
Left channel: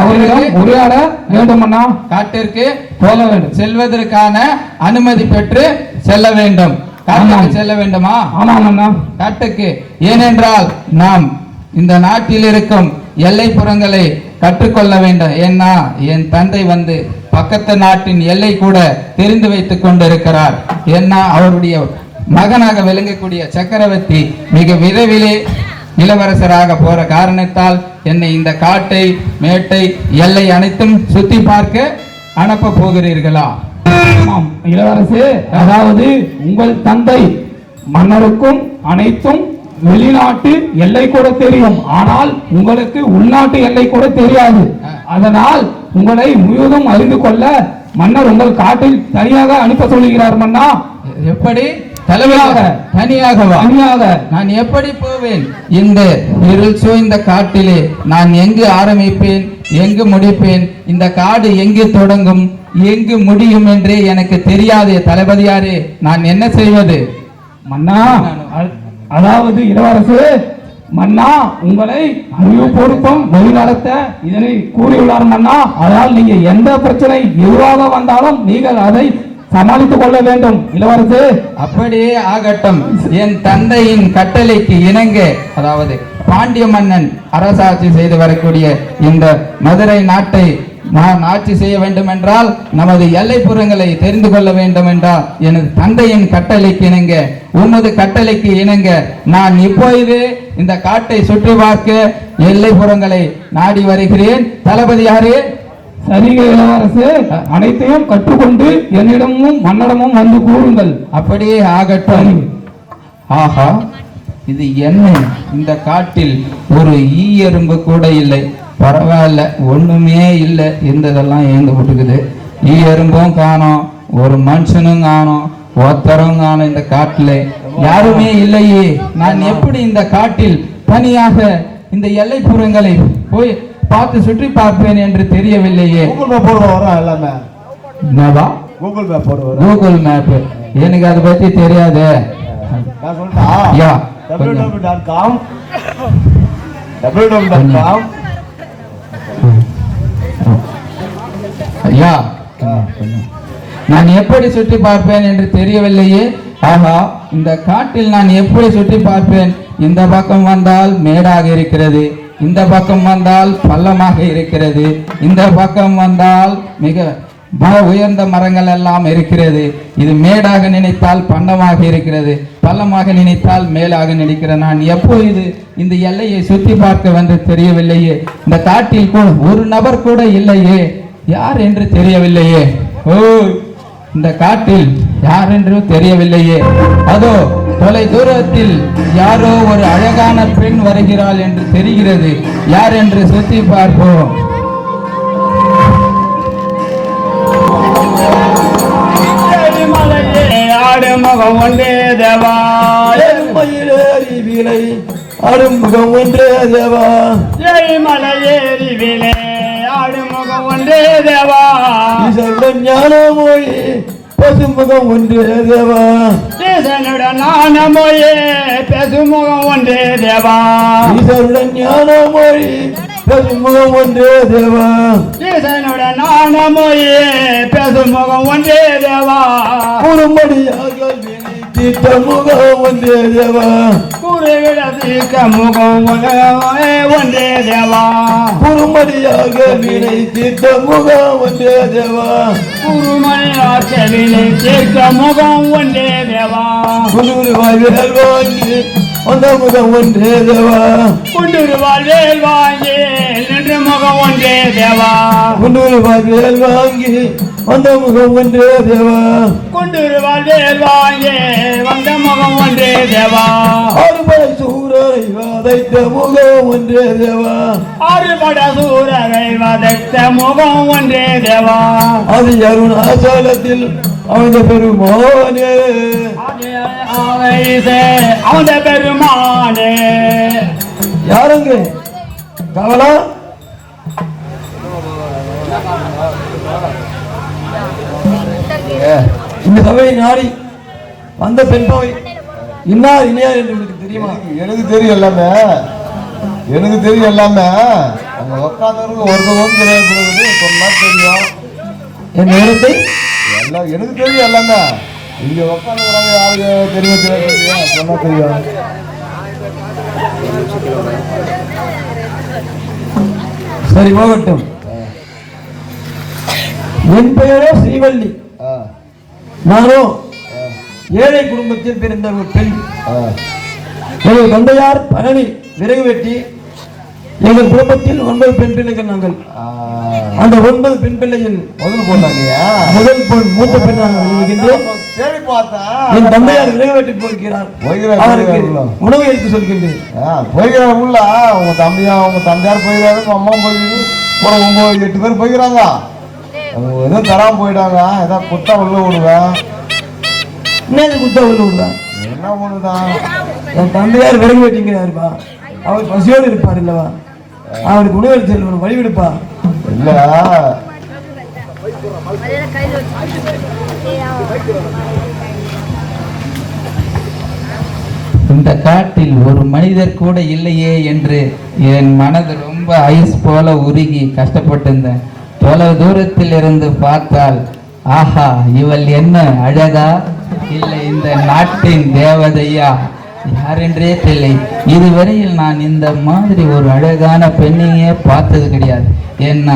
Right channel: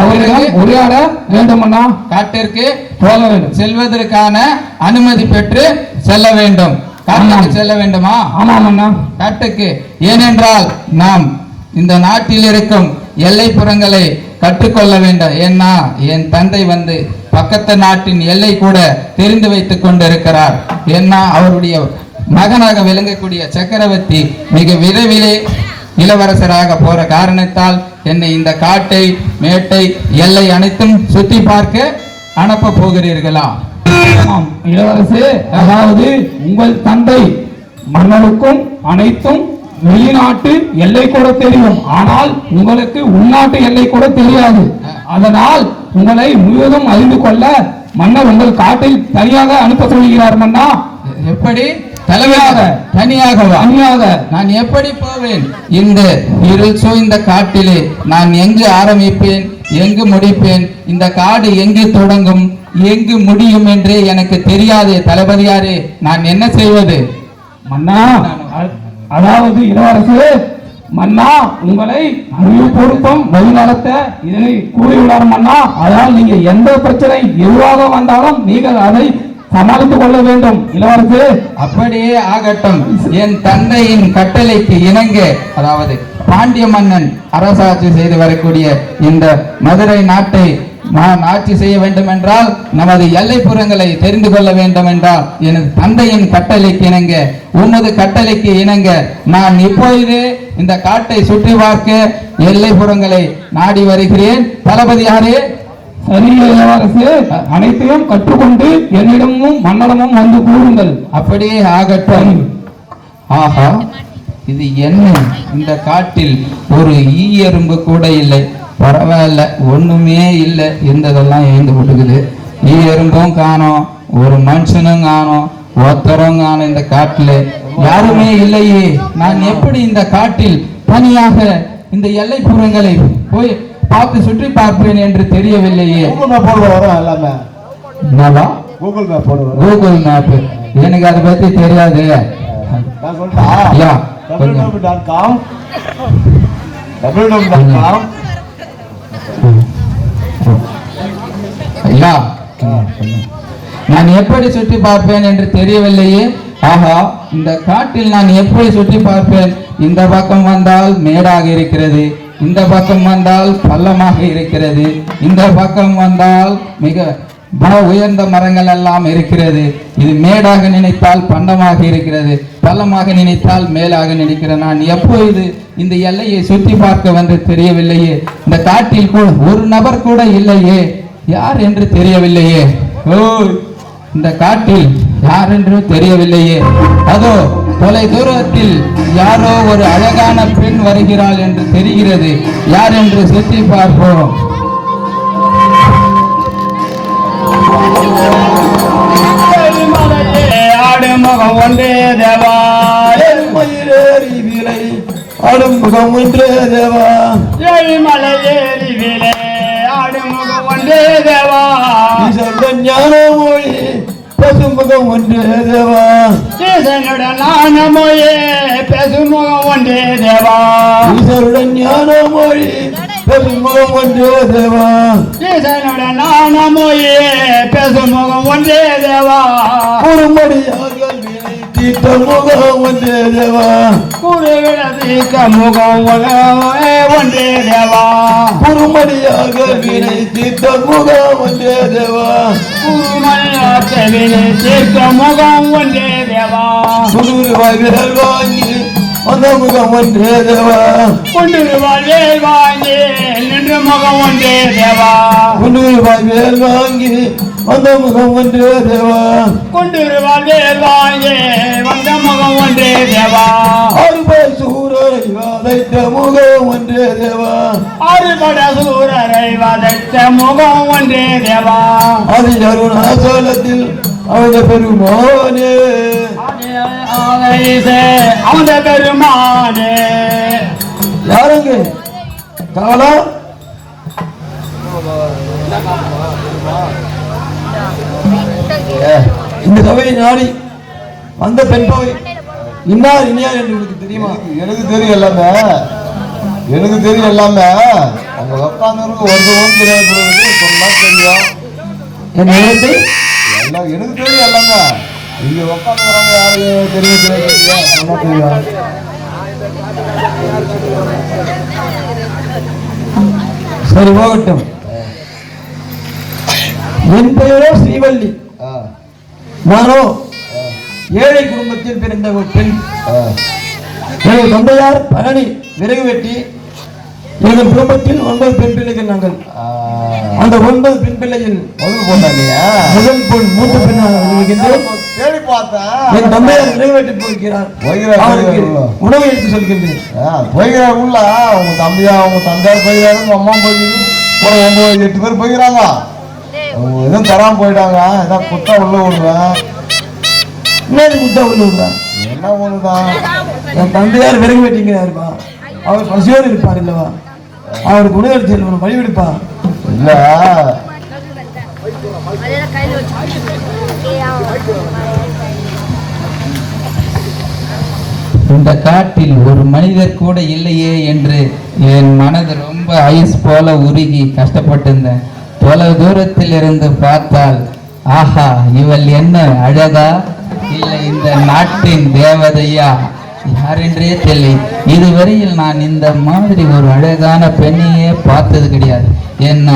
அவரிடம் உரையாட வேண்டும் மன்னா. காட்டிற்கு போக வேண்டும். செல்வதற்கான அனுமதி பெற்று செல்ல வேண்டும். காட்டுக்கு செல்ல வேண்டுமா? ஆமாம் மன்னா, காட்டுக்கு. ஏனென்றால் நாம் இந்த நாட்டில் இருக்கும் எல்லைப்புறங்களை கற்றுக்கொள்ள வேண்டும். ஏன்னா என் தந்தை வந்து பக்கத்து நாட்டின் எல்லை கூட தெரிந்து வைத்துக் கொண்டிருக்கிறார். ஏன்னா அவருடைய மகனாக விளங்கக்கூடிய சக்கரவர்த்தி மிக விரைவிலே இளவரசராக போற காரணத்தால் என்னை இந்த காட்டை மேட்டை எல்லை அனைத்தும் சுத்தி பார்க்க அனுப்ப போகிறீர்களா? இளவரசு, அதாவது உங்கள் தந்தை மன்னருக்கும் அனைத்தும் வெளிநாட்டு எல்லை கூட தெரியும், ஆனால் உங்களுக்கு உள்நாட்டு எல்லை கூட தெரியாது. அதனால் உங்களை முழுவதும் அறிந்து கொள்ள மன்னர் உங்கள் காட்டில் தனியாக அனுப்ப சொல்கிறார் மன்னா. எப்படி தலைமையாக தனியாக நான் எப்படி போவேன்? இந்த இருள் சூழ்ந்த காட்டிலே நான் எங்கு ஆரம்பிப்பேன், எங்கு முடிப்பேன்? இந்த காடு எங்கு தொடங்கும், எங்கு முடியும் என்றே எனக்கு தெரியாது. தளபதியாரே, நான் என்ன செய்வது? மன்னா, அதாவது இளவரசு மன்னா, உங்களை அறிவு பொருத்தம் வழிநடத்த இதனை கூறியுள்ளார் மன்னா. அதனால் நீங்க எந்த பிரச்சனை எதுவாக வந்தாலும் நீங்கள் அதை சமாளித்துக் கொள்ள வேண்டும் இளவரசு. அப்படியே ஆகட்டும். என் தந்தையின் கட்டளைக்கு இணங்க, அதாவது பாண்டிய மன்னன் அரசாட்சி செய்து வரக்கூடிய இந்த மதுரை நாட்டை நாம் ஆட்சி செய்ய வேண்டும் என்றால், நமது எல்லைப்புறங்களை தெரிந்து கொள்ள வேண்டும் என்றால், எனது தந்தையின் கட்டளைக்கு இணங்க, உனது கட்டளைக்கு இணங்க நான் இப்பொழுது இந்த காட்டை சுற்றி பார்க்க எல்லைப்புறங்களை நாடி வருகிறேன். தளபதியாரே, சரியே இளவரசு, அனைத்தையும் கற்றுக்கொண்டு என்னிடமும் மன்னடமும் வந்து கூறுங்கள். அப்படியே ஆகட்டும். ஆஹா, இது என்ன? இந்த காட்டில் ஒரு ஈ எறும்பு கூட இல்லை. பரவாயில்ல, ஒண்ணுமே இல்லை. இருந்ததெல்லாம் ஏந்து விட்டுக்குது. ஈ எறும்பும் காணோம், ஒரு மனுஷனும் காணோம், ஒருத்தரும் காணோம். இந்த காட்டில் யாருமே இல்லையே. நான் எப்படி இந்த காட்டில் தனியாக இந்த எல்லைப்புறங்களை போய் பார்த்து சுற்றி பார்ப்பேன் என்று தெரியவில்லையே. கூகுள் மேப் எனக்கு அதை பத்தி தெரியாது. ஐயா, நான் எப்படி சுற்றி பார்ப்பேன் என்று தெரியவில்லையே. ஆஹா, இந்த காட்டில் நான் எப்படி சுற்றி பார்ப்பேன்? இந்த பக்கம் வந்தால் மேடாக இருக்கிறது, இந்த பக்கம் வந்தால் பள்ளமாக இருக்கிறது, இந்த பக்கம் வந்தால் மிக உயர்ந்த மரங்கள் எல்லாம் இருக்கிறது. இது மேடாக நினைத்தால் பள்ளமாக இருக்கிறது, பள்ளமாக நினைத்தால் மேலாக நினைக்கிறது. நான் எப்போது இந்த எல்லையை சுற்றி பார்க்க வந்து தெரியவில்லையே. இந்த காட்டில் கூட ஒரு நபர் கூட இல்லையே. யார் என்று தெரியவில்லையே. ஓ, இந்த காட்டில் யார் என்று தெரியவில்லையே. அதோ தொலை தூரத்தில் யாரோ ஒரு அழகான பெண் வருகிறாள் என்று தெரிகிறது. யார் என்று சுற்றி பார்ப்போம். ஆடுமுகம் ஒன்றே தேவா, மயிலேறி விலை ஆடுமுகம் ஒன்றே தேவா, மலையேறி விலை ஆடுமுகம் ஒன்றே தேவா, ஞான மொழி பசுமுகம் ஒன்றே தேவா, ஞான மொழி பசுமுகம் ஒன்றே தேவா, ஞான மொழி பசுமுகம் ஒன்றே தேவா, ஞான மொழி பசுமுகம் ஒன்றே தேவா, குறும்படியாக தீர்த்த முகம் ஒன்றே தேவா, குறுவிட தீர்க்க முகம் ஒன்றே தேவா, குறுமடியாக வினை தீர்த்த முகம் ஒன்றே தேவா, குறுமடியாக வினை தீர்க்க முகம் ஒன்றே தேவா, குருவாய் வேல் வாங்கி அந்த முகம் ஒன்றே தேவா, குருவாய் வேல் வாங்கி நின்று முகம் ஒன்றே தேவா, குருவாய் வேல் வாங்கி அந்த முகம் ஒன்றே தேவா, குருவாய் வேல் வாங்கி வந்த முகம் ஒன்றே தேவா, அறுபடை சூரரை வதைத்த முகம் ஒன்றே தேவா, அறுபடை சூரரை வதைத்த முகம் ஒன்றே தேவா, அது அருணாச்சலத்தில் அந்த பெருமானே, அந்த பெருமானே. யாருங்க காலா? இந்த சபையை நாடி வந்த பெண் போய் இன்னார் இனியார் என்று உங்களுக்கு தெரியுமா? எனக்கு தெரியும் எல்லாமே, எனக்கு தெரியும் எல்லாமே. அங்க உட்கார்ந்தவருக்கு ஒருத்தரும் தெரியாது, சொன்னா தெரியும். எல்லாம் எனக்கு தெரியும் எல்லாமே. இங்க உட்காந்துக்கிறாங்க, யாருக்கு தெரியும் தெரியாது, சொன்னா தெரியும். சரி, போகட்டும். என் பெயரோ ஸ்ரீவள்ளி. நானோ ஏழை குடும்பத்தில் பிறந்த ஒரு பெண். எனது தந்தையார் பழனி விறகு வெட்டி. எங்கள் குடும்பத்தில் 9 பெண் பிள்ளைகள் நாங்கள். அந்த 9 பெண் பிள்ளையில் முதல் பெண் மூத்த பெண்ணாக இருக்கின்றேன். என் தந்தையார் விறகு வெட்டி போகிறார். அவருக்கு உணவு எடுத்து சொல்கின்றேன். போய்கிறாங்க உள்ள உங்க தந்தையார் போய்கிறாங்க, உங்க அம்மா போய்கிறது, எங்க 8 பேர் போய்கிறாங்க. எதுவும் தராம போயிட்டாங்க. ஏதாவது குத்தா உள்ள விடுவேன். என்ன குத்தா விடுறான்? என்ன ஒண்ணுதான் என் தந்தையார் விறகு வெட்டிங்கிறாருப்பா. அவர் பசியோடு இருப்பார் இல்லவா? அவருக்கு உணவு செய்யணும், வழிவிடுப்பா. இல்ல இந்த காட்டில் ஒரு மனிதர் கூட இல்லையே என்று என் மனது ரொம்ப ஐஸ் போல உருகி கஷ்டப்பட்டிருந்தேன். தொலை தூரத்தில் இருந்து பார்த்தால் ஆஹா, இவள் என்ன அழகா, இல்லை இந்த நாட்டின் தேவதையா, யாரென்றே தெரியலை. இதுவரையில் நான் இந்த மாதிரி ஒரு அழகான பெண்ணையே பார்த்தது கிடையாது. என்ன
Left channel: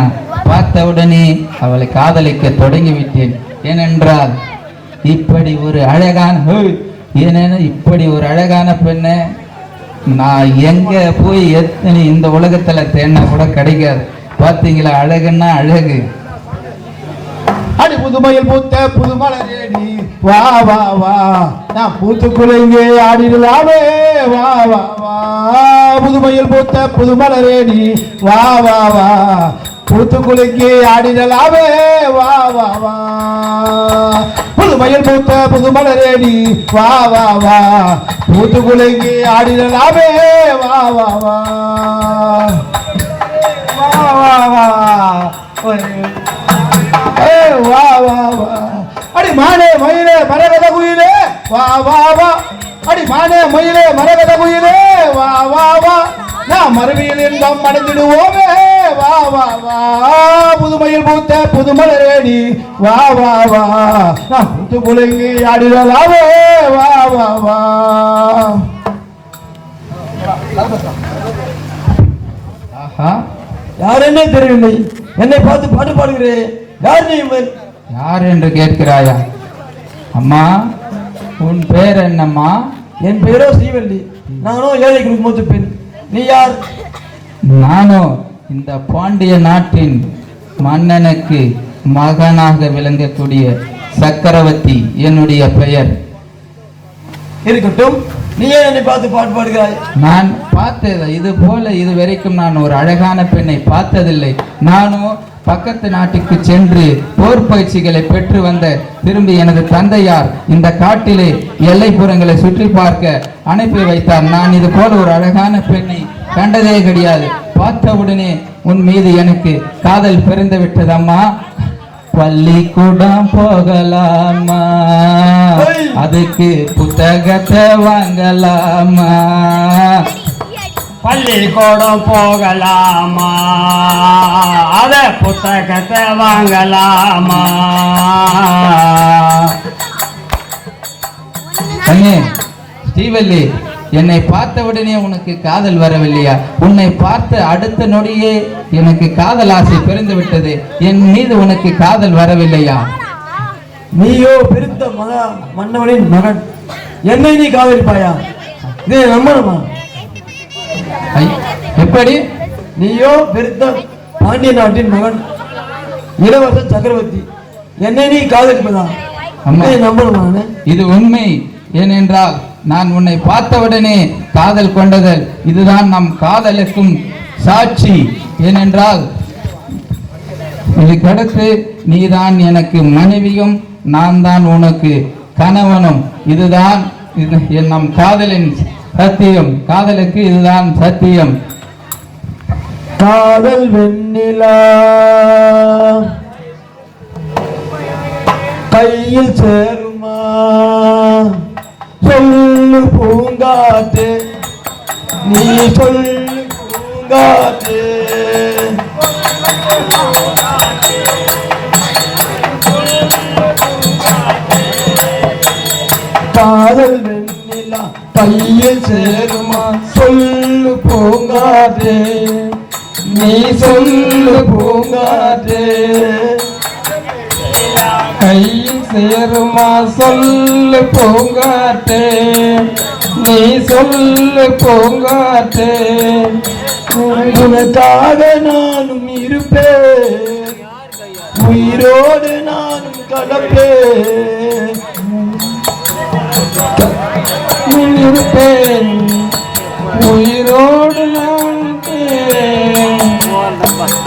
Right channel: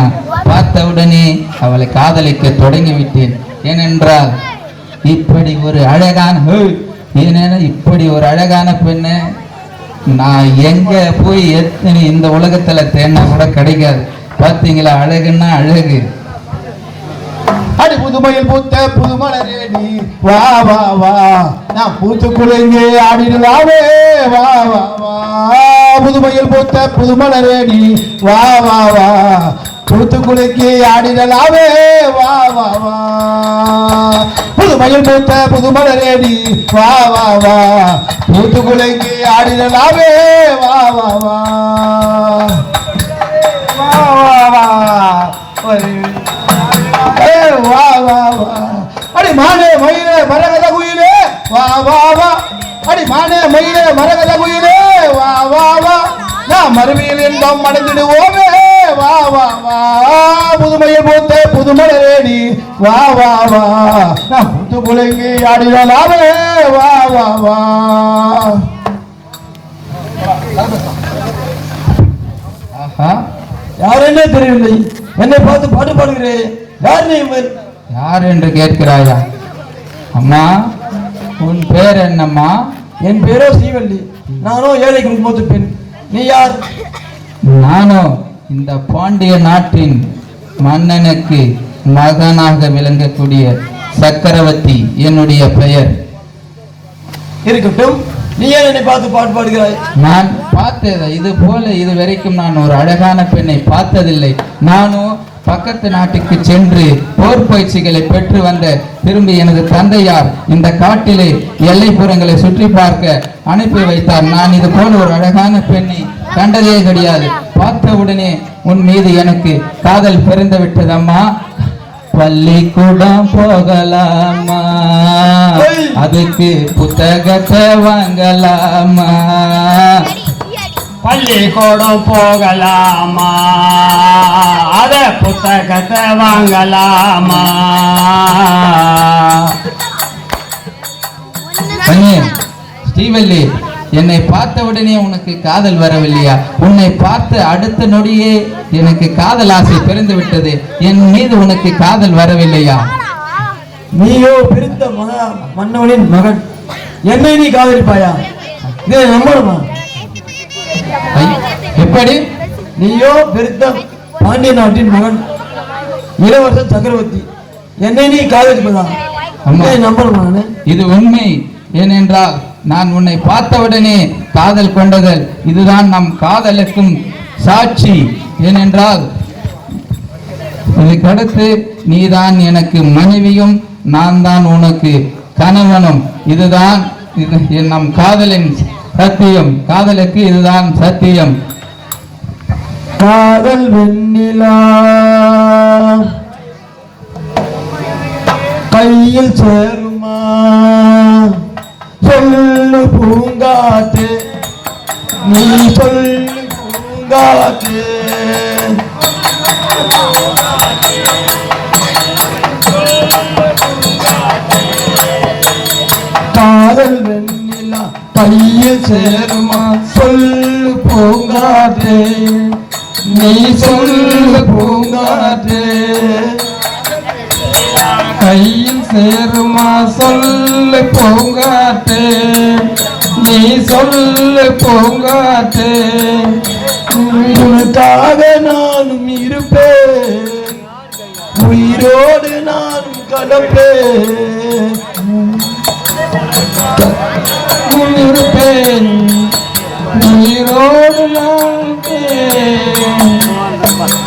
பார்த்தவுடனே அவளை காதலிக்க தொடங்கிவிட்டேன். ஏனென்றால் இப்படி ஒரு அழகான பெண்ணை நான் எங்க போய் எத்தனை இந்த உலகத்துல தேடினா கூட கிடைக்காது. பார்த்தீங்களா, அழகுன்னா அழகு. அடி புதுமையில் பூத்த புதுமலரேடி வா வா வா, நான் பூத்துக்குள்ளே ஆடிடலாமே வா வா வா. புதுமையில் பூத்த புதுமலரேடி வா வா வா, பூத்துக்குள்ளே ஆடிடலாமே வா வா வா. புதுமையில் பூத்த புதுமலரேடி வா வா வா, பூத்துக்குள்ளே ஆடிடலாமே வா வா வா. அடி மானே மயிலே மரகத குயிலே வா வா வா, அடி மானே மயிலே மரகத குயிலே வா வா வா, நான் மறுமையில் இன்பம் மறந்துடுவோமே வா வா வா. புதுமையில் பூத்த புதுமலரேடி வா வா வா, நான் புத்து குலங்கி ஆடிடலாமே வா வா வா. ஆஹா, யார் என்ன தெரியவில்லை, என்னை பார்த்து பாட்டு பாடுகிறேன். யார் நீ? யார் என்று கேட்கிறாயா? அம்மா, உன் பேர் என்னம்மா? என் பேரோ ஸ்ரீவல்லி. நானோ ஏழை குடும்பத்து பெண். நீ யார்? நானோ இந்த பாண்டிய நாட்டின் மன்னனுக்கு மகனாக விளங்கக்கூடிய சக்கரவர்த்தி என்னுடைய பெயர். இருக்கட்டும், நீ ஏன் என்னை பார்த்து பாட்டு பாடுகிறாய்? நான் பார்த்தது இது போல இதுவரைக்கும் நான் ஒரு அழகான பெண்ணை பார்த்ததில்லை. நானும் பக்கத்து நாட்டுக்கு சென்று போர் பயிற்சிகளை பெற்று வந்த திரும்பி எனது தந்தையார் இந்த காட்டிலே எல்லைப்புறங்களை சுற்றி பார்க்க அனுப்பி வைத்தார். நான் இது போல ஒரு அழகான பெண்ணை கண்டதே கிடையாது. பார்த்தவுடனே உன் மீது எனக்கு காதல் பிறந்து விட்டதம்மா. பள்ளிக்கூடம் போகலாமா, அதுக்கு புத்தகத்தை வாங்கலாமா? பள்ளிக்கூடம் போகலாமா, அத புத்தகத்தை வாங்கலாமா? ஸ்ரீவல்லி, என்னை பார்த்த உடனே உனக்கு காதல் வரவில்லையா? உன்னை பார்த்த அடுத்த நொடியே எனக்கு காதல் ஆசை பிறந்து விட்டது. என் மீது உனக்கு காதல் வரவில்லையா? நீயோ பெருத்த மன்னவனின் மகன், என்னை நீ காதலிப்பாயா? இதே நம்பணுமா? எப்படி? நீயோ பெருத்த பாண்டிய நாட்டின் மகன், இளவரச சக்கரவர்த்தி, என்னை நீ காதலிக்கலாம்? நம்பணுமா? இது உண்மை. ஏனென்றால் நான் உன்னை பார்த்தவுடனே காதல் கொண்டதல் இதுதான் நம் காதலுக்கும் சாட்சி. ஏனென்றால் இதுக்கடுத்து நீதான் எனக்கு மனைவியும் நான் தான் உனக்கு கணவனும். இதுதான் நம் காதலின் சத்தியம். காதலுக்கு இதுதான் சத்தியம். காதல் வெண்ணிலா கையில் சேருமா, சொல்லு பூங்காத்தே, நீ சொல்லு பூங்காத்தே. காதல் வெண்ணிலா கையில் சேருமா, சொல்லு பூங்காத்தே, நீ சொல்லு பூங்காத்தே. கையில் சேருமா, சொல்லு பூங்காத்தே, நீ சொல்லு பூங்காத்தே. உனக்காக நானும் இருப்பேன், உயிரோடு நானும் கடப்பேன். இருப்பேன், உயிரோடு நானும்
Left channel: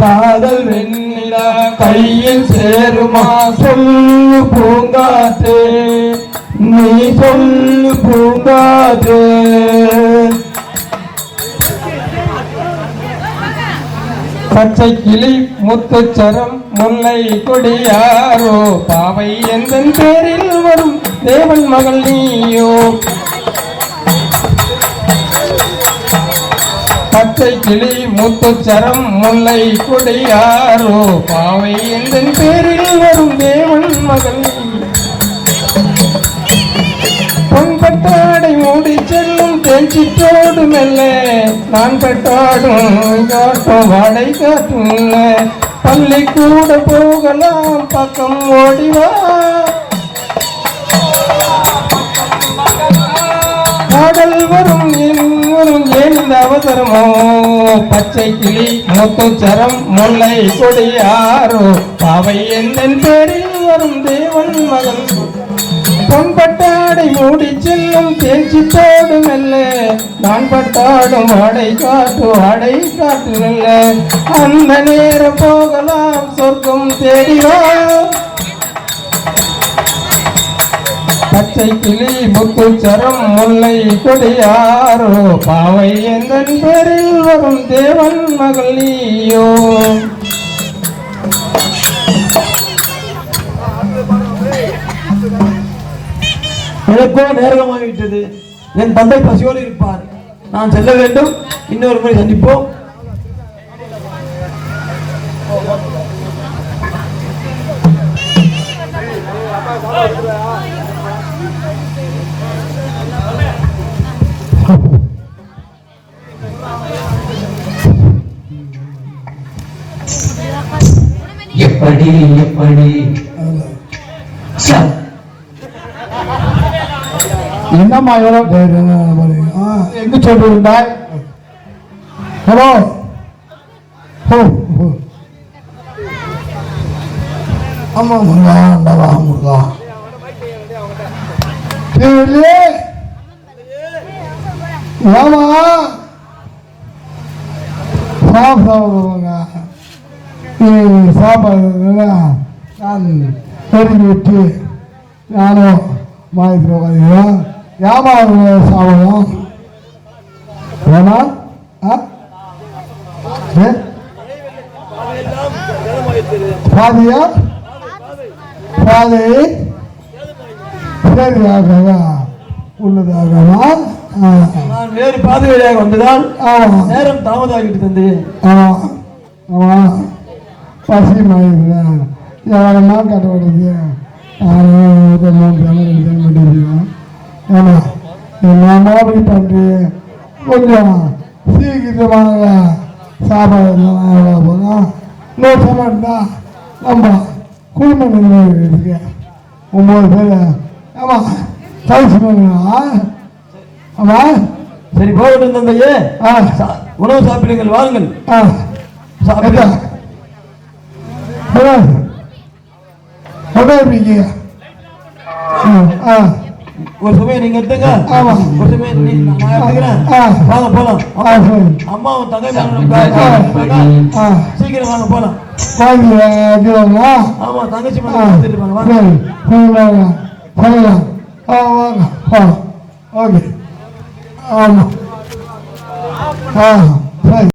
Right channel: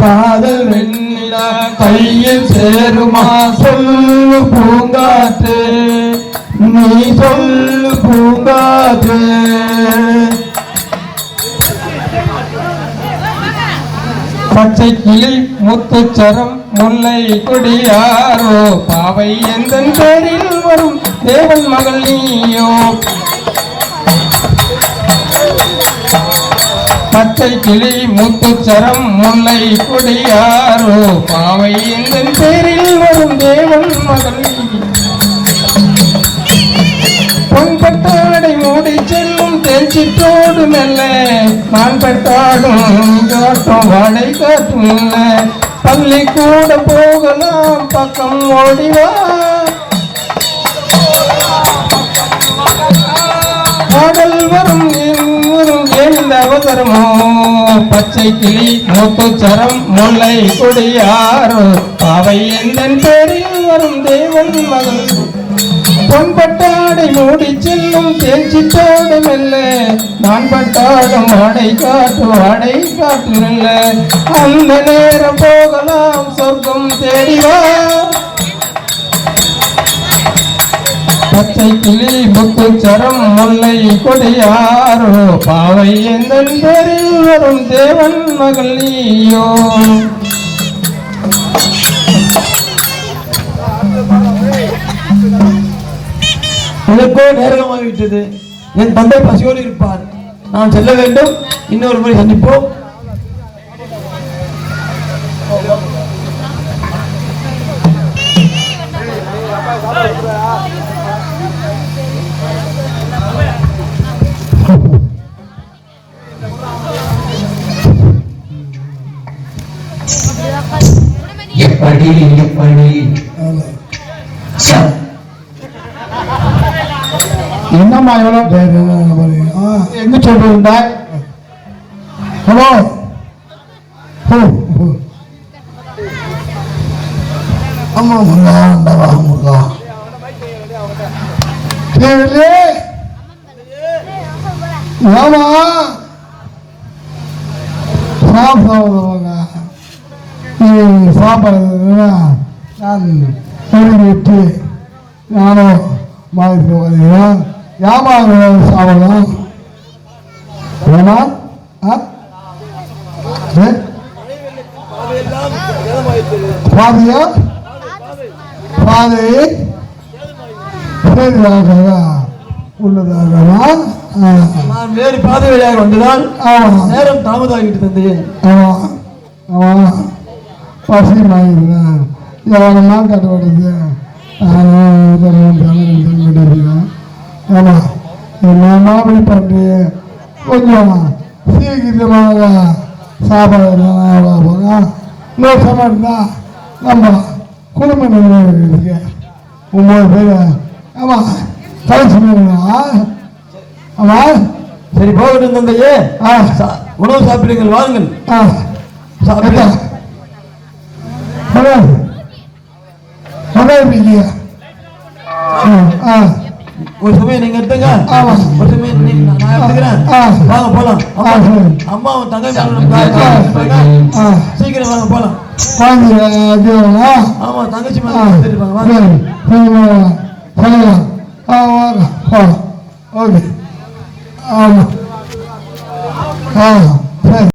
காதல் வெண்ணிலா கையில் சேருமா, சொல்லு பூங்காத்தே, நீ பச்சை கிளி முத்துச்சரம் முல்லை கொடியாரோ பாவை எந்தன் பேரில் வரும் தேவன் மகள் நீயோ. பச்சை கிளி முத்துச்சரம் முல்லை கொடியாரோ பாவை எந்தன் பேரில் வரும் தேவன் மகள் நீயோ. பொன்பட்டாடை மூடி செல்லும் தேஞ்சிட்டோடு மெல்ல நான் பட்டாடும் காட்டும் வாடை காற்றும் பள்ளி கூட போகலாம் பக்கம் ஓடிவா. பாடல் வரும் வரும் எந்த அவசரமோ பச்சை கிளி முத்துச்சரம் முல்லை கொடியாரோ பாவை எந்தன் பேரில் வரும் தேவன் மகள். பொன்பட்டாடை மூடி செல்லும் தேய்ச்சிட்டாடு மெல்ல நான் பட்டாடும் ஆடை காட்டு மெல்ல அந்த நேரம் போகலாம் சொர்க்கம் தேடிவா. பச்சை கிளி முத்துச்சரம் முல்லை கொடியாரோ பாவை எந்தன் பேரில் வரும் தேவன் மகள் நீயோ. எனக்கோ நேரமாகிவிட்டது. என் தந்தை பசியோடு இருப்பார். நான் செல்ல வேண்டும். இன்னொரு முறை சந்திப்போம். எப்படி எப்படி என்னம்மா எங்க சொல்லிருந்தாய்? ஹலோ ஆமா முருகா ஆண்டவா முருகா ஏமா சாப்பிடுவாங்க சாப்பாடு நான் தெரிஞ்சு விட்டு நானும் மாதிரி வருகிறோம். வியாபாரம் சாப்பிடலாம். ஆமா பாதியா பாதி உள்ளதாக வேறு பாதை வழியாக வந்ததால் நேரம் தாமதாகிட்டு தந்தையே. பசியமாகிறேன். எவ்வளோமா கட்டுப்படுது. மாப்பிள்ளை பண்ணி கொஞ்சம் சீக்கிரமாக சாப்பாடு நோக்கமாக இருந்தால் நம்ம குடும்ப நிர்வாகம் இருக்கு. 9 பேர். ஆமாம் தவிச்சுங்களா? ஆமாம் சரி போகட்டும் தந்தையே. உணவு சாப்பிடுங்கள் வாருங்கள். சாப்பிட்டா ஒரு சமயம் நீங்க எடுத்துங்க. ஒரு சமயம் நான் எடுத்துக்கிறேன். வாங்க போலாம். அம்மா தங்கை சீக்கிரம் வாங்க போலாம். ஆமா தங்கச்சி ஓகே ஆமா சரி.